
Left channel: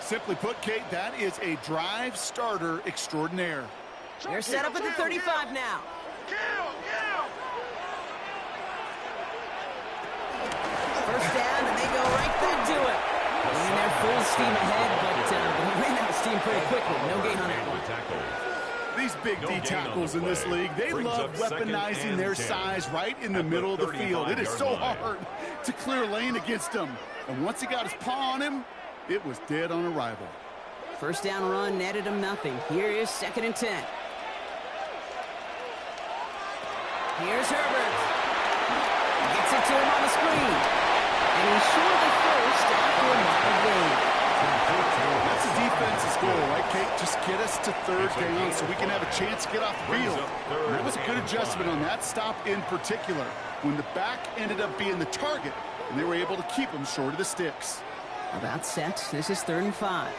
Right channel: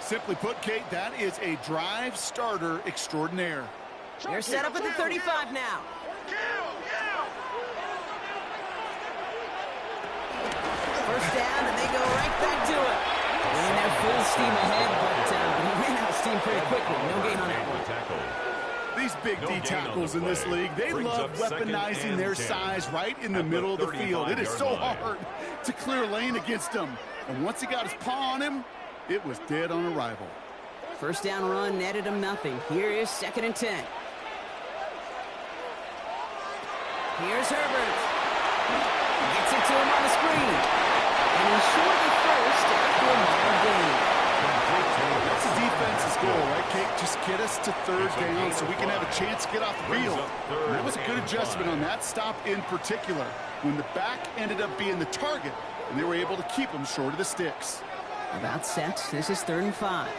Simply put, Kate, that is a drive starter extraordinaire. They're set up at the 35 now. First down, and they go right back to it. And they're full steam ahead, but he ran out of steam pretty quickly. No gain on that one. These big D tackles in this league, they love weaponizing their size right in the middle of the field. It is so hard to clear lane against them. And once he got his paw on him, it was dead on arrival. First down run netted him nothing. Here is second and 10. Here's Herbert. Gets it to him on the screen. And he's short of the first after a mile gain. That's the defense's goal, right, Kate? Just get us to third down so we can have a chance to get off the field. And that was a good adjustment on that stop in particular, when the back ended up being the target, and they were able to keep him short of the sticks. About set. This is 3rd and 5.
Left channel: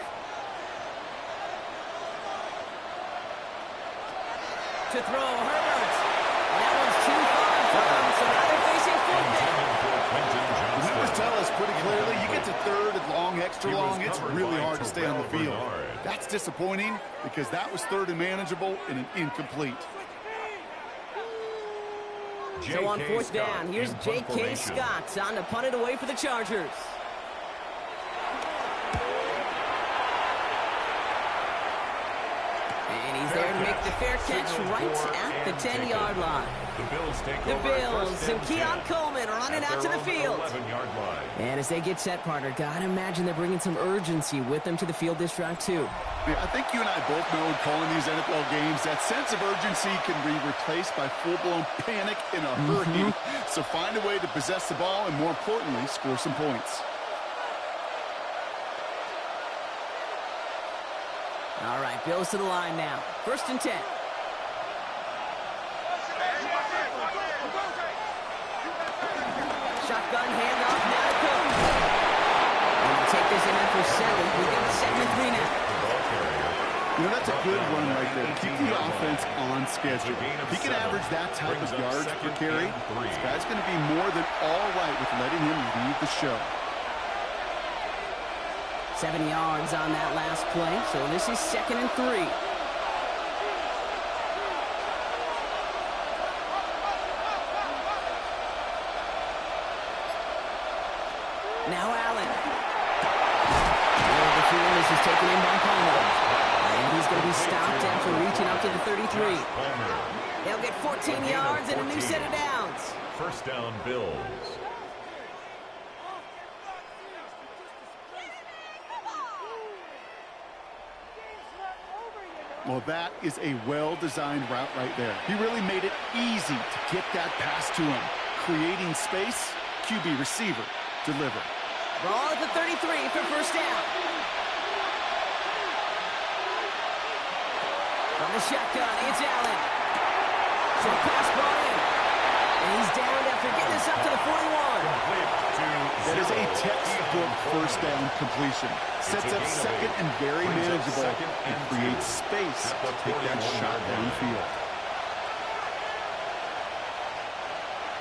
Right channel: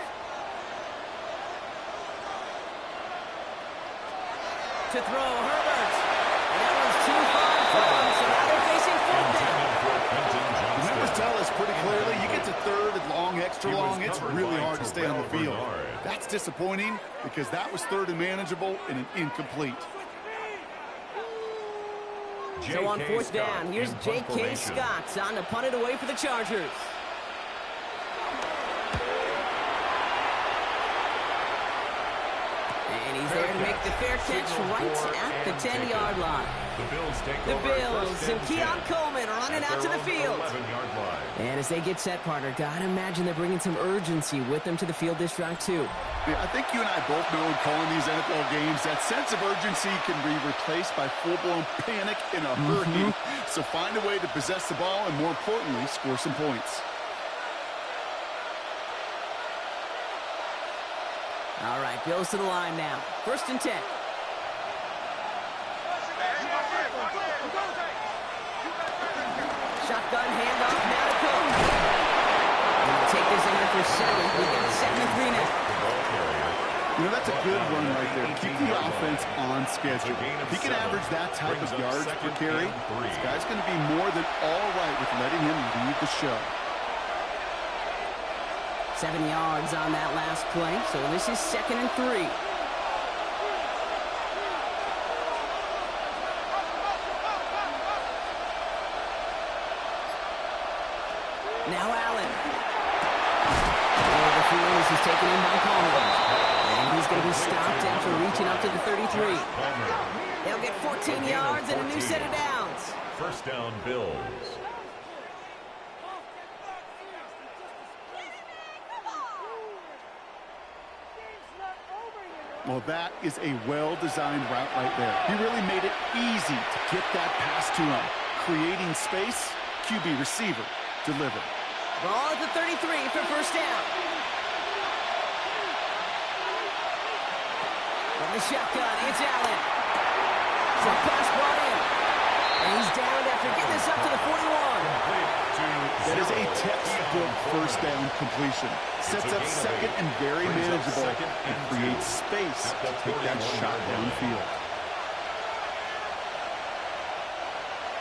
To throw, Herbert. And that one's too far from, so now they're facing 4th down. The numbers tell us pretty clearly, you get to third and long, extra long, it's really hard to stay on the field. That's disappointing because that was 3rd and manageable and an incomplete. So on 4th down, here's J.K. Scott on to punt it away for the Chargers. And he's there to make the fair catch right at the 10-yard line. The Bills take The over. Bills and Keon Coleman running out to the field. 11-yard line. And as they get set, partner, gotta imagine they're bringing some urgency with them to the field this drive, too. Yeah, I think you and I both know in calling these NFL games, that sense of urgency can be replaced by full-blown panic in a hurry. So find a way to possess the ball and, more importantly, score some points. All right, Bills to the line now. First and 10. Shotgun handoff now to Cook. And they'll take this in for 7. We've got a 2nd and 3 now. You know, that's a good run right there. Keep the offense on schedule. If he can average that type of yards per carry, this guy's going to be more than all right with letting him lead the show. 7 yards on that last play, so this is 2nd and 3. Now Allen. The field is taken in by Coleman. And he's going to be stopped after reaching up to the 33. They'll get 14 yards and a new set of downs. First down, Bills. Well, that is a well-designed route right there. He really made it easy to get that pass to him. Creating space, QB receiver, deliver. Ball at the 33 for first down. From the shotgun, it's Allen. Short pass brought in. And he's down after getting this up to the 41. That is a textbook first down completion. Sets up second and very manageable and creates space to take that shot downfield.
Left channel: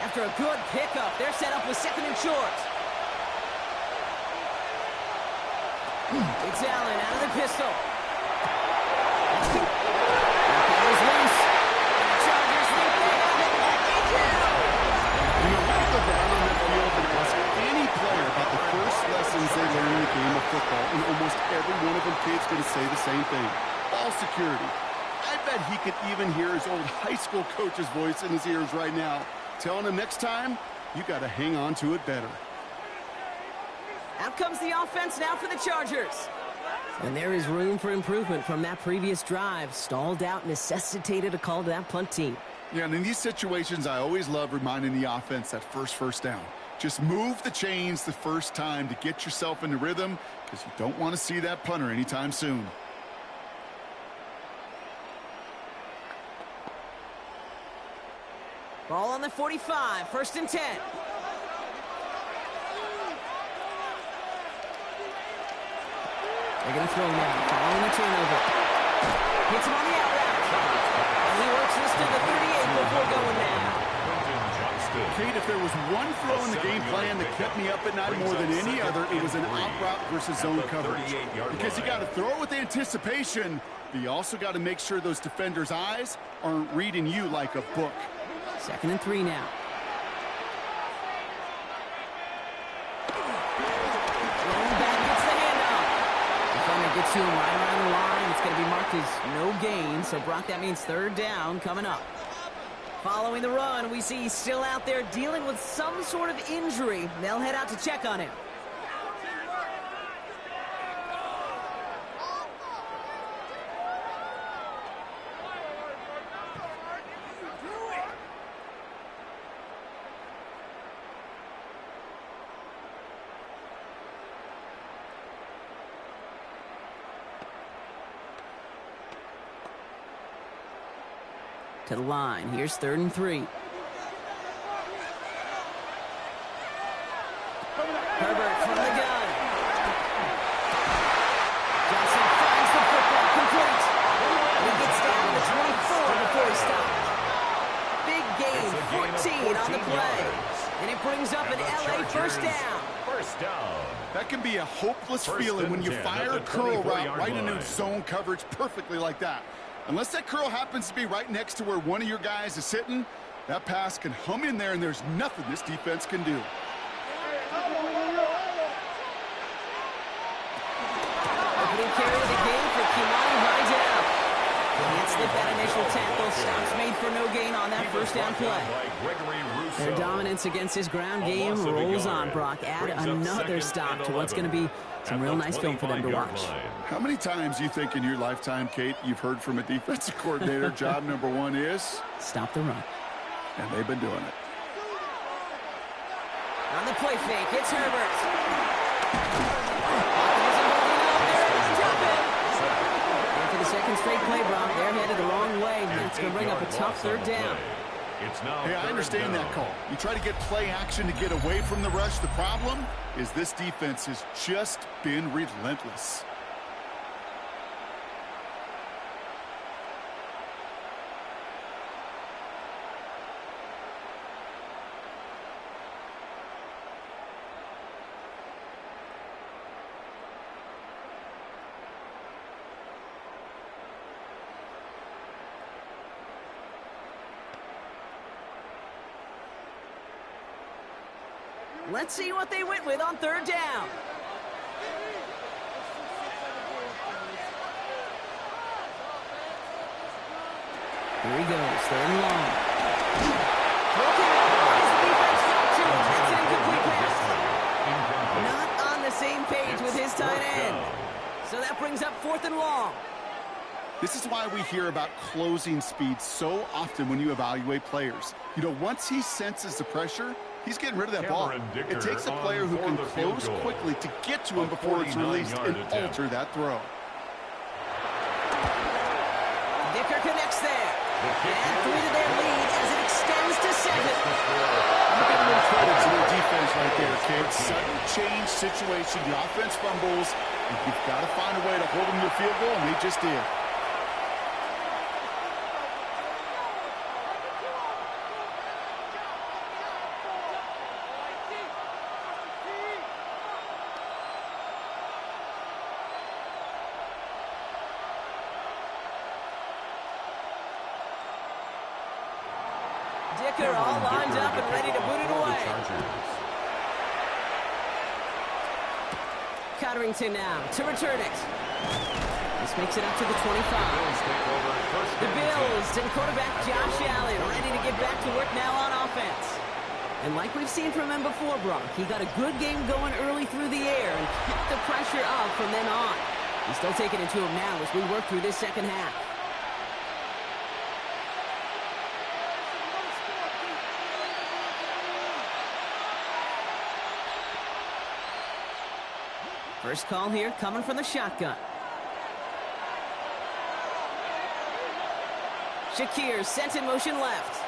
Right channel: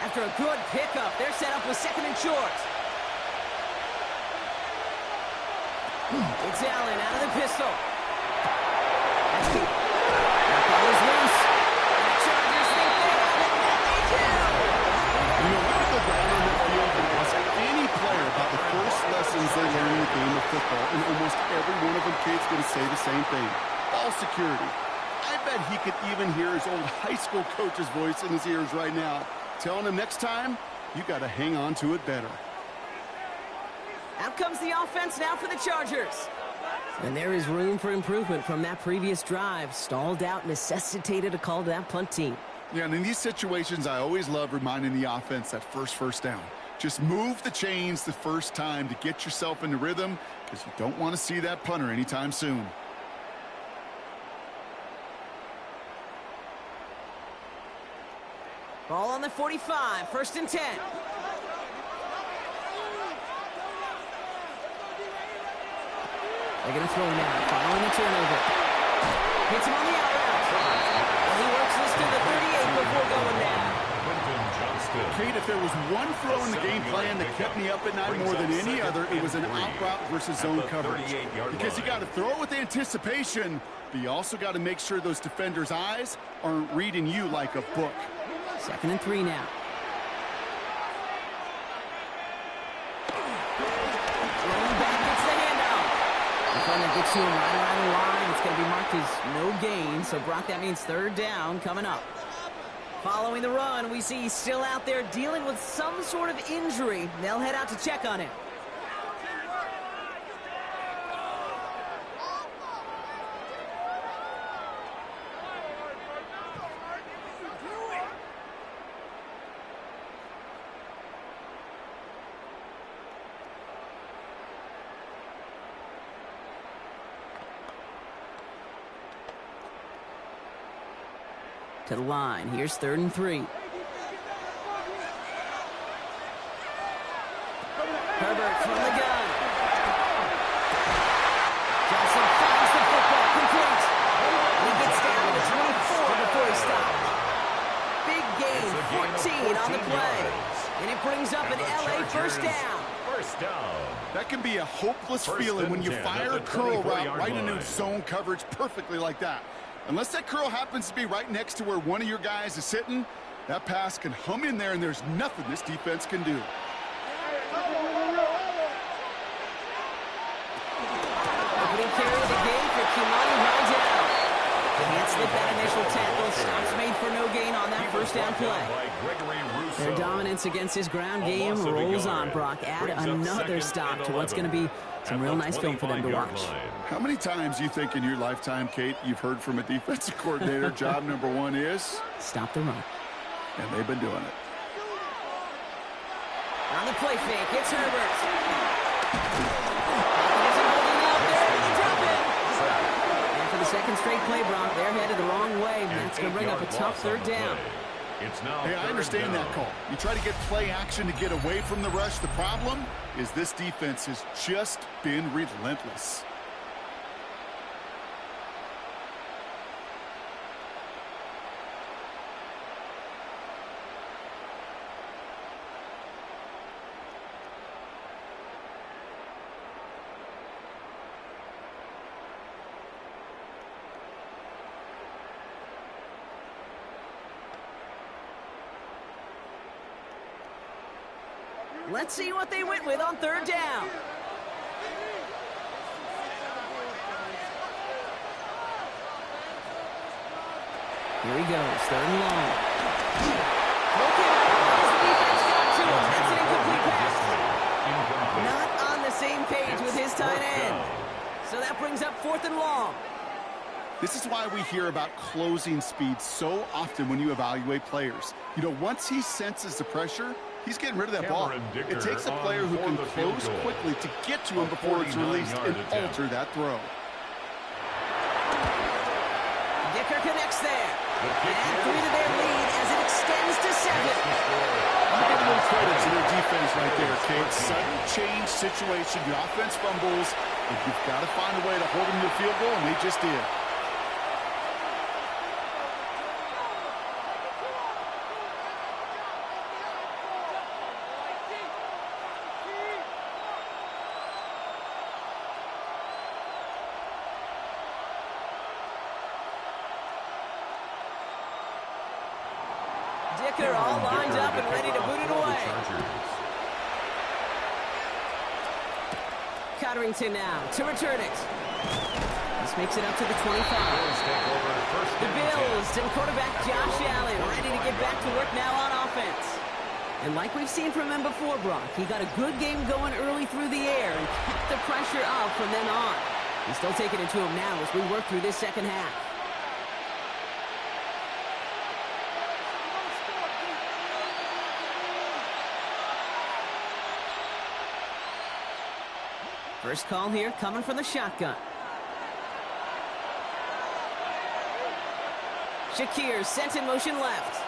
After a good pickup, they're set up with 2nd and short. It's Allen out of the pistol. That ball is loose. And the Chargers think they have it, and they do. lessons they learn in the game of football, and almost every one of them, Kate's going to say the same thing. Ball security. I bet he could even hear his old high school coach's voice in his ears right now, telling him next time, you got to hang on to it better. Out comes the offense now for the Chargers. And there is room for improvement from that previous drive. Stalled out, necessitated a call to that punt team. Yeah, and in these situations, I always love reminding the offense that first down. Just move the chains the first time to get yourself into rhythm, because you don't want to see that punter anytime soon. Ball on the 45, 1st and 10. They're going to throw now, following the turnover. Hits him on the out route. And he works this to the 38 before going down. Kate, if there was one throw in the game plan that kept me up at night more than any other, it was an out route versus zone coverage. Because you got to throw it with anticipation, but you also got to make sure those defenders' eyes aren't reading you like a book. 2nd and 3 now. Rolling back, gets the handoff. Defender gets to him right around the line. It's going to be marked as no gain. So, Brock, that means 3rd down coming up. Following the run, we see he's still out there dealing with some sort of injury. They'll head out to check on him. To the line. Here's 3rd and 3. Herbert from the gun. Johnson finds the football, complete. He gets down to the 24 before he stops. Big gain, 14 on the play. And it brings up an LA 1st down. First down. That can be a hopeless feeling when you fire a curl route right into zone coverage perfectly like that. Unless that curl happens to be right next to where one of your guys is sitting, that pass can hum in there, and there's nothing this defense can do. Opening carry of the game for Kimani Rydell. Can't slip that initial tackle. Stops made for no gain on that 1st down play. Their dominance against his ground game rolls on, Brock. Add another stop to what's going to be some real nice film for them to watch. How many times do you think in your lifetime, Kate, you've heard from a defensive coordinator, job number 1 is? Stop the run. And they've been doing it. On the play fake, it's Herbert. It isn't holding up. They're going to drop it. And for the 2nd straight play, Brock, they're headed the wrong way. That's going to bring up a tough 3rd down. Hey, I understand that call. You try to get play action to get away from the rush. The problem is this defense has just been relentless. Let's see what they went with on 3rd down. Here he goes, 3rd and long. Broken out as the defense got to him. That's an incomplete pass. Not on the same page with his tight end. So that brings up 4th and long. This is why we hear about closing speed so often when you evaluate players. You know, once he senses the pressure, he's getting rid of that ball. It takes a player who can close quickly to get to him before it's released and alter that throw. Dicker connects there. Add 3 to their lead as it extends to 7. I'll give a little credit to their defense right there, Kate. Sudden change situation. The offense fumbles, and you've got to find a way to hold them to a field goal, and they just did. Dicker all lined up and ready to boot it away. Chatterington now to return it. This makes it up to the 25. The Bills and quarterback Josh Allen ready to get back to work now on offense. And like we've seen from him before, Brock, he got a good game going early through the air and kept the pressure up from then on. He's still taking it to him now as we work through this second half. First call here coming from the shotgun. Shakir sent in motion left.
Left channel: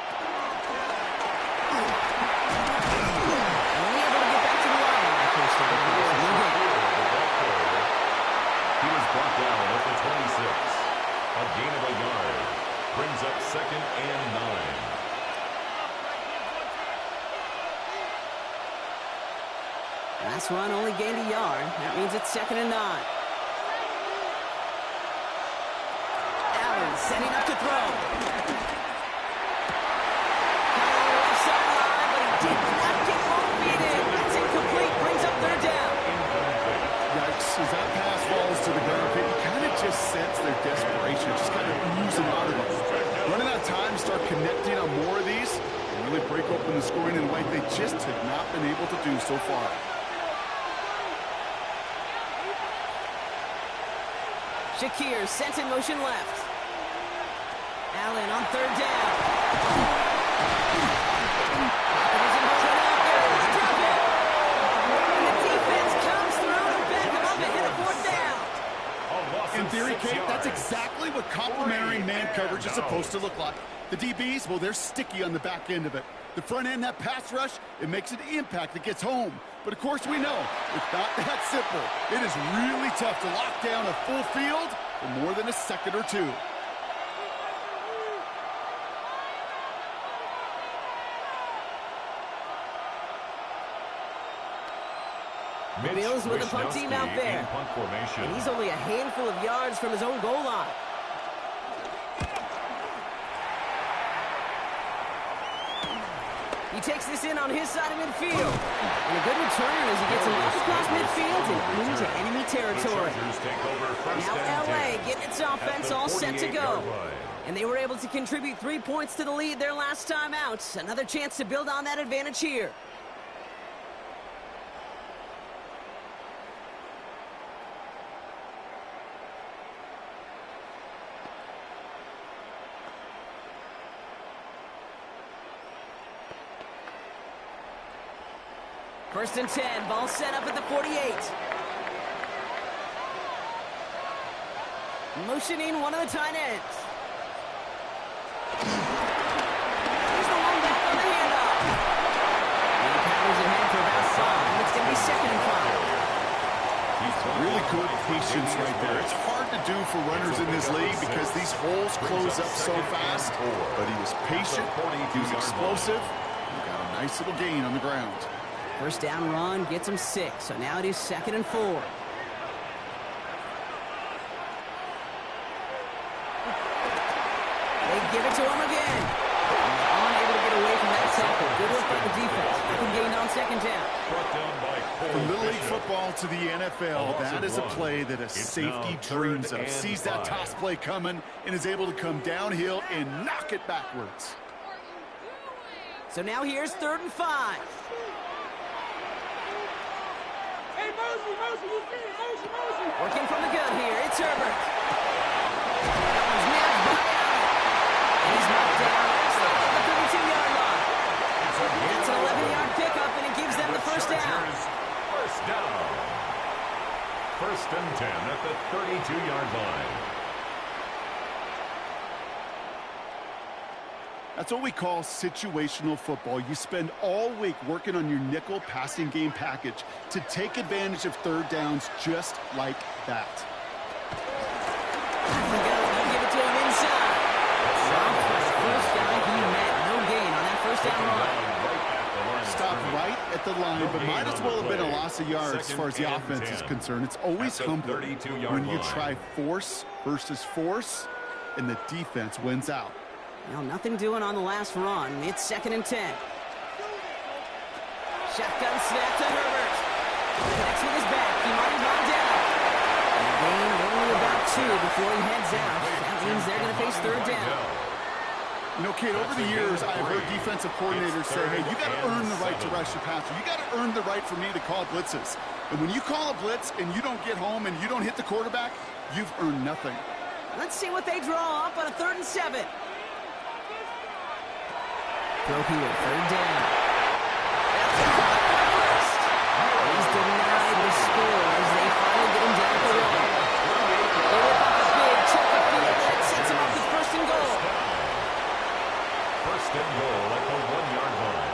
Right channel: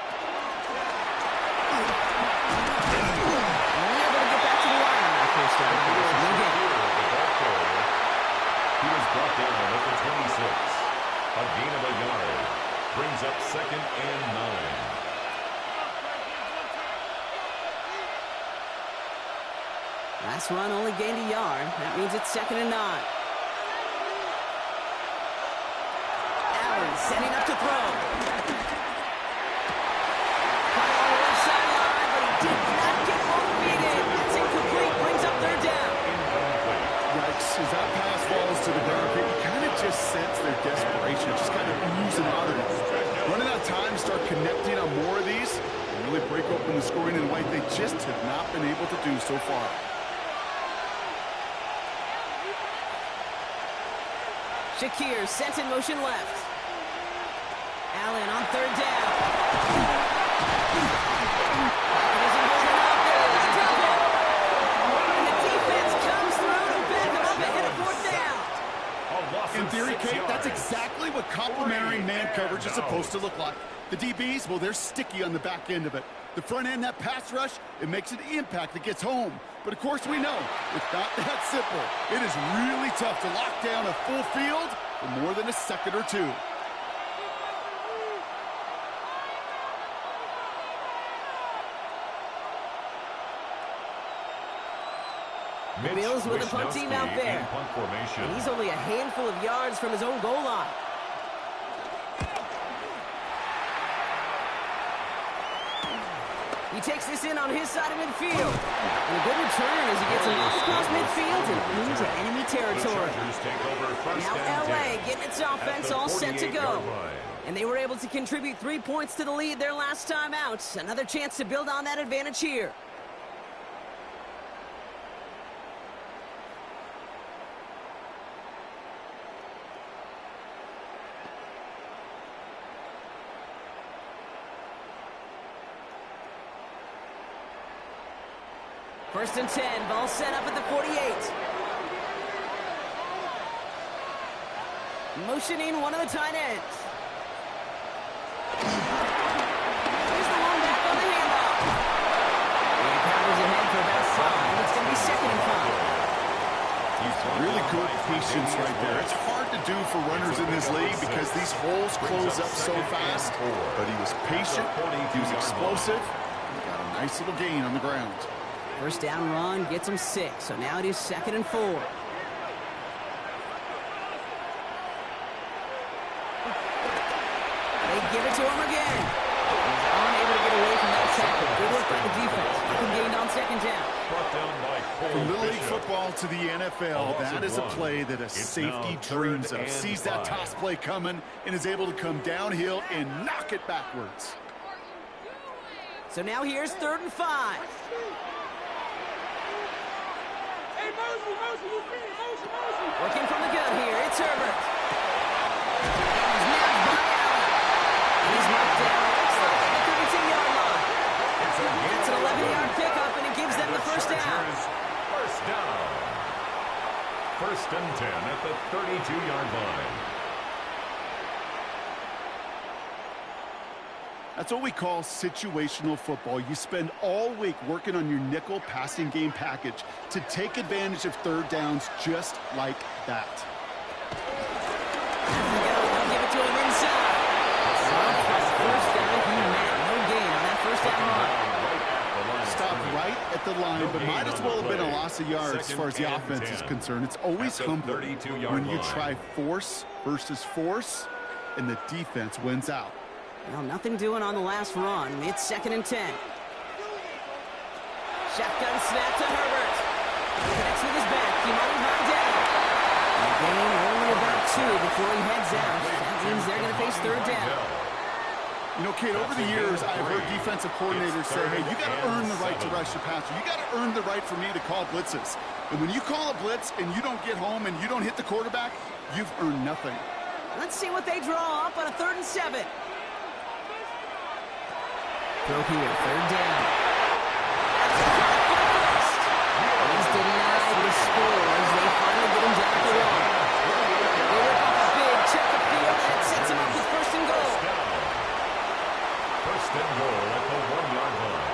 Only able to get back to the line on that first down. He was brought down at the 26. A gain of a yard. Brings up 2nd and 9. Last run only gained a yard. That means it's 2nd and 9. Allen setting up to throw. Caught along the left sideline, but he did not get both feet in. That's incomplete. Brings up 3rd down. Yikes, as that pass falls to the ground, you kind of just sense their desperation, just kind of oozing out of them. Running out of time to start connecting on more of these and really break open the scoring in a way they just have not been able to do so far. Shakir sent in motion left. Allen on 3rd down. It isn't holding up. They're able to drop it. And the defense comes through to back him up and hit a 4th down. In theory, Kate, that's exactly what complementary man coverage is supposed to look like. The DBs, well, they're sticky on the back end of it. The front end, that pass rush, it makes an impact that gets home. But of course we know, it's not that simple. It is really tough to lock down a full field for more than a second or two. The Bills with the punt team out there. And he's only a handful of yards from his own goal line. He takes this in on his side of midfield. And a good return as he gets him up across midfield and into enemy territory. Now LA getting its offense all set to go. And they were able to contribute 3 points to the lead their last time out. Another chance to build on that advantage here. First and 10, ball set up at the 48. Motioning one of the tight ends. Here's the one back on the handoff. And he powers ahead for about 5. It's going to be 2nd and 5. Really good patience right there. It's hard to do for runners in this league because these holes close up so fast. But he was patient, he was explosive, and got a nice little gain on the ground. First down run gets him 6, so now it is 2nd and 4. They give it to him again. He's unable to get away from that tackle. Good work by the defense. Nothing gained on 2nd down. From Little League football to the NFL, that is a play that a safety dreams of. Sees that toss play coming and is able to come downhill and knock it backwards. So now here's 3rd and 5. Working from the gun here, it's Herbert. That one's nabbed by Allen. And he's knocked down, looks like at the 32-yard line. It's an 11-yard pickup, and it gives them the first down. First down. 1st and 10 at the 32-yard line. That's what we call situational football. You spend all week working on your nickel passing game package to take advantage of 3rd downs just like that. They'll give it to him inside. First guy he met. No gain on that first down run. Stopped right at the line, but might as well have been a loss of yards as far as the offense is concerned. It's always humbling when you try force versus force, and the defense wins out. Well, nothing doing on the last run. It's 2nd and 10. Shotgun snap to Herbert. Connects with his back. Kimani Vidal. And the gain only about 2 before he heads out. That means they're going to face third down. You know, Kate, over the years, I've heard defensive coordinators say, hey, you got to earn the right to rush your passer. You got to earn the right for me to call blitzes. And when you call a blitz and you don't get home and you don't hit the quarterback, you've earned nothing. Let's see what they draw up on a 3rd and 7. Throw here, 3rd down. That's a caught for the first. He's denied the score as they finally get him down at the 1. They rip off a big chunk of field, and it sets him up with 1st and goal. 1st and goal at the 1-yard line.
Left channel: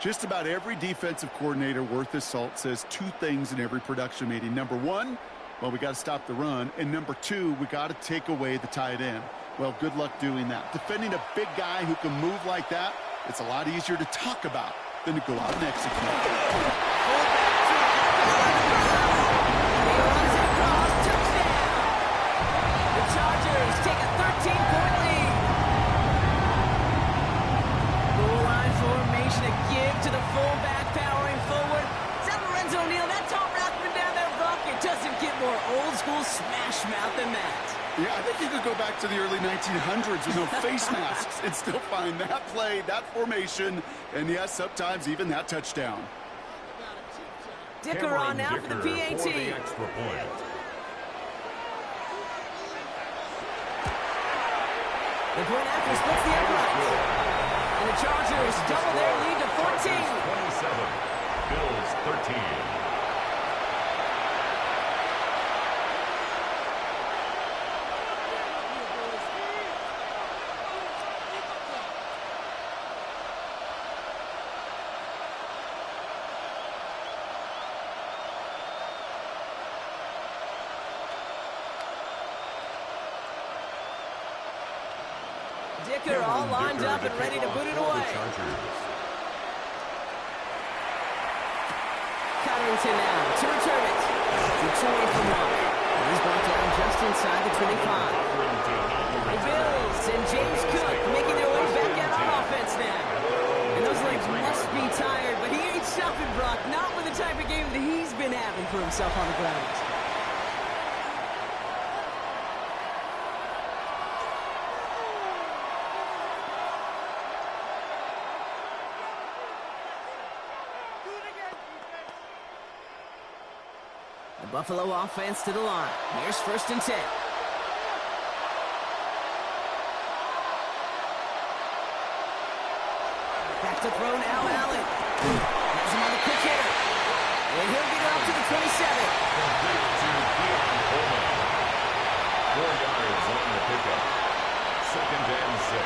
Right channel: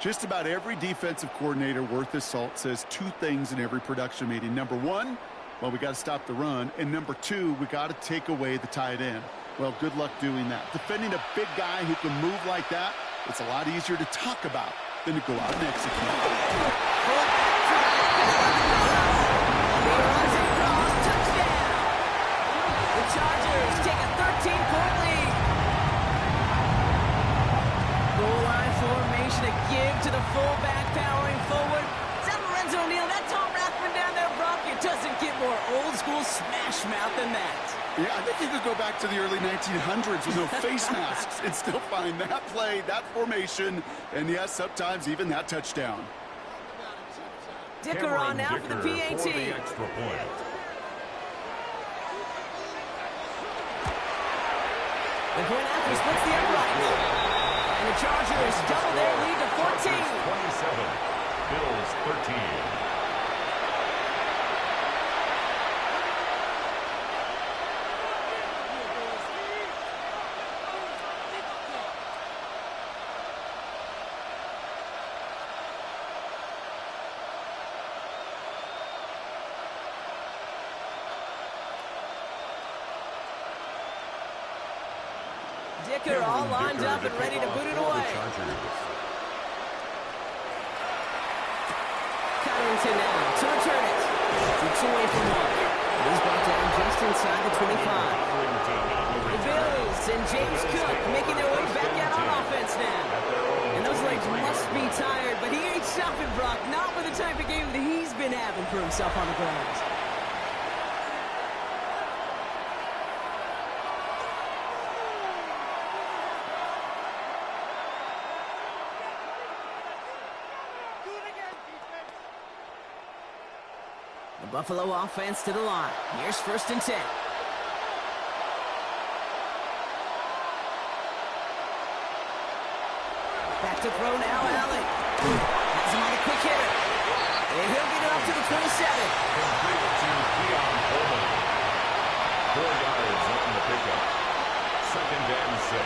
Just about every defensive coordinator worth his salt says 2 things in every production meeting. Number 1, well, we got to stop the run. And number 2, we got to take away the tight end. Well, good luck doing that. Defending a big guy who can move like that, it's a lot easier to talk about than to go out and execute. Touchdown! The Chargers take a 13-point lead. Goal line formation, a give to the fullback, powering forward. Is that Lorenzo Neal? That Tom Rathman down there, Brock? It doesn't get more old-school smash mouth than that. Yeah, I think you could go back to the early 1900s with no face masks and still find that play, that formation, and yes, sometimes even that touchdown. Dicker on now for the PAT. For the extra point. The point after splits the upright. And the Chargers double their lead to 14. 27, Bills 13. Dicker all lined up and ready to boot it away. Cotterington now to return it. Keeps away from 1. And he's brought down just inside the 25. The Bills and James Cook making their way back out on offense now. And those legs must be tired, but he ain't stopping, Brock. Not with the type of game that he's been having for himself on the ground. The Buffalo offense to the line. Here's 1st and 10. Back to throw now, Allen. Has him on the quick hitter. And he'll get it up to the 27. Complete to Keon Coleman. 4 yards on the pickup. 2nd and 6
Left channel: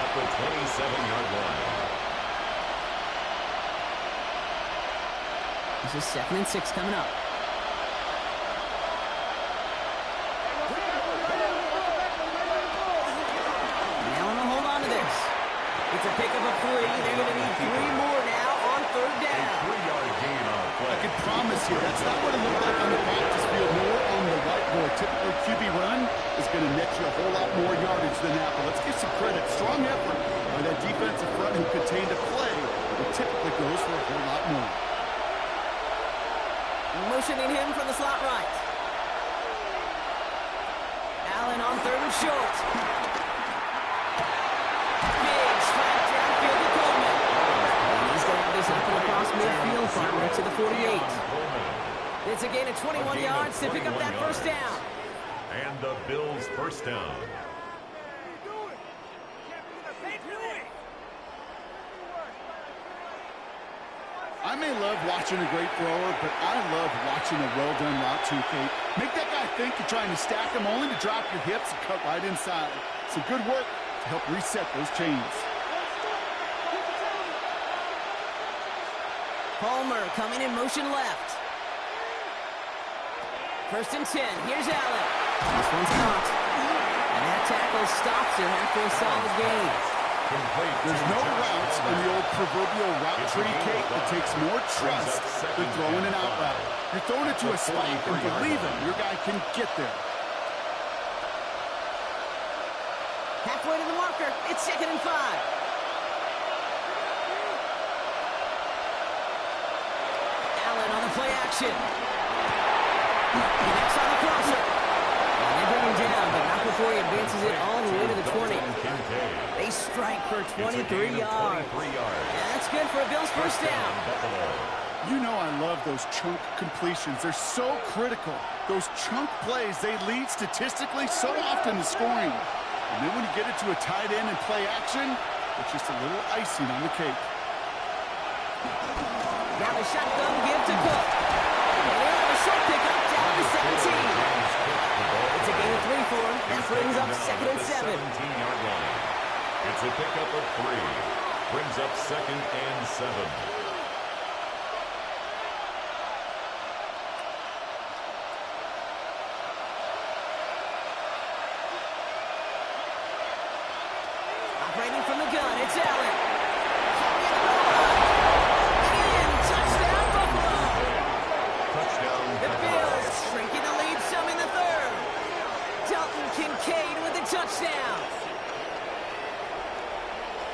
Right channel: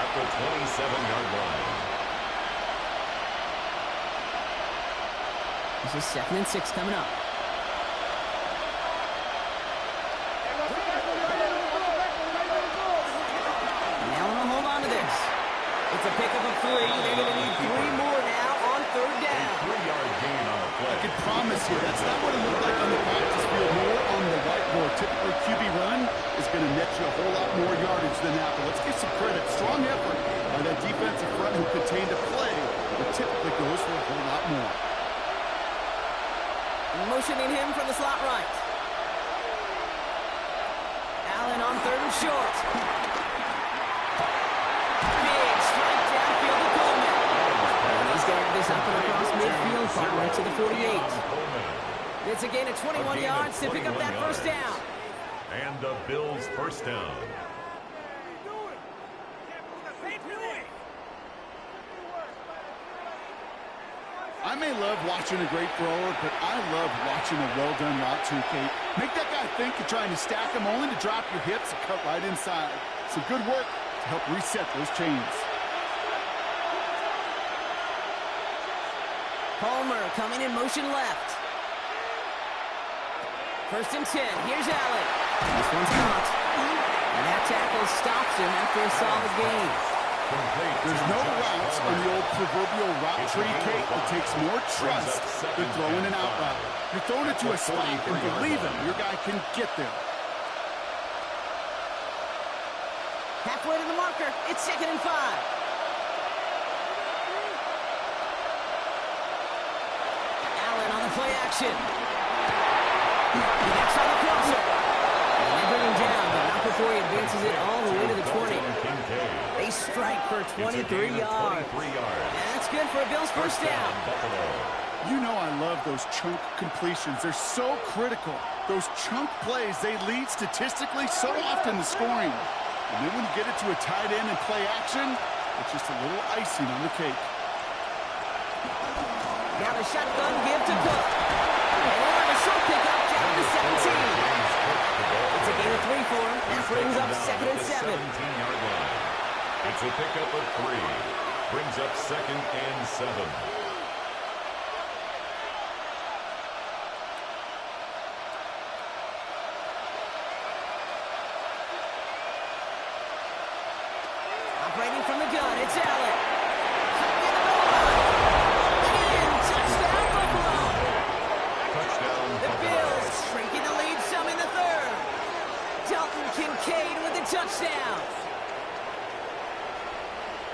at the 27-yard line. This is 2nd and 6 coming up. It's a pickup of 3. They're going to need 3 more now on 3rd down. A 3-yard gain on the play. I can promise you that's not what it looked like on the practice field, more on the whiteboard. Typically, QB run is going to net you a whole lot more yardage than that. But let's give some credit. Strong effort by that defensive front who contained a play that typically goes for a whole lot more. Motioning him from the slot right. Allen on 3rd and short. Downfield to Coleman. And he's going to have this up and across midfield, partner to the 48. It's a gain of 21 yards to pick up that 1st down. And the Bills' 1st down. I may love watching a great thrower, but I love watching a well-done route too, Kate. Make that guy think you're trying to stack him only to drop your hips and cut right inside. Some good work to help reset those chains. Palmer coming in motion left. 1st and 10. Here's Allen. This one's caught. And that tackle stops him after a solid gain. There's no routes on the old proverbial route tree, Kate, that takes more trust than throwing an out route. You're throwing it to a spot and believing your guy can get there. Halfway to the marker. It's 2nd and 5. Allen on the play action. Next on the crosser. And they bring him down, but not before he advances it all the way to the 20. They strike for 23 yards. And that's good for a Bills first down. You know I love those chunk completions. They're so critical. Those chunk plays, they lead statistically so often to scoring. And then when you get it to a tight end and play action, it's just a little icing on the cake. Now the shotgun give to Cook. And he'll have a short pickup down to 17. It's a gain of 3 for him. That brings up 2nd and 7. 17-yard line. It's a pickup of 3. Brings up 2nd and 7. Operating from the gun, it's Allen. Coming in the goal line. And touchdown, Buffalo. Touchdown, The Bills shrinking the lead some in the 3rd. Dalton Kincaid with the touchdown.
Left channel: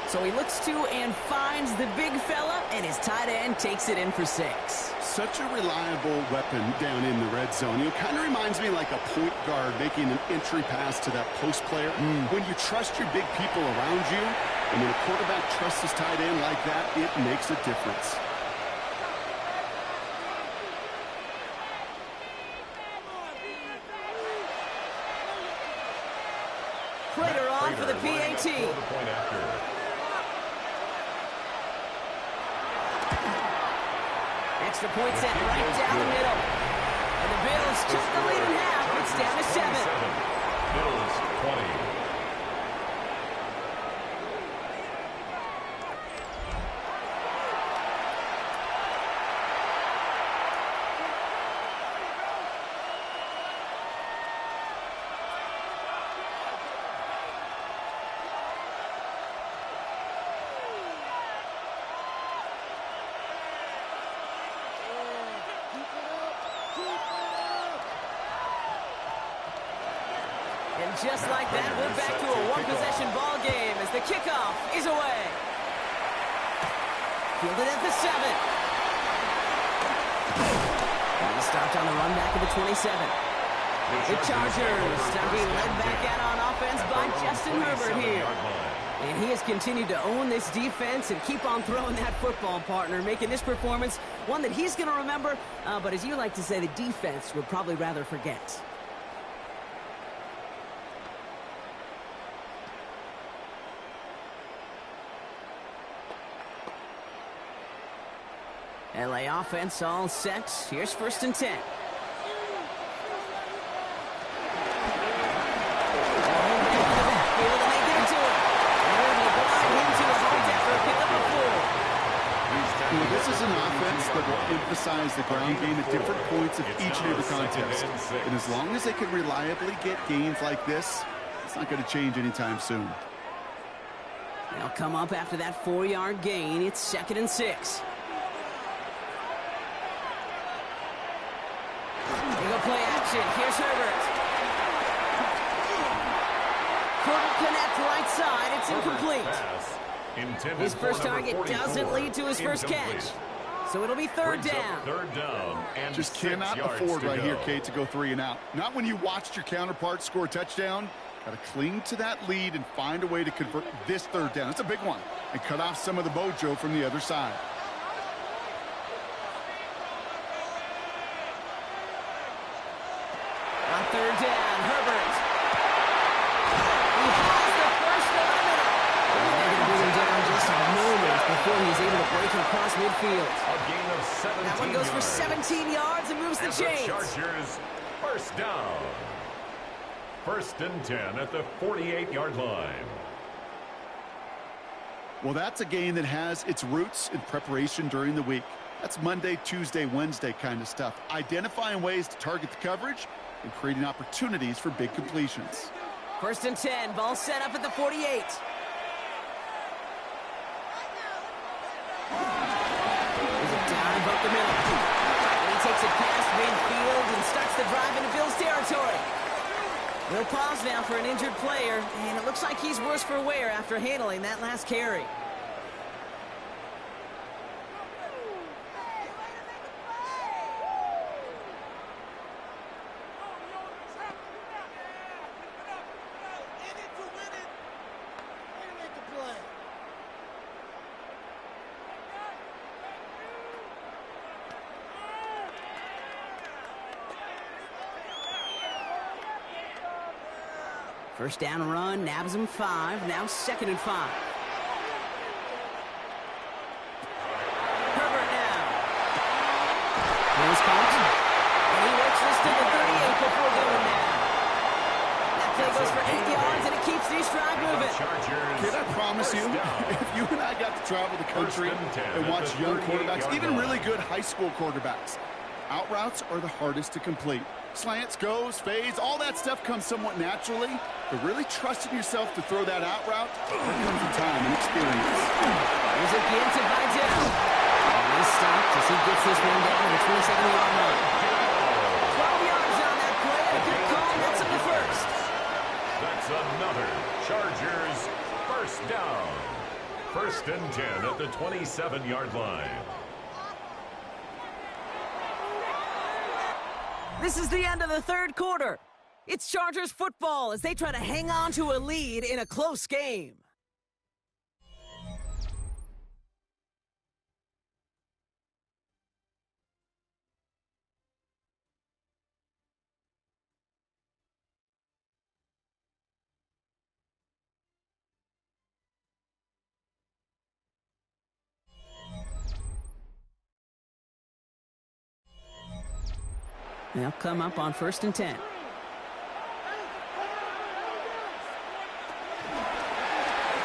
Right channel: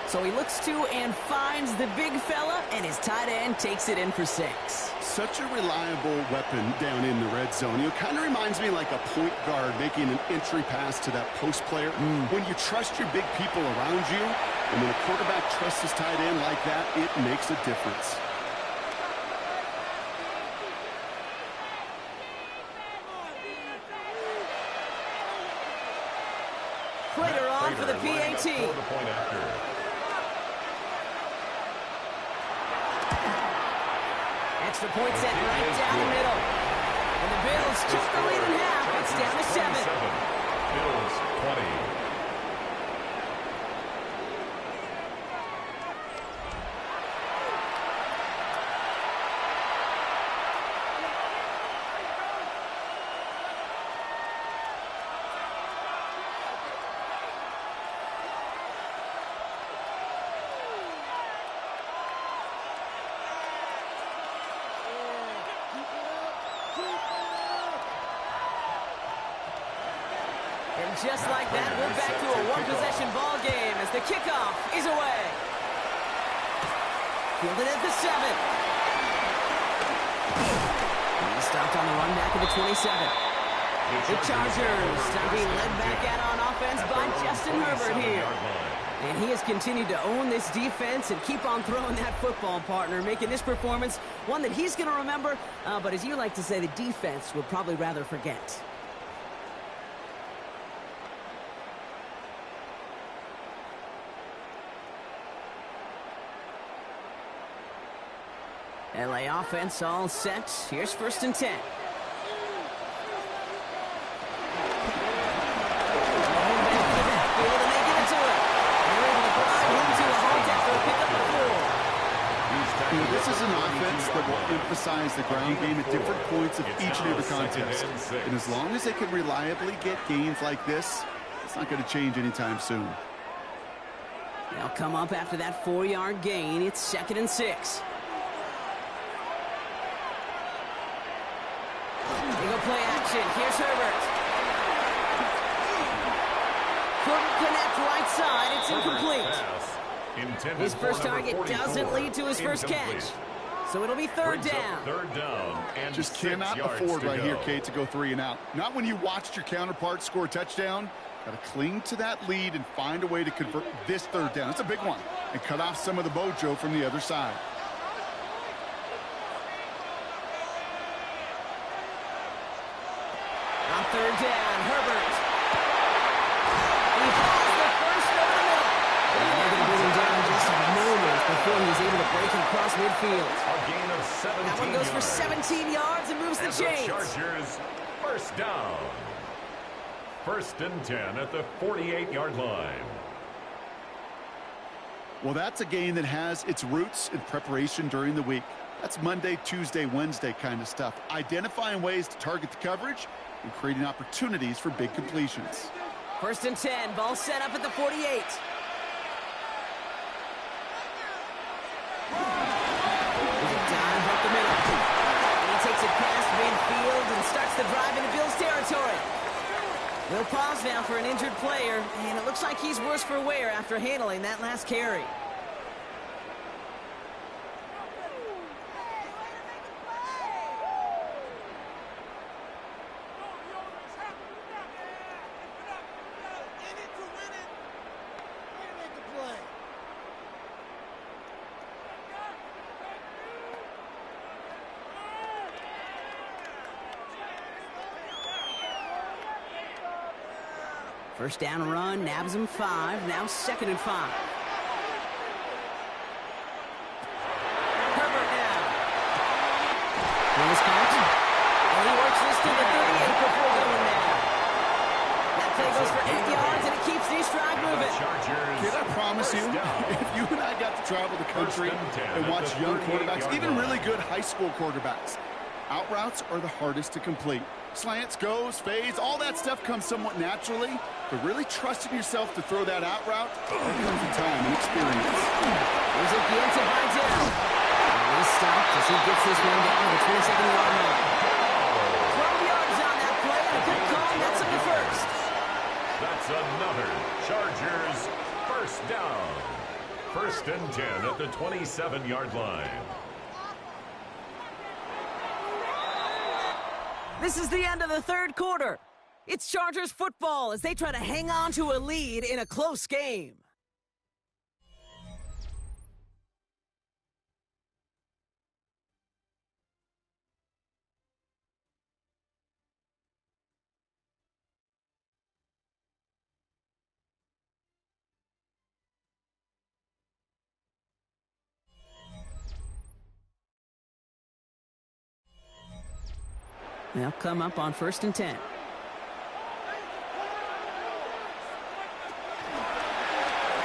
So he looks to and finds the big fella, and his tight end takes it in for 6. Such a reliable weapon down in the red zone. It kind of reminds me like a point guard making an entry pass to that post player. When you trust your big people around you, and when a quarterback trusts his tight end like that, it makes a difference. Prater on for the PAT. Extra point set right down the middle. And the Bills cut the lead in half. It's down to 7. Bills 20. And just like that, we're back to a one-possession ball game as the kickoff is away. Fielded at the 7. And he stopped on the run back at the 27. The Chargers are being led back out on offense by Justin Herbert here. And he has continued to own this defense and keep on throwing that football, partner, making this performance one that he's going to remember, but as you like to say, the defense would probably rather forget. LA offense all set. Here's 1st and 10. Home back to the backfield, and they give it to him. And they're able to glide into a halt after a pickup of 4. You know, this is an offense that will emphasize the ground game at different points of each and every contest. And as long as they can reliably get gains like this, it's not going to change anytime soon. They'll come up after that 4-yard gain. It's 2nd and 6. They go play action. Here's Herbert. Couldn't connect right side. It's incomplete. His first target doesn't lead to his first catch. So it'll be 3rd down. 3rd down. And just cannot afford right here, Kate, to go 3 and out. Not when you watched your counterpart score a touchdown. Got to cling to that lead and find a way to convert this 3rd down. It's a big one. And cut off some of the mojo from the other side. On 3rd down, Herbert. He has the first over the middle. And they're going to bring him down just moments before he's able to break it across midfield. A gain of 17 That one goes for yards. 17 yards and moves the chains. The Chargers, 1st down. 1st and 10 at the 48-yard line. Well, that's a game that has its roots in preparation during the week. That's Monday, Tuesday, Wednesday kind of stuff. Identifying ways to target the coverage and creating opportunities for big completions. 1st and 10, ball set up at the 48. There's a dive up the middle. And he takes it past midfield and starts the drive into Bills territory. We'll pause now for an injured player, and it looks like he's worse for wear after handling that last carry. First down run, nabs him 5, now 2nd and 5. Herbert now. Here's Compton. And he works this to the 38 before going down. That play goes for 8 yards, and it keeps the stride moving. Kid, I promise you, if you and I got to travel the country and watch young quarterbacks, even really good high school quarterbacks, out routes are the hardest to complete. Slants, goes, fades, all that stuff comes somewhat naturally, but really trusting yourself to throw that out route, there comes with time and experience. Here's again to Vidal. And he stopped as he gets this one down to the 22nd-yard line. 12 yards on that play, and a good call nets him to first. That's another Chargers first down. 1st and 10 at the 27-yard line. This is the end of the 3rd quarter. It's Chargers football as they try to hang on to a lead in a close game. They'll come up on 1st and 10.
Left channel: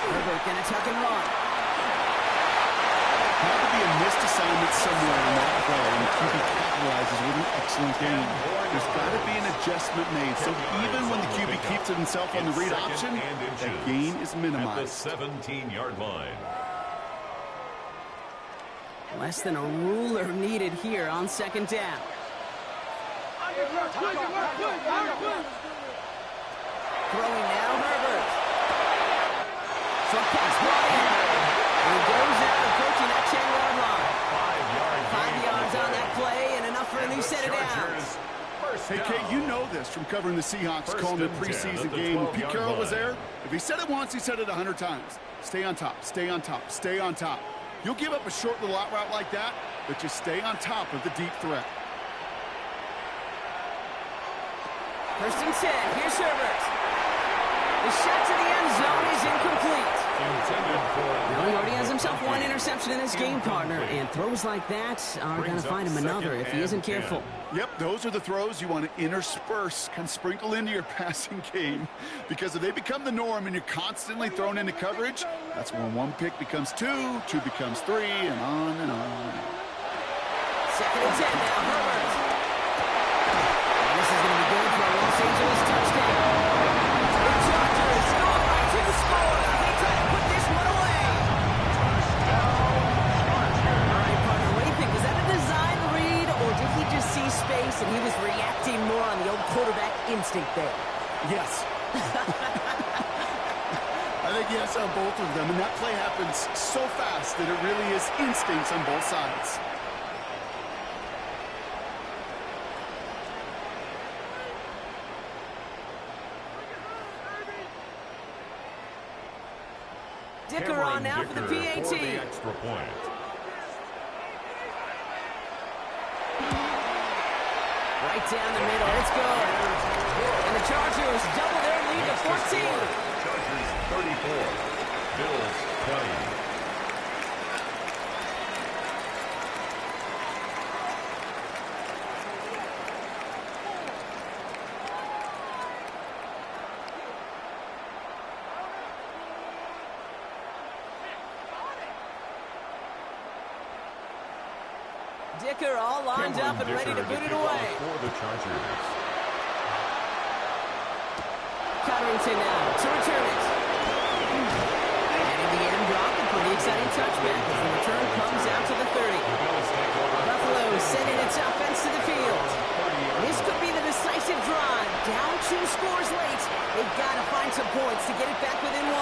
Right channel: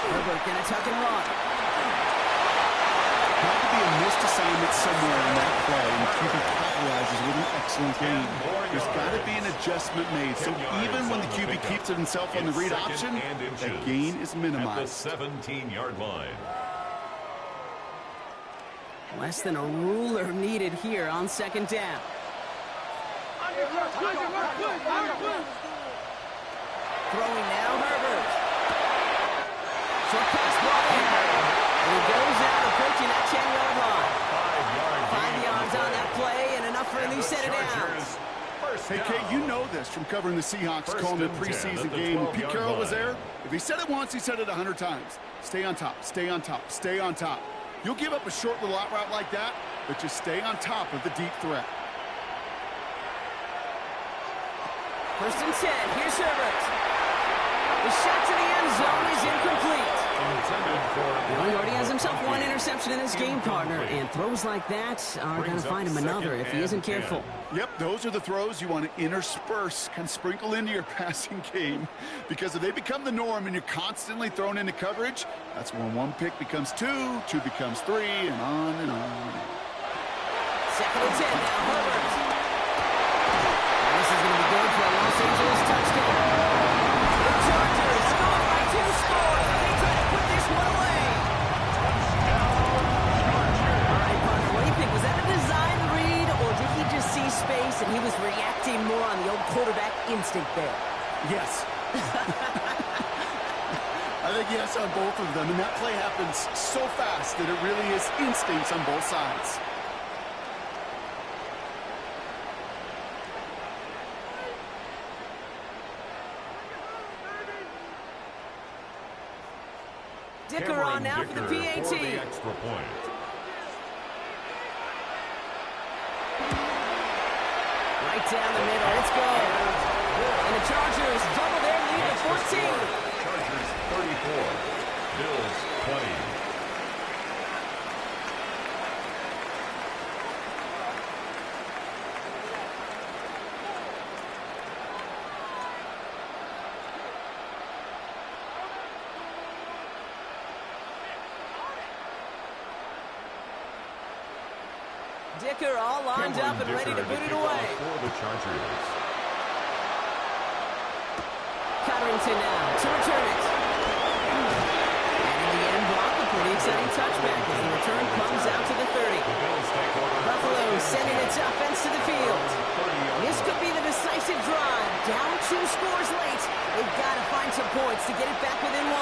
Herbert gonna tuck and run. Had to be a missed assignment somewhere in that play, and QB capitalizes with an excellent gain. There's got to be an adjustment made, so even when the QB keeps it himself on the read option, that gain is minimized. At the 17-yard line. Less than a ruler needed here on 2nd down. Throwing now, Herbert. Short pass brought in. And he goes out approaching that 10-yard line. 5 yards on that play and enough for a new set of downs. Hey, Kate, you know this from covering the Seahawks, calling their preseason game. When Pete Carroll was there, if he said it once, he said it 100 times. Stay on top, stay on top, stay on top. You'll give up a short little out route like that, but just stay on top of the deep threat. 1st and 10. Here's Herbert. The shot to the end zone is incomplete. He already has himself one interception in his game, partner, and throws like that are going to find him another if he isn't careful. Yep, those are the throws you want to intersperse, kind of sprinkle into your passing game, because if they become the norm and you're constantly thrown into coverage, that's when 1 pick becomes 2, 2 becomes 3, and on and on. 2nd and 10 now, Herbert. This is going to be good for a Los Angeles touchdown. The Chargers going by 2 scores as they try to put this one away. Touchdown, Chargers. All right, partner, what do you think? Was that a design read, or did he just see space and he was reacting more on the old quarterback instinct there? Yes. I think yes on both of them, and that play happens so fast that it really is instincts on both sides. Dicker on now for the PAT. For the extra point. Right down the middle. Let's go. And the Chargers double their lead to 14. Chargers 34. Bills 20. Dicker all lined up and ready to boot it away. For the Chargers. Cotterington now to return it. And in the end, Brock, a pretty exciting touchback as the return comes out to the 30. Buffalo sending its offense to the field. This could be the decisive drive. Down 2 scores late. They've got to find some points to get it back within 1.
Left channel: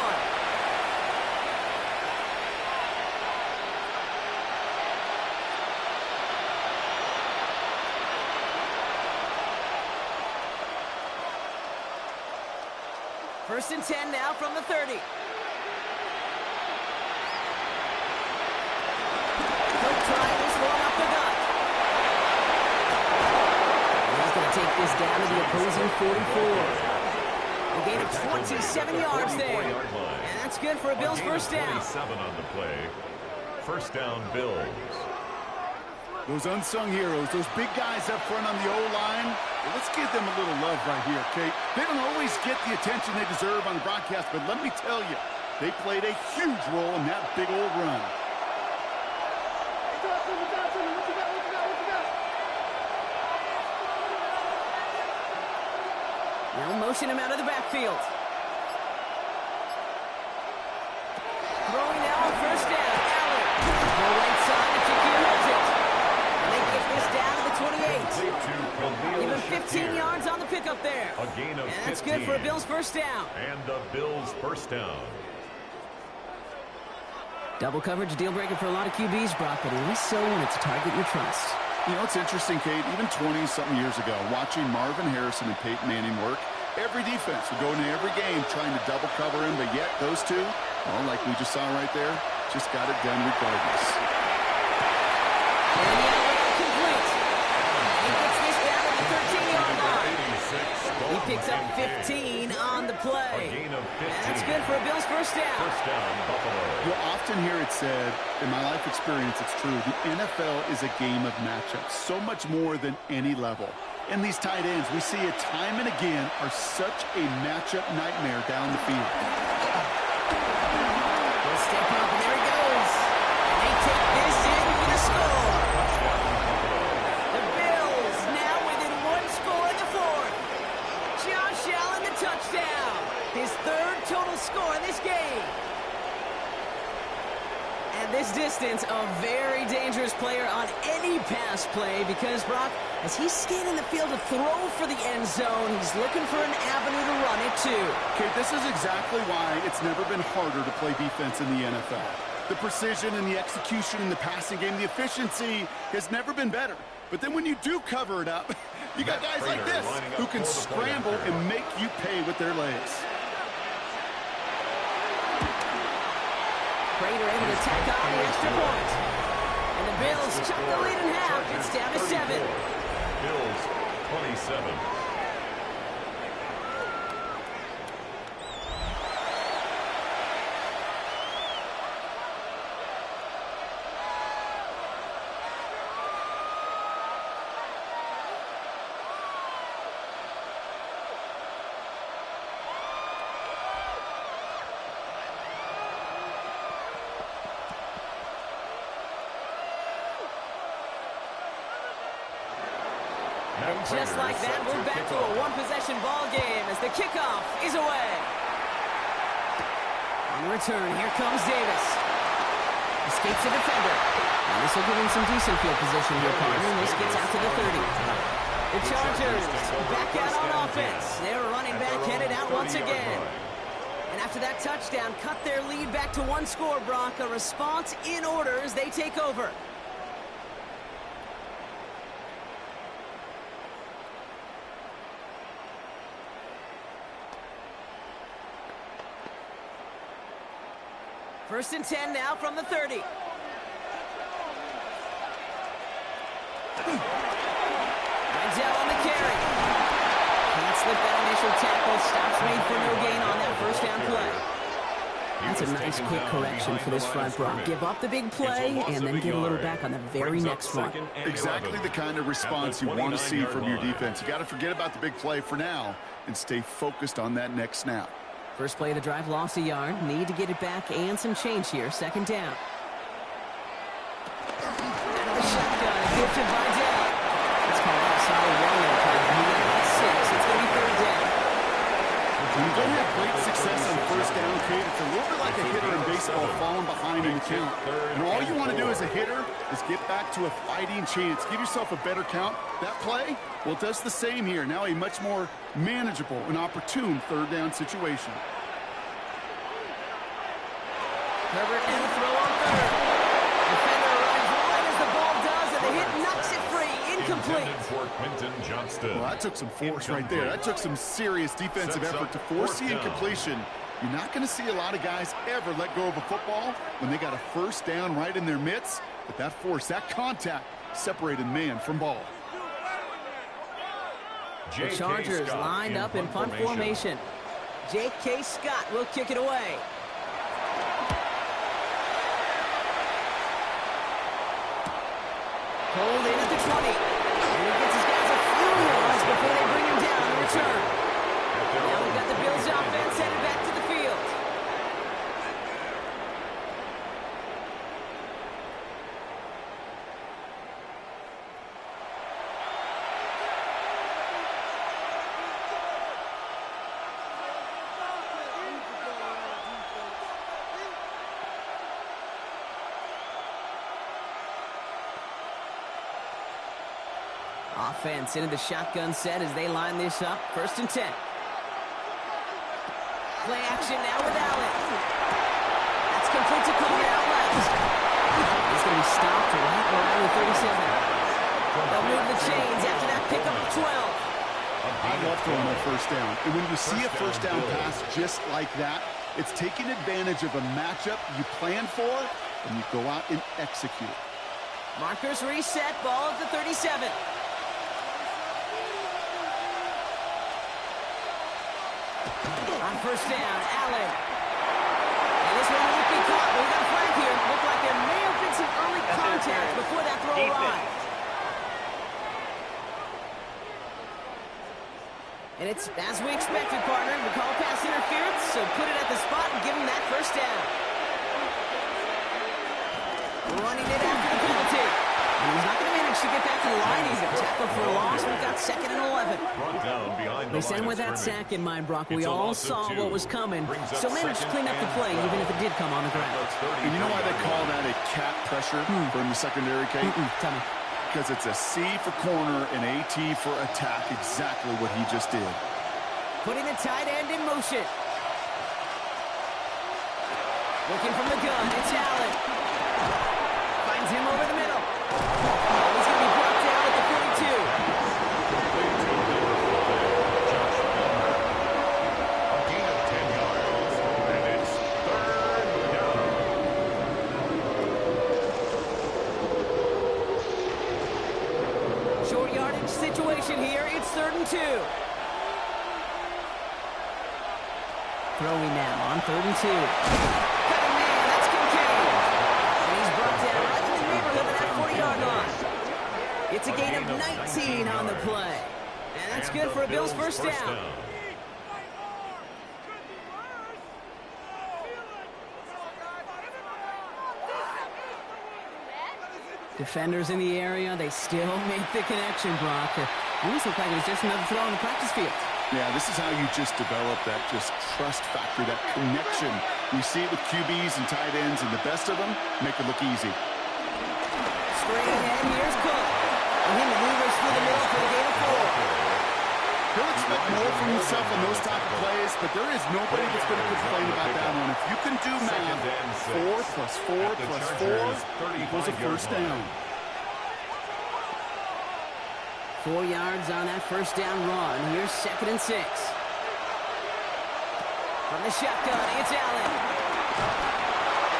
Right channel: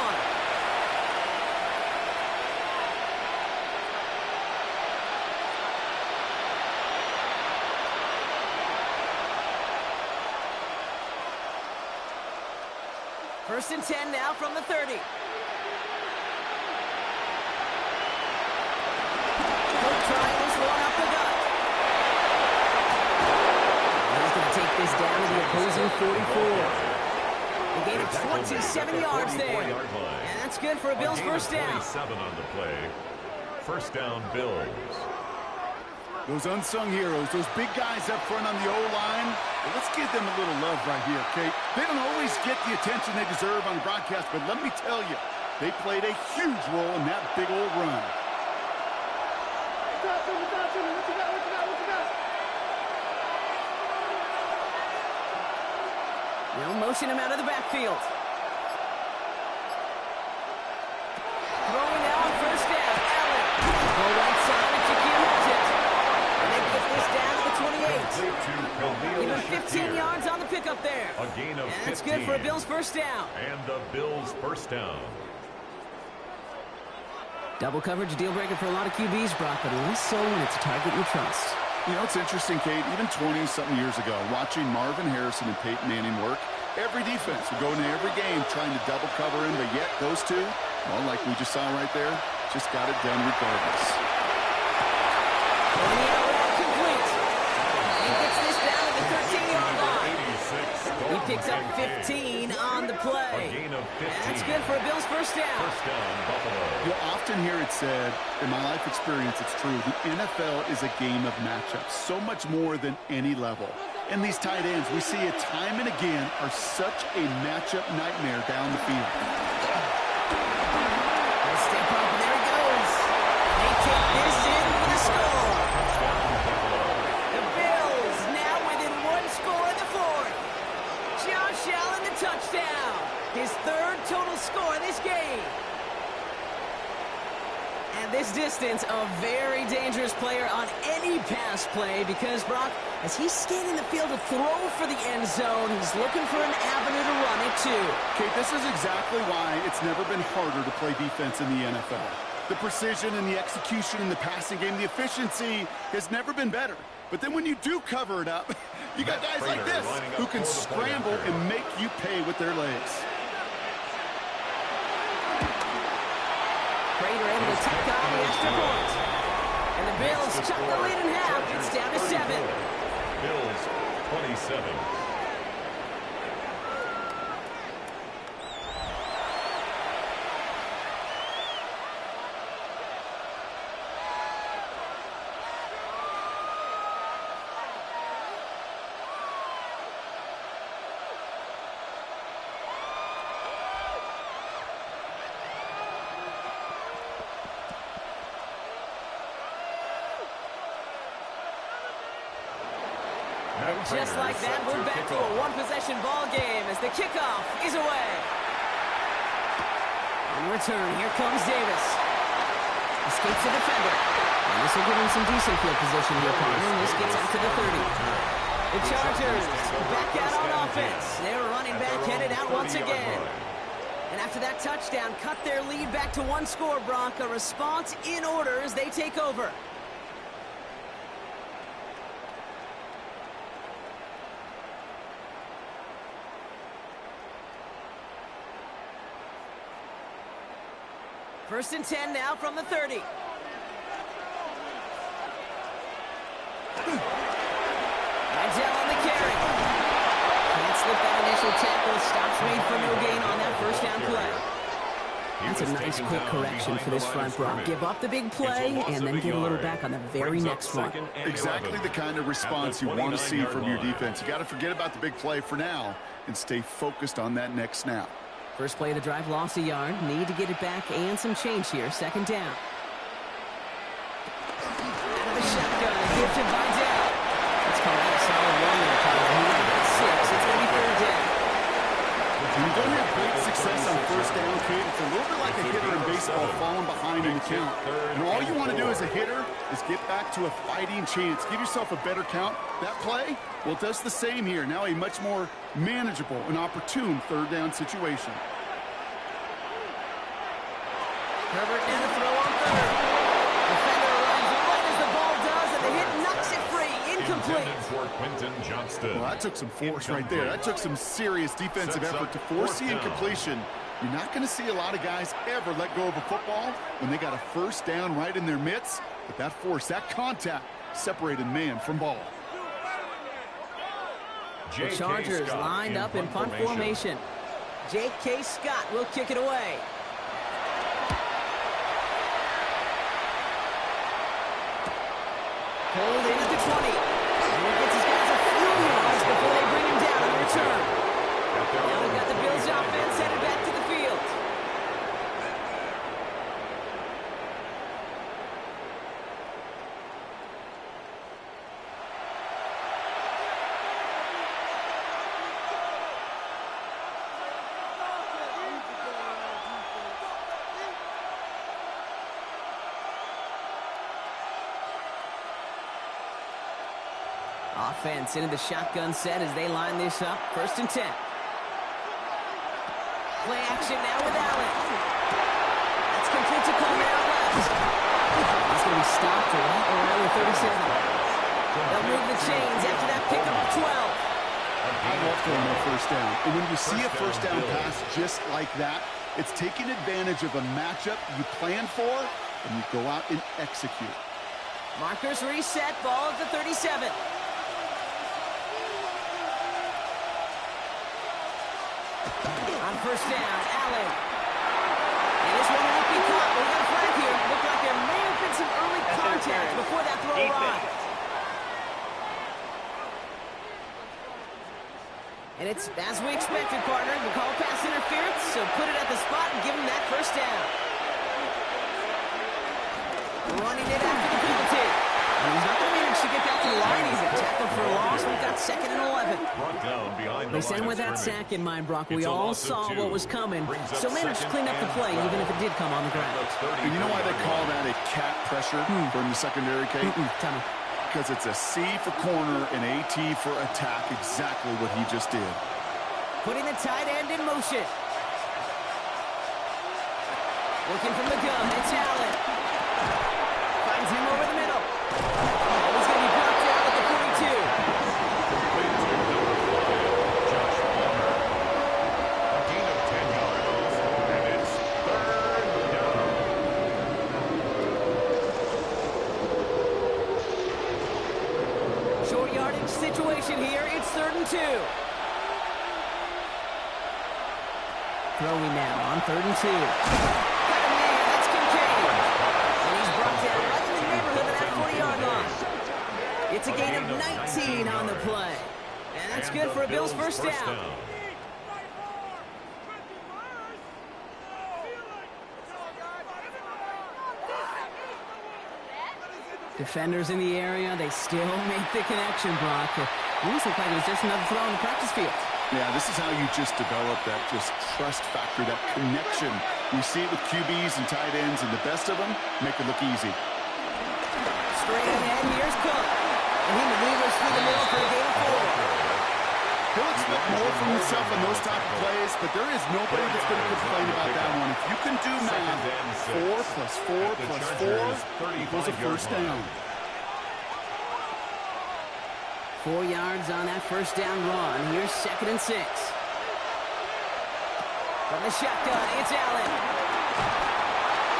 First and 10 now from the 30. He'll try this one up the gut. He's going to take this down to the opposing 44. A gain of 27 yards there. And that's good for a Bills first down. 27 on the play. First down, Bills. Those unsung heroes, those big guys up front on the O-line, well, let's give them a little love right here, Kate. They don't always get the attention they deserve on broadcast, but let me tell you, they played a huge role in that big old run. They'll motion him out of the backfield. Throwing now on first down. Allen. Go right side and Shakir has it. And they get this down to the 28. Even 15 yards on the pickup there. A gain of 15. And that's good for a Bills first down. And the Bills first down. Double coverage, a deal breaker for a lot of QBs, Brock, but less so when it's a target you trust. You know, it's interesting, Kate, even 20-something years ago, watching Marvin Harrison and Peyton Manning work, every defense would go into every game trying to double cover him, but yet those two, well, like we just saw right there, just got it done regardless. And the out route complete. He gets this down to the 13-yard line. He picks up 15 on the play. A gain of 15. And that's good for a Bills first down. First down, Buffalo. You'll often hear it said, in my life experience, it's true, the NFL is a game of matchups, so much more than any level. And these tight ends, we see it time and again, are such a matchup nightmare down the field. He'll step up, and there he goes. And they take this in for the score. Touchdown, Buffalo. The Bills now within 1 score in the 4th. Josh Allen, the touchdown. His 3rd total score in this game. At this distance, a very dangerous player on any pass play because, Brock, as he's scanning the field to throw for the end zone, he's looking for an avenue to run it too. Kate, this is exactly why it's never been harder to play defense in the NFL. The precision and the execution in the passing game, the efficiency has never been better. But then when you do cover it up, you got guys like this who can scramble and make you pay with their legs. Prater able to tack on the extra point. And the Bills chuck the lead in half. It's down to 7. Bills 27. And just like that, we're back to a one-possession ball game as the kickoff is away. On return, here comes Davis. Escapes a defender. And this will give him some decent field position here, partner. And this gets out to the 30. The Chargers back out on offense. Their running back headed out once again. And after that touchdown, cut their lead back to 1 score, Brock. A response in order as they take over. First and 10 now from the 30. Rydell on the carry. Can't slip that initial tackle. Stops made for no gain on that first down play. That's a nice quick correction for this front, Brock. Give up the big play and then get a little back on the very next one. Exactly the kind of response you want to see from your defense. You got to forget about the big play for now and stay focused on that next snap. First play of the drive, lost a yard. Need to get it back and some change here. Second down. Out of the shotgun, a give to Rydell. Let's call that a solid 1 there, partner. He got 6. It's going to be 3rd down. The When you don't have great success on first down, Kate, it's a little bit like a hitter in baseball falling behind in the count. And all you want to do as a hitter is get back to a fighting chance. Give yourself a better count. That play, well, it does the same here. Now a much more manageable and opportune third down situation. Herbert and a throw on third. Defender arrives right as the ball does, and the hit knocks it free. Incomplete. For Quentin Johnston. Well, that took some force right there. That took some serious defensive effort to force the incompletion. You're not going to see a lot of guys ever let go of a football when they got a first down right in their midst. But that force, that contact, separated man from ball. The Chargers lined up in punt formation. J.K. Scott will kick it away. Pulled in at the 20. And he gets his guys a few yards before they bring him down on the return. Now we've got the Bills offense headed back to the field. Offense into the shotgun set as they line this up. 1st and 10. Play action now with Allen. That's complete to Coleman out left. He's going to be stopped right around the 37. They'll move the chains after that pickup of 12. I love throwing a first down. And when you see a first down pass just like that, it's taking advantage of a matchup you plan for, and you go out and execute. Markers reset. Ball at the 37. On first down, Allen. And this one won't be caught. But we got a flag here. Looked like there may have been some early contact before that throw arrived. And it's as we expected, partner. We call pass interference, so put it at the spot and give him that first down. Running it after the penalty. And he's not going to manage to get back to the line even. Tackled for a loss. We've got 2nd and 11. They send with that sack in mind, Brock. We all saw what was coming. Still managed to clean up the play, even if it did come on the ground. And you know why they call that a cat pressure from the secondary, Kate? Tell me. Because it's a C for corner and a T for attack. Exactly what he just did. Putting the tight end in motion. Looking from the gun. It's Allen. Finds him over the middle. And he's going to be brought down at the 42. Josh Palmer. A gain of 10 yards. And it's 3rd down. Short yardage situation here. It's 3rd and 2. Throwing now on 3rd and 2. Got a man. That's Kincaid. And he's brought down right in the neighborhood of that 40-yard line. It's a gain of 19 on the play. And that's good for a Bills first down. Defenders in the area, they still make the connection, Brock. It almost looked like it was just another throw on the practice field. Yeah, this is how you just develop that just trust factor, that connection. You see it with QBs and tight ends, and the best of them make it look easy. Straight ahead, here's Cook. And he maneuvers through the middle for a gain of 4. He'll expect more from himself on those type of plays, but there is nobody that's going to complain about that one. If you can do math, 4 plus 4 plus 4 equals a first down. 4 yards on that first down run. Here's 2nd and 6. From the shotgun, it's Allen.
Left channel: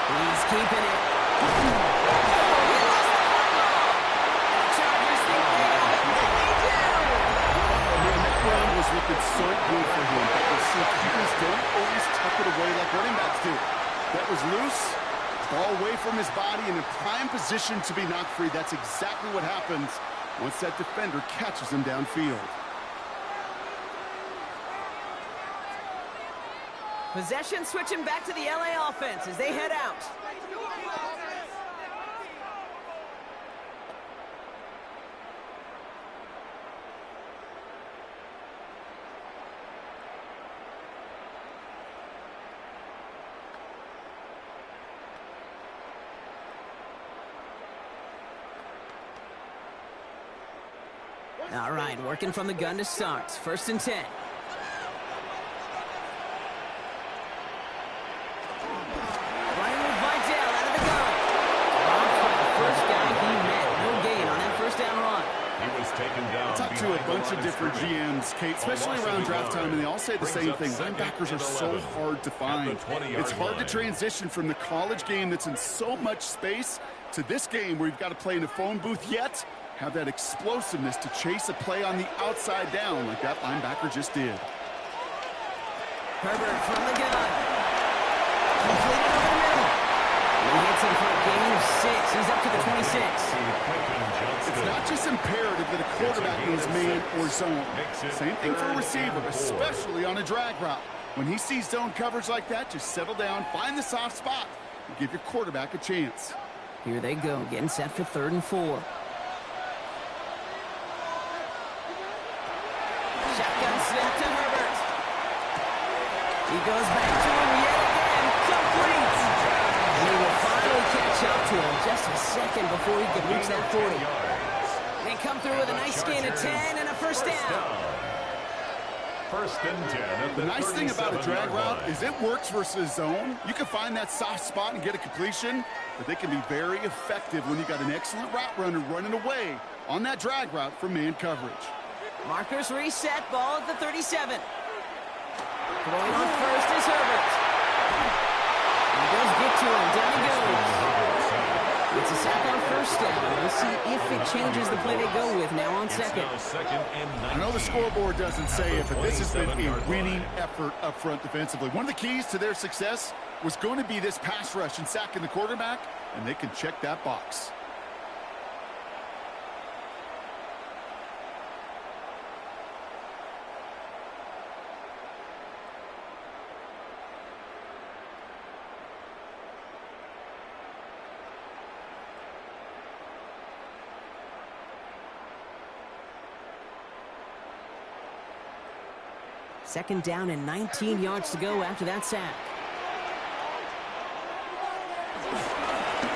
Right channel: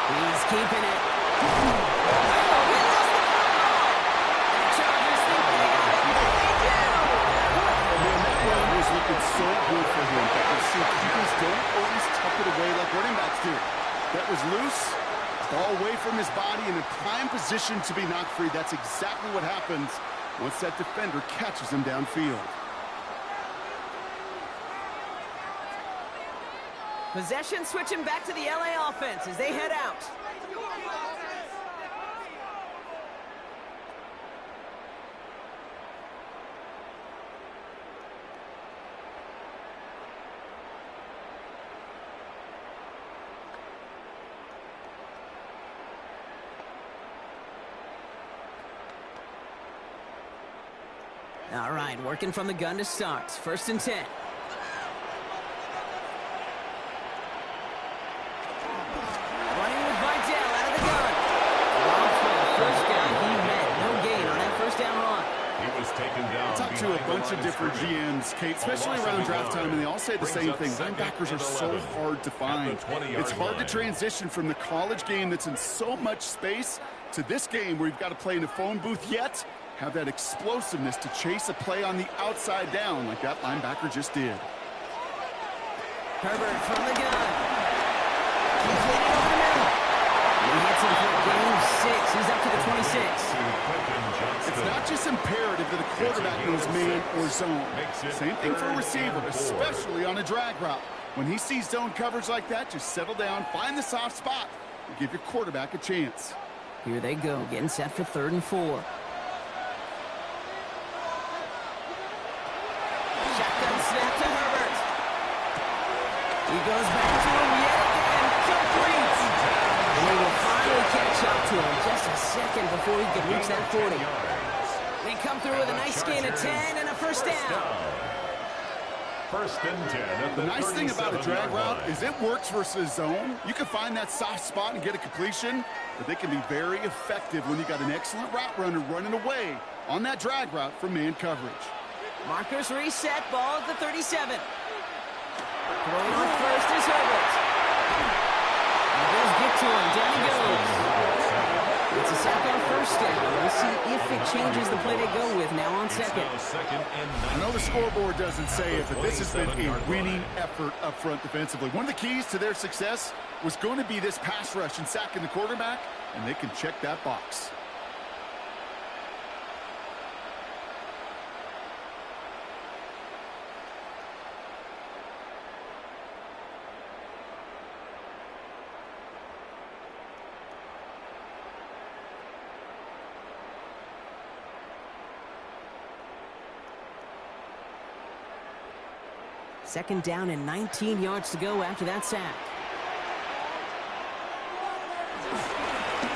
He's keeping it. He lost the football. And the Chargers think they have it. And they do. Man, that run was looking so good for him. But you see, keepers don't always tuck it away like running backs do. That was loose. Ball away from his body in a prime position to be knocked free. That's exactly what happens once that defender catches him downfield. Possession switching back to the LA offense as they head out. All right, working from the gun to start. 1st and 10. Running with Vidal out of the gun. Robbed by the first guy he met. No gain on that 1st down run. He was taken down. I talked to a bunch of different GMs, Kate, especially around draft time, and they all say the same thing. Linebackers are so hard to find. It's hard to transition from the college game that's in so much space to this game where you've got to play in a phone booth, yet have that explosiveness to chase a play on the outside down like that linebacker just did. Herbert from the gun. Completed over the middle. He hits him for a gain of 6. He's up to the 26. It's not just imperative that a quarterback knows man or zone. Same thing for a receiver, especially on a drag route. When he sees zone coverage like that, just settle down, find the soft spot, and give your quarterback a chance. Here they go, getting set for 3rd and 4. Shotgun snap to Herbert. He goes back to him yet again. Complete. And he will finally catch up to him just a second before he can reach that 40. They come through with a nice gain of 10 and a 1st down. 1st and 10 at the The nice thing about a drag route is it works versus zone. You can find that soft spot and get a completion, but they can be very effective when you got an excellent route runner running away on that drag route from man coverage. Markers reset, ball at the 37. Throwing on 1st is Herbert. He does get to him. Down he goes. It's a sack on 1st down. We'll see if it changes the play they go with now on 2nd. I know the scoreboard doesn't say it, but this has been a winning effort up front defensively. One of the keys to their success was going to be this pass rush and sacking the quarterback, and they can check that box. Second down and 19 yards to go after that sack.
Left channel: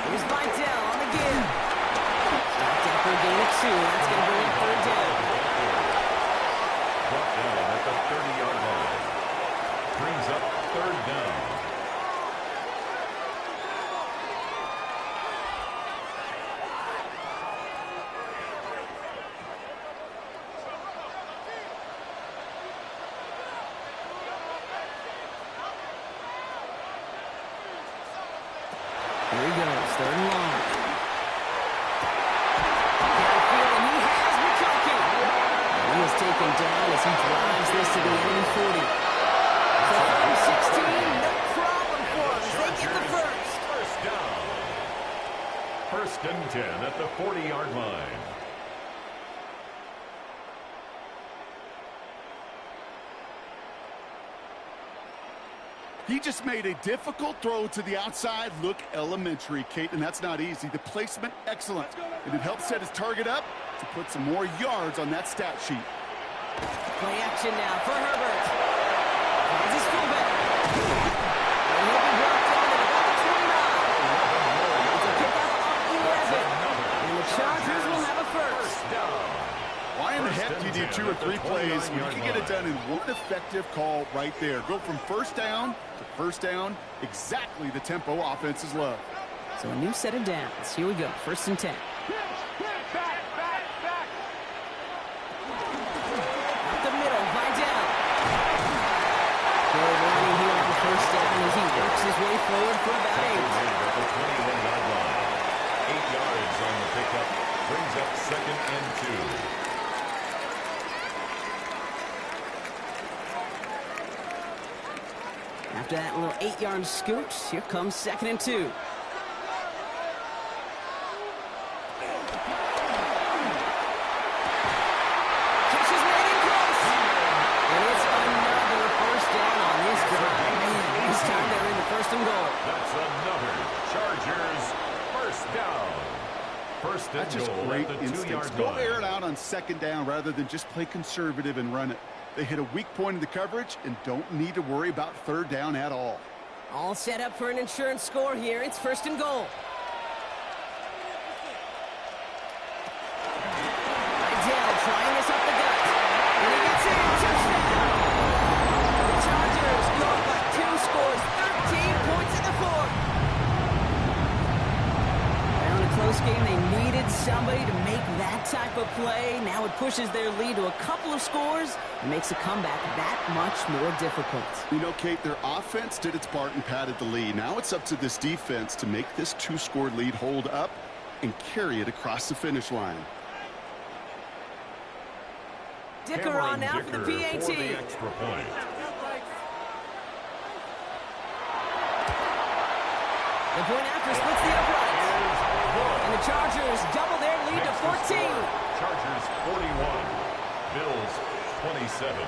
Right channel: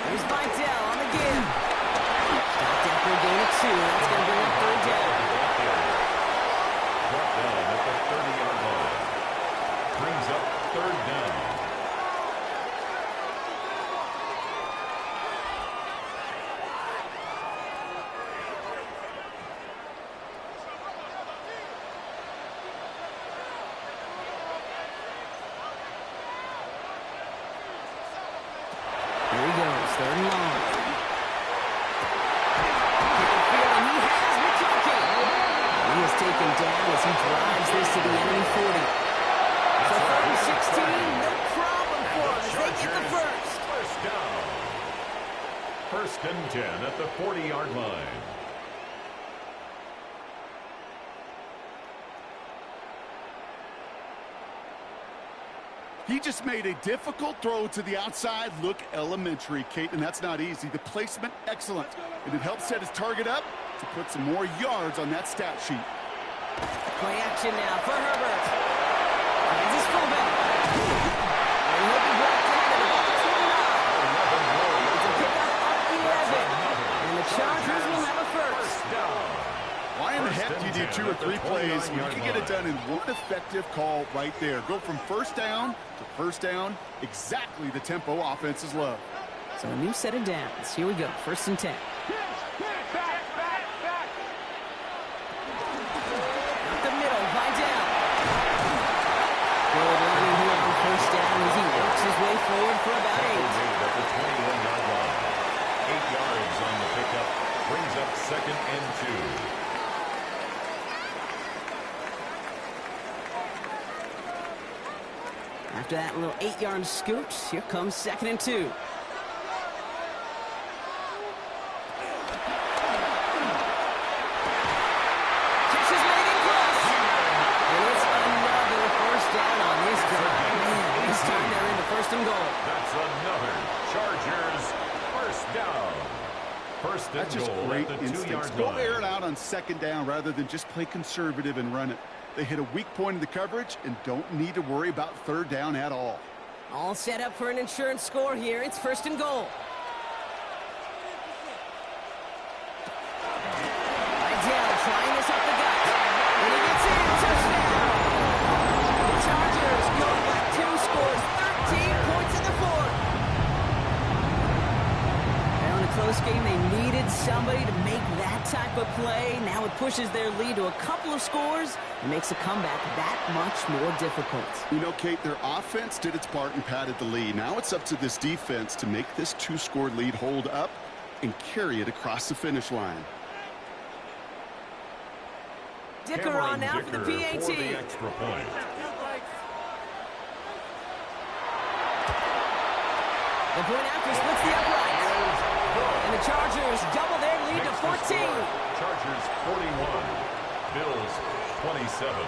Here's Vidal on the give. Stopped after a gain of 2. That's going to bring up 3rd down. Brought down at the 30-yard line. Brings up 3rd down. Here he goes, 3rd and long. Downfield, and he has McConkey. He is taken down as he drives this to the enemy 40. So 3rd and 16, no problem for him as they get the 1st. 1st down. 1st and 10 at the 40-yard line. He just made a difficult throw to the outside look elementary, Kate, and that's not easy. The placement, excellent. And it helps set his target up to put some more yards on that stat sheet. Play action now for Herbert. Finds his fullback. And he'll be brought down at about the 29. It's a pickup of 11. And the Chargers will have a 1st down. Why in the heck do you do 2 or 3 plays when you can get it done in one effective call right there? Go from 1st down to 1st down, exactly the tempo offenses love. So a new set of downs. Here we go, 1st and 10. Up the middle, Vidal. Good running here on 1st down as he works his way forward for about 8. At the 21-yard line. 8 yards on the pickup. Brings up 2nd and 2. After that little 8-yard scoot, here comes 2nd and 2. Catch is made in close. And it's another 1st down on this drive. Man, this time they're into 1st and goal. That's another Chargers 1st down. 1st and That's just goal great at the instincts. 2-yard Go line. air it out on 2nd down rather than just play conservative and run it. They hit a weak point in the coverage and don't need to worry about 3rd down at all. All set up for an insurance score here. It's 1st and goal. Vidal trying this up the gut. And he gets in. Touchdown. The Chargers go up by 2 scores. 13 points in the fourth. Well, in a close game, they needed somebody to make that type of play. Now it pushes their lead to a couple of scores and makes a comeback that much more difficult. You know, Kate, their offense did its part and padded the lead. Now it's up to this defense to make this 2-score lead hold up and carry it across the finish line. Dicker on now for the PAT. For the extra point. The point after splits the uprights. And the Chargers double their lead to 14. Chargers 41. Bills 27.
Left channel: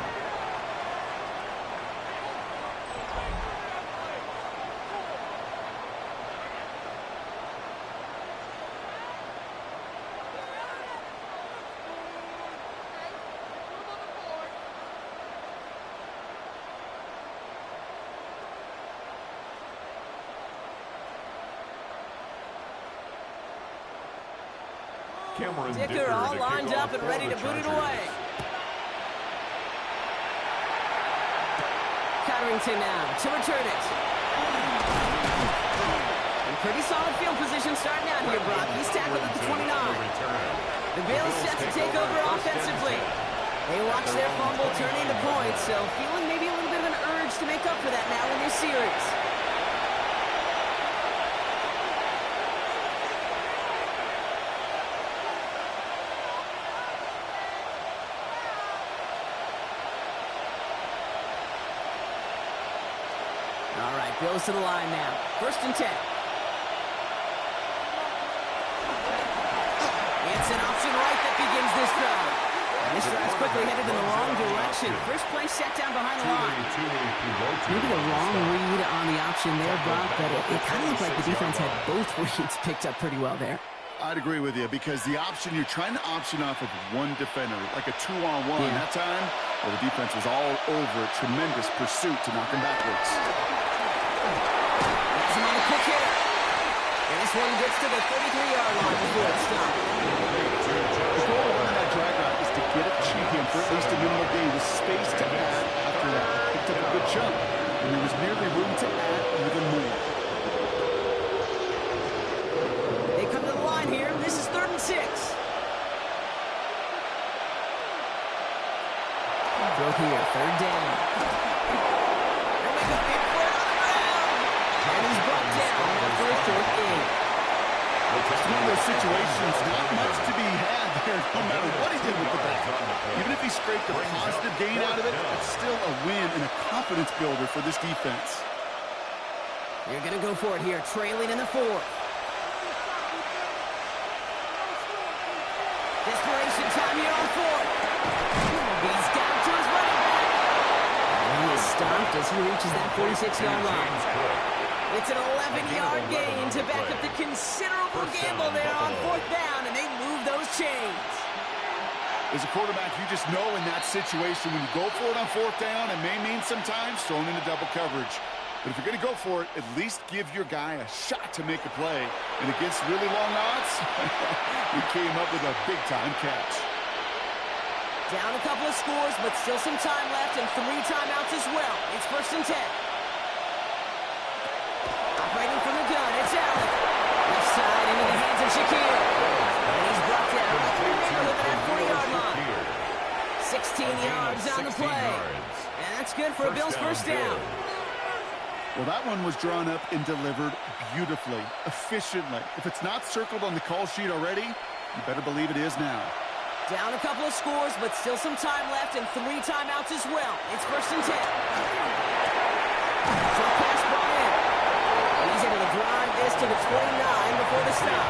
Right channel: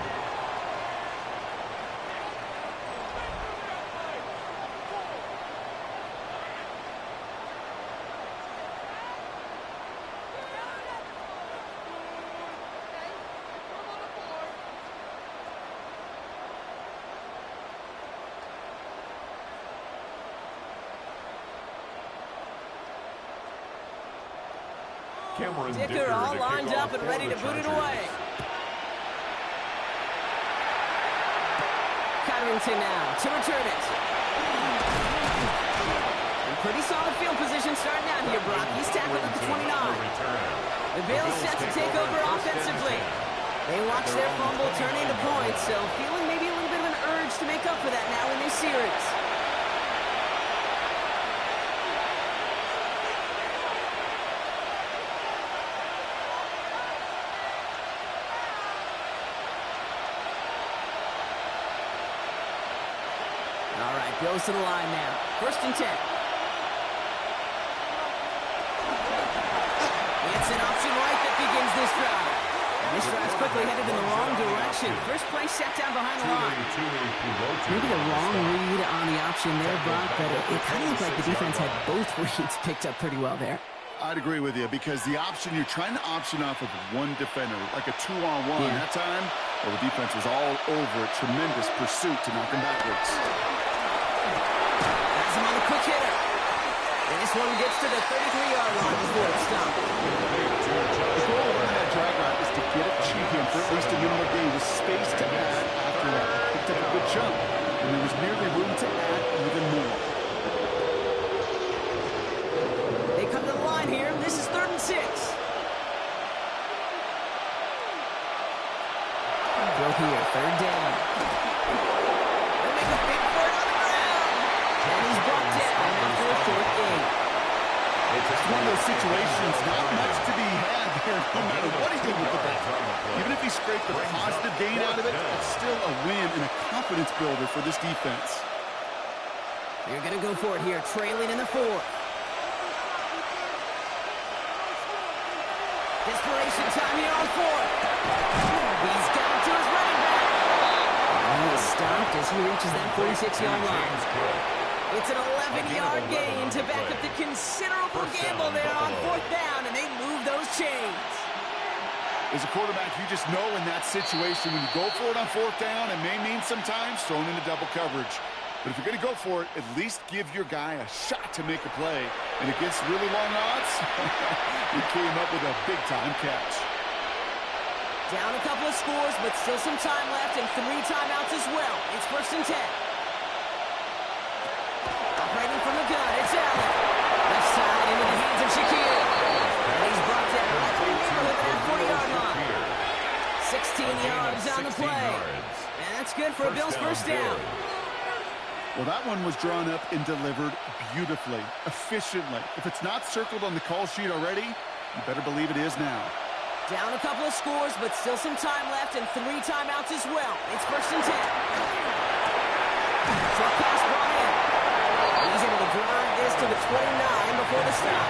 Dicker all lined up and ready to boot it away. Cotterington now to return it. And pretty solid field position starting out here, Brock. He's tackled at the 29. The Bills set to take over offensively. They watch their fumble turn into points, so feeling maybe a little bit of an urge to make up for that now in this series. All right, Bills to the line now. 1st and 10. It's an option right that begins this drive. And this drive's quickly headed in the wrong direction. First play set down behind the line. Maybe the wrong read on the option there, Brock, but it kind of looked like the defense had both reads picked up pretty well there. I'd agree with you because the option, you're trying to option off of one defender, like a 2-on-1. Yeah. That time, well, the defense was all over it. Tremendous pursuit to knock him backwards. Has him on the quick hitter. And this one gets to the 33-yard line before it's stopped. The goal of running that drag route is to get it cheeky for at least a minimal gain with space to add after that. Picked up a good chunk, and there was nearly room to add even more. They come to the line here. This is 3rd and 6. Throw here, 3rd down. They'll make a big for it on the ground. And he's brought down after a short gain. It's one of those situations, not much to be had there, no matter what he did with the ball. Even if he scraped a positive gain out of it, it's still a win and a confidence builder for this defense. They're going to go for it here, trailing in the 4th. Desperation time here on 4th. He's got to his running back. And he is stopped as he reaches that 46-yard line. It's an 11-yard gain to back up the considerable gamble there on 4th down, and they move those chains. As a quarterback, you just know in that situation when you go for it on 4th down, it may mean sometimes thrown into double coverage. But if you're going to go for it, at least give your guy a shot to make a play. And against really long odds, he came up with a big-time catch. Down a couple of scores, but still some time left and 3 timeouts as well. It's 1st and 10. Operating from the gun, it's Allen. Left side into the hands of Shakir. And he's brought down right in the neighborhood of that 40-yard line. 16 yards on the play. And that's good for a Bills first down. Well, that one was drawn up and delivered beautifully, efficiently. If it's not circled on the call sheet already, you better believe it is now. Down a couple of scores, but still some time left and 3 timeouts as well. It's 1st and 10. Short pass brought in. And he's able to drive this to the 29 before the stop.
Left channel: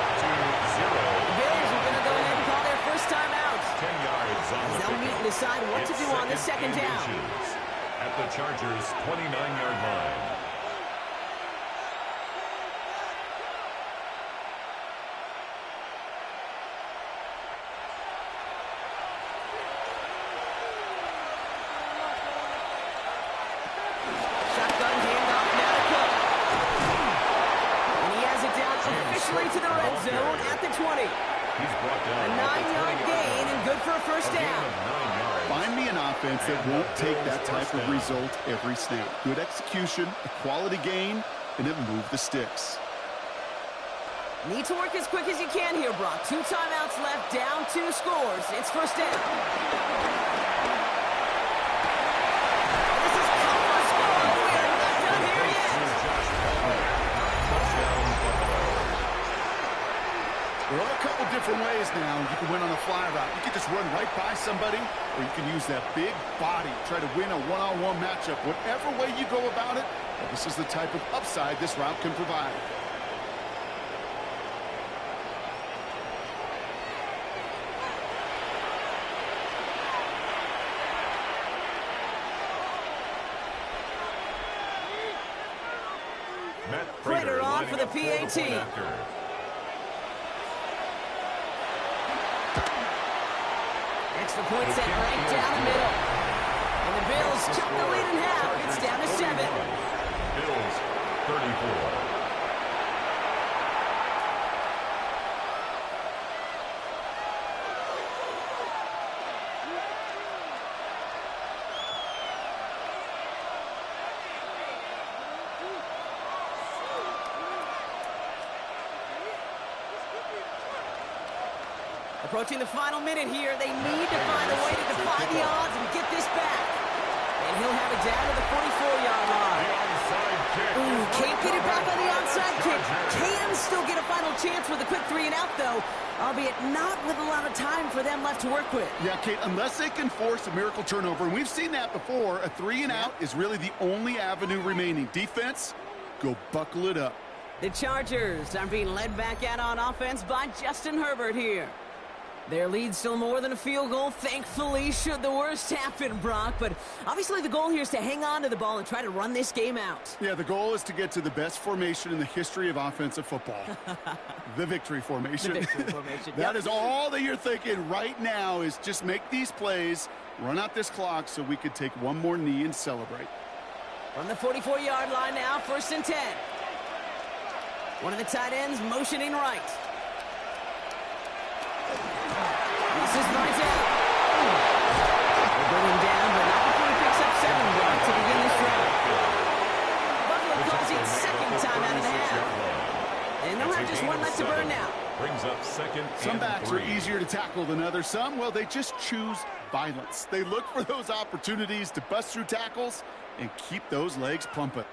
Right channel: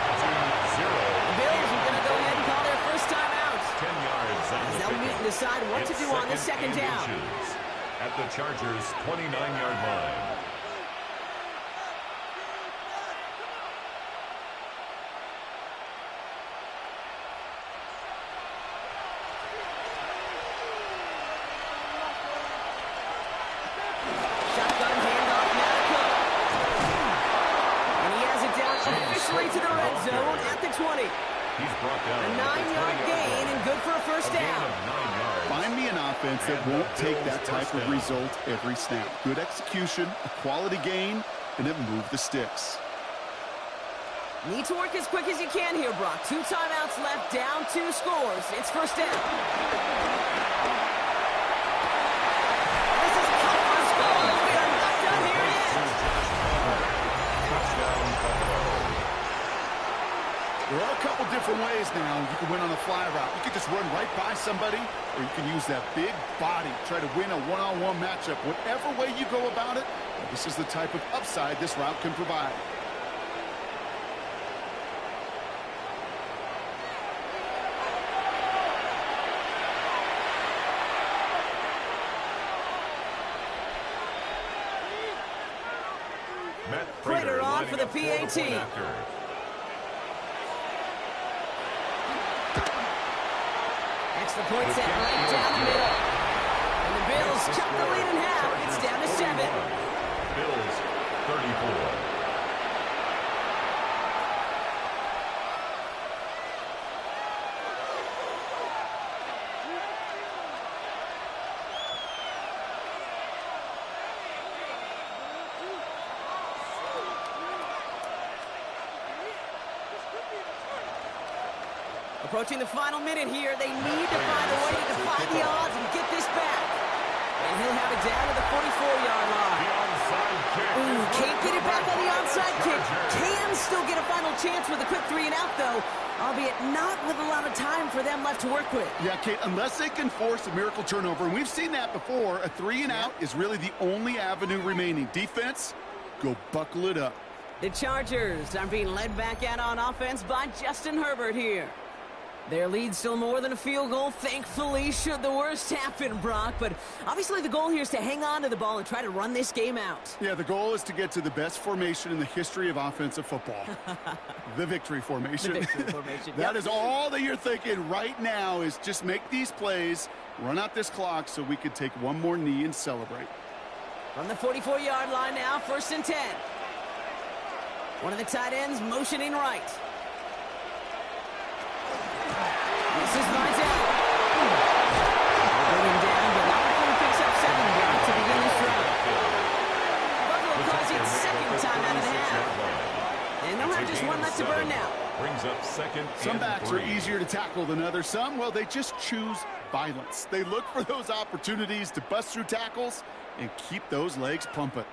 The Bills are going to go ahead and call their first timeout. 10 yards on as the they'll meet and decide what to do on this 2nd down. At the Chargers' 29-yard line. Shotgun handoff now to Cook. And he has it down officially to the red zone at the 20. He's brought down a 9-yard gain and good for a first down. Find me an offense that won't take that type of result every snap. Good execution, a quality gain, and it moved the sticks. Need to work as quick as you can here, Brock. 2 timeouts left, down 2 scores. It's first down. This is cut for scores. We are not done here yet. Touchdown, Buffalo. There are a couple different ways now. You can win on a fly route. You can just run right by somebody, or you can use that big body, try to win a one-on-one matchup. Whatever way you go about it, well, this is the type of upside this route can provide. Prater on for the PAT. Extra point set right down the middle. And the Bills cut the lead in half. It's down to 7. Bills 34. Approaching the final minute here. They need to find a way to defy the odds and get this back. And he'll have it down to the 44-yard line. The onside kick. Ooh, can't get it back on the onside kick. Can still get a final chance with a quick 3-and-out, though, albeit not with a lot of time for them left to work with. Yeah, Kate, unless they can force a miracle turnover, and we've seen that before, a 3-and-out is really the only avenue remaining. Defense, go buckle it up. The Chargers are being led back out on offense by Justin Herbert here. Their lead still more than a field goal, thankfully, should the worst happen, Brock. But obviously the goal here is to hang on to the ball and try to run this game out. Yeah, the goal is to get to the best formation in the history of offensive football. The victory formation. The victory formation. That is all that you're thinking right now, is just make these plays, run out this clock so we could take one more knee and celebrate. From the 44-yard line now, 1st and 10. One of the tight ends motioning right. This is Vidal. They'll bring him down, but not before he picks up 7, Brock, to begin this drive. Buffalo calls it second time out of the half. And they'll have just 1 left to burn now. Brings up 2nd. Some backs are easier to tackle than others. Some, well, they just choose violence. They look for those opportunities to bust through tackles and keep those legs pumping.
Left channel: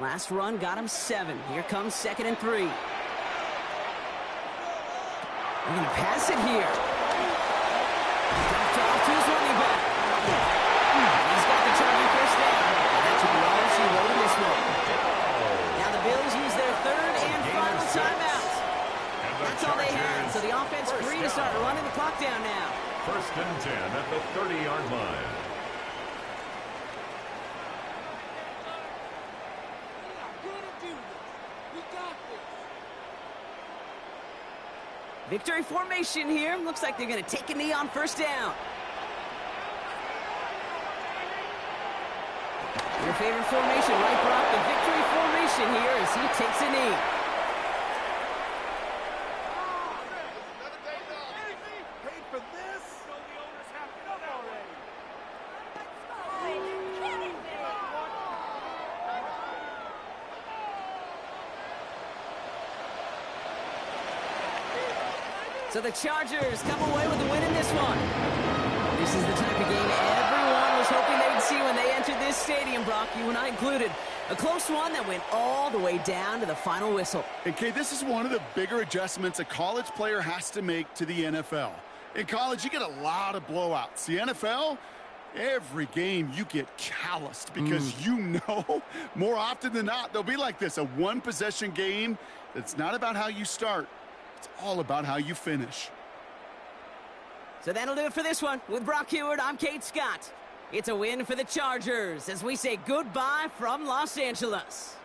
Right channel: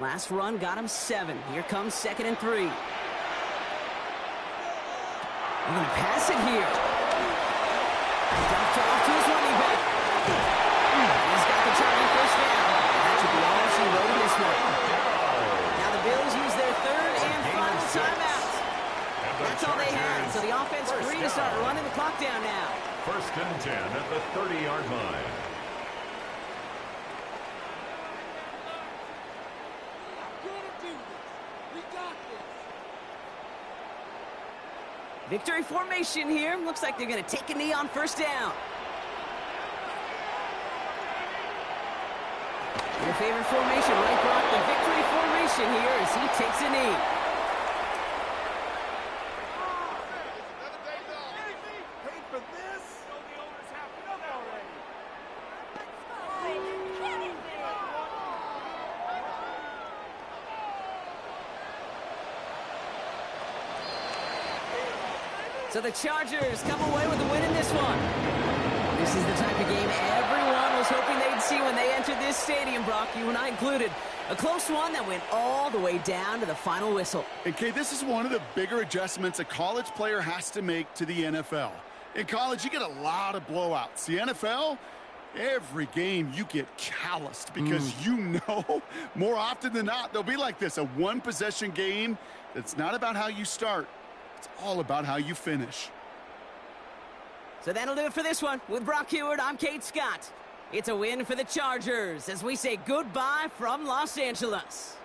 Last run got him 7. Here comes 2nd and 3. We're going to pass it here. Dumped off to his running back. He's got the Charger first down. That should be all she wrote in this one. Now the Bills use their 3rd and final timeout. That's all they had. So the offense free to start running the clock down now. 1st and 10 at the 30-yard line. Victory formation here. Looks like they're going to take a knee on 1st down. Your favorite formation, right, Brock? The victory formation here as he takes a knee. Paid for this? So the owners have to know already. So the Chargers come away with a win in this one. This is the type of game everyone was hoping they'd see when they entered this stadium, Brock, you and I included. A close one that went all the way down to the final whistle. And, Kate, this is one of the bigger adjustments a college player has to make to the NFL. In college, you get a lot of blowouts. The NFL, every game you get calloused because you know more often than not they'll be like this, a one-possession game that's not about how you start. It's all about how you finish. So that'll do it for this one. With Brock Heward, I'm Kate Scott. It's a win for the Chargers as we say goodbye from Los Angeles.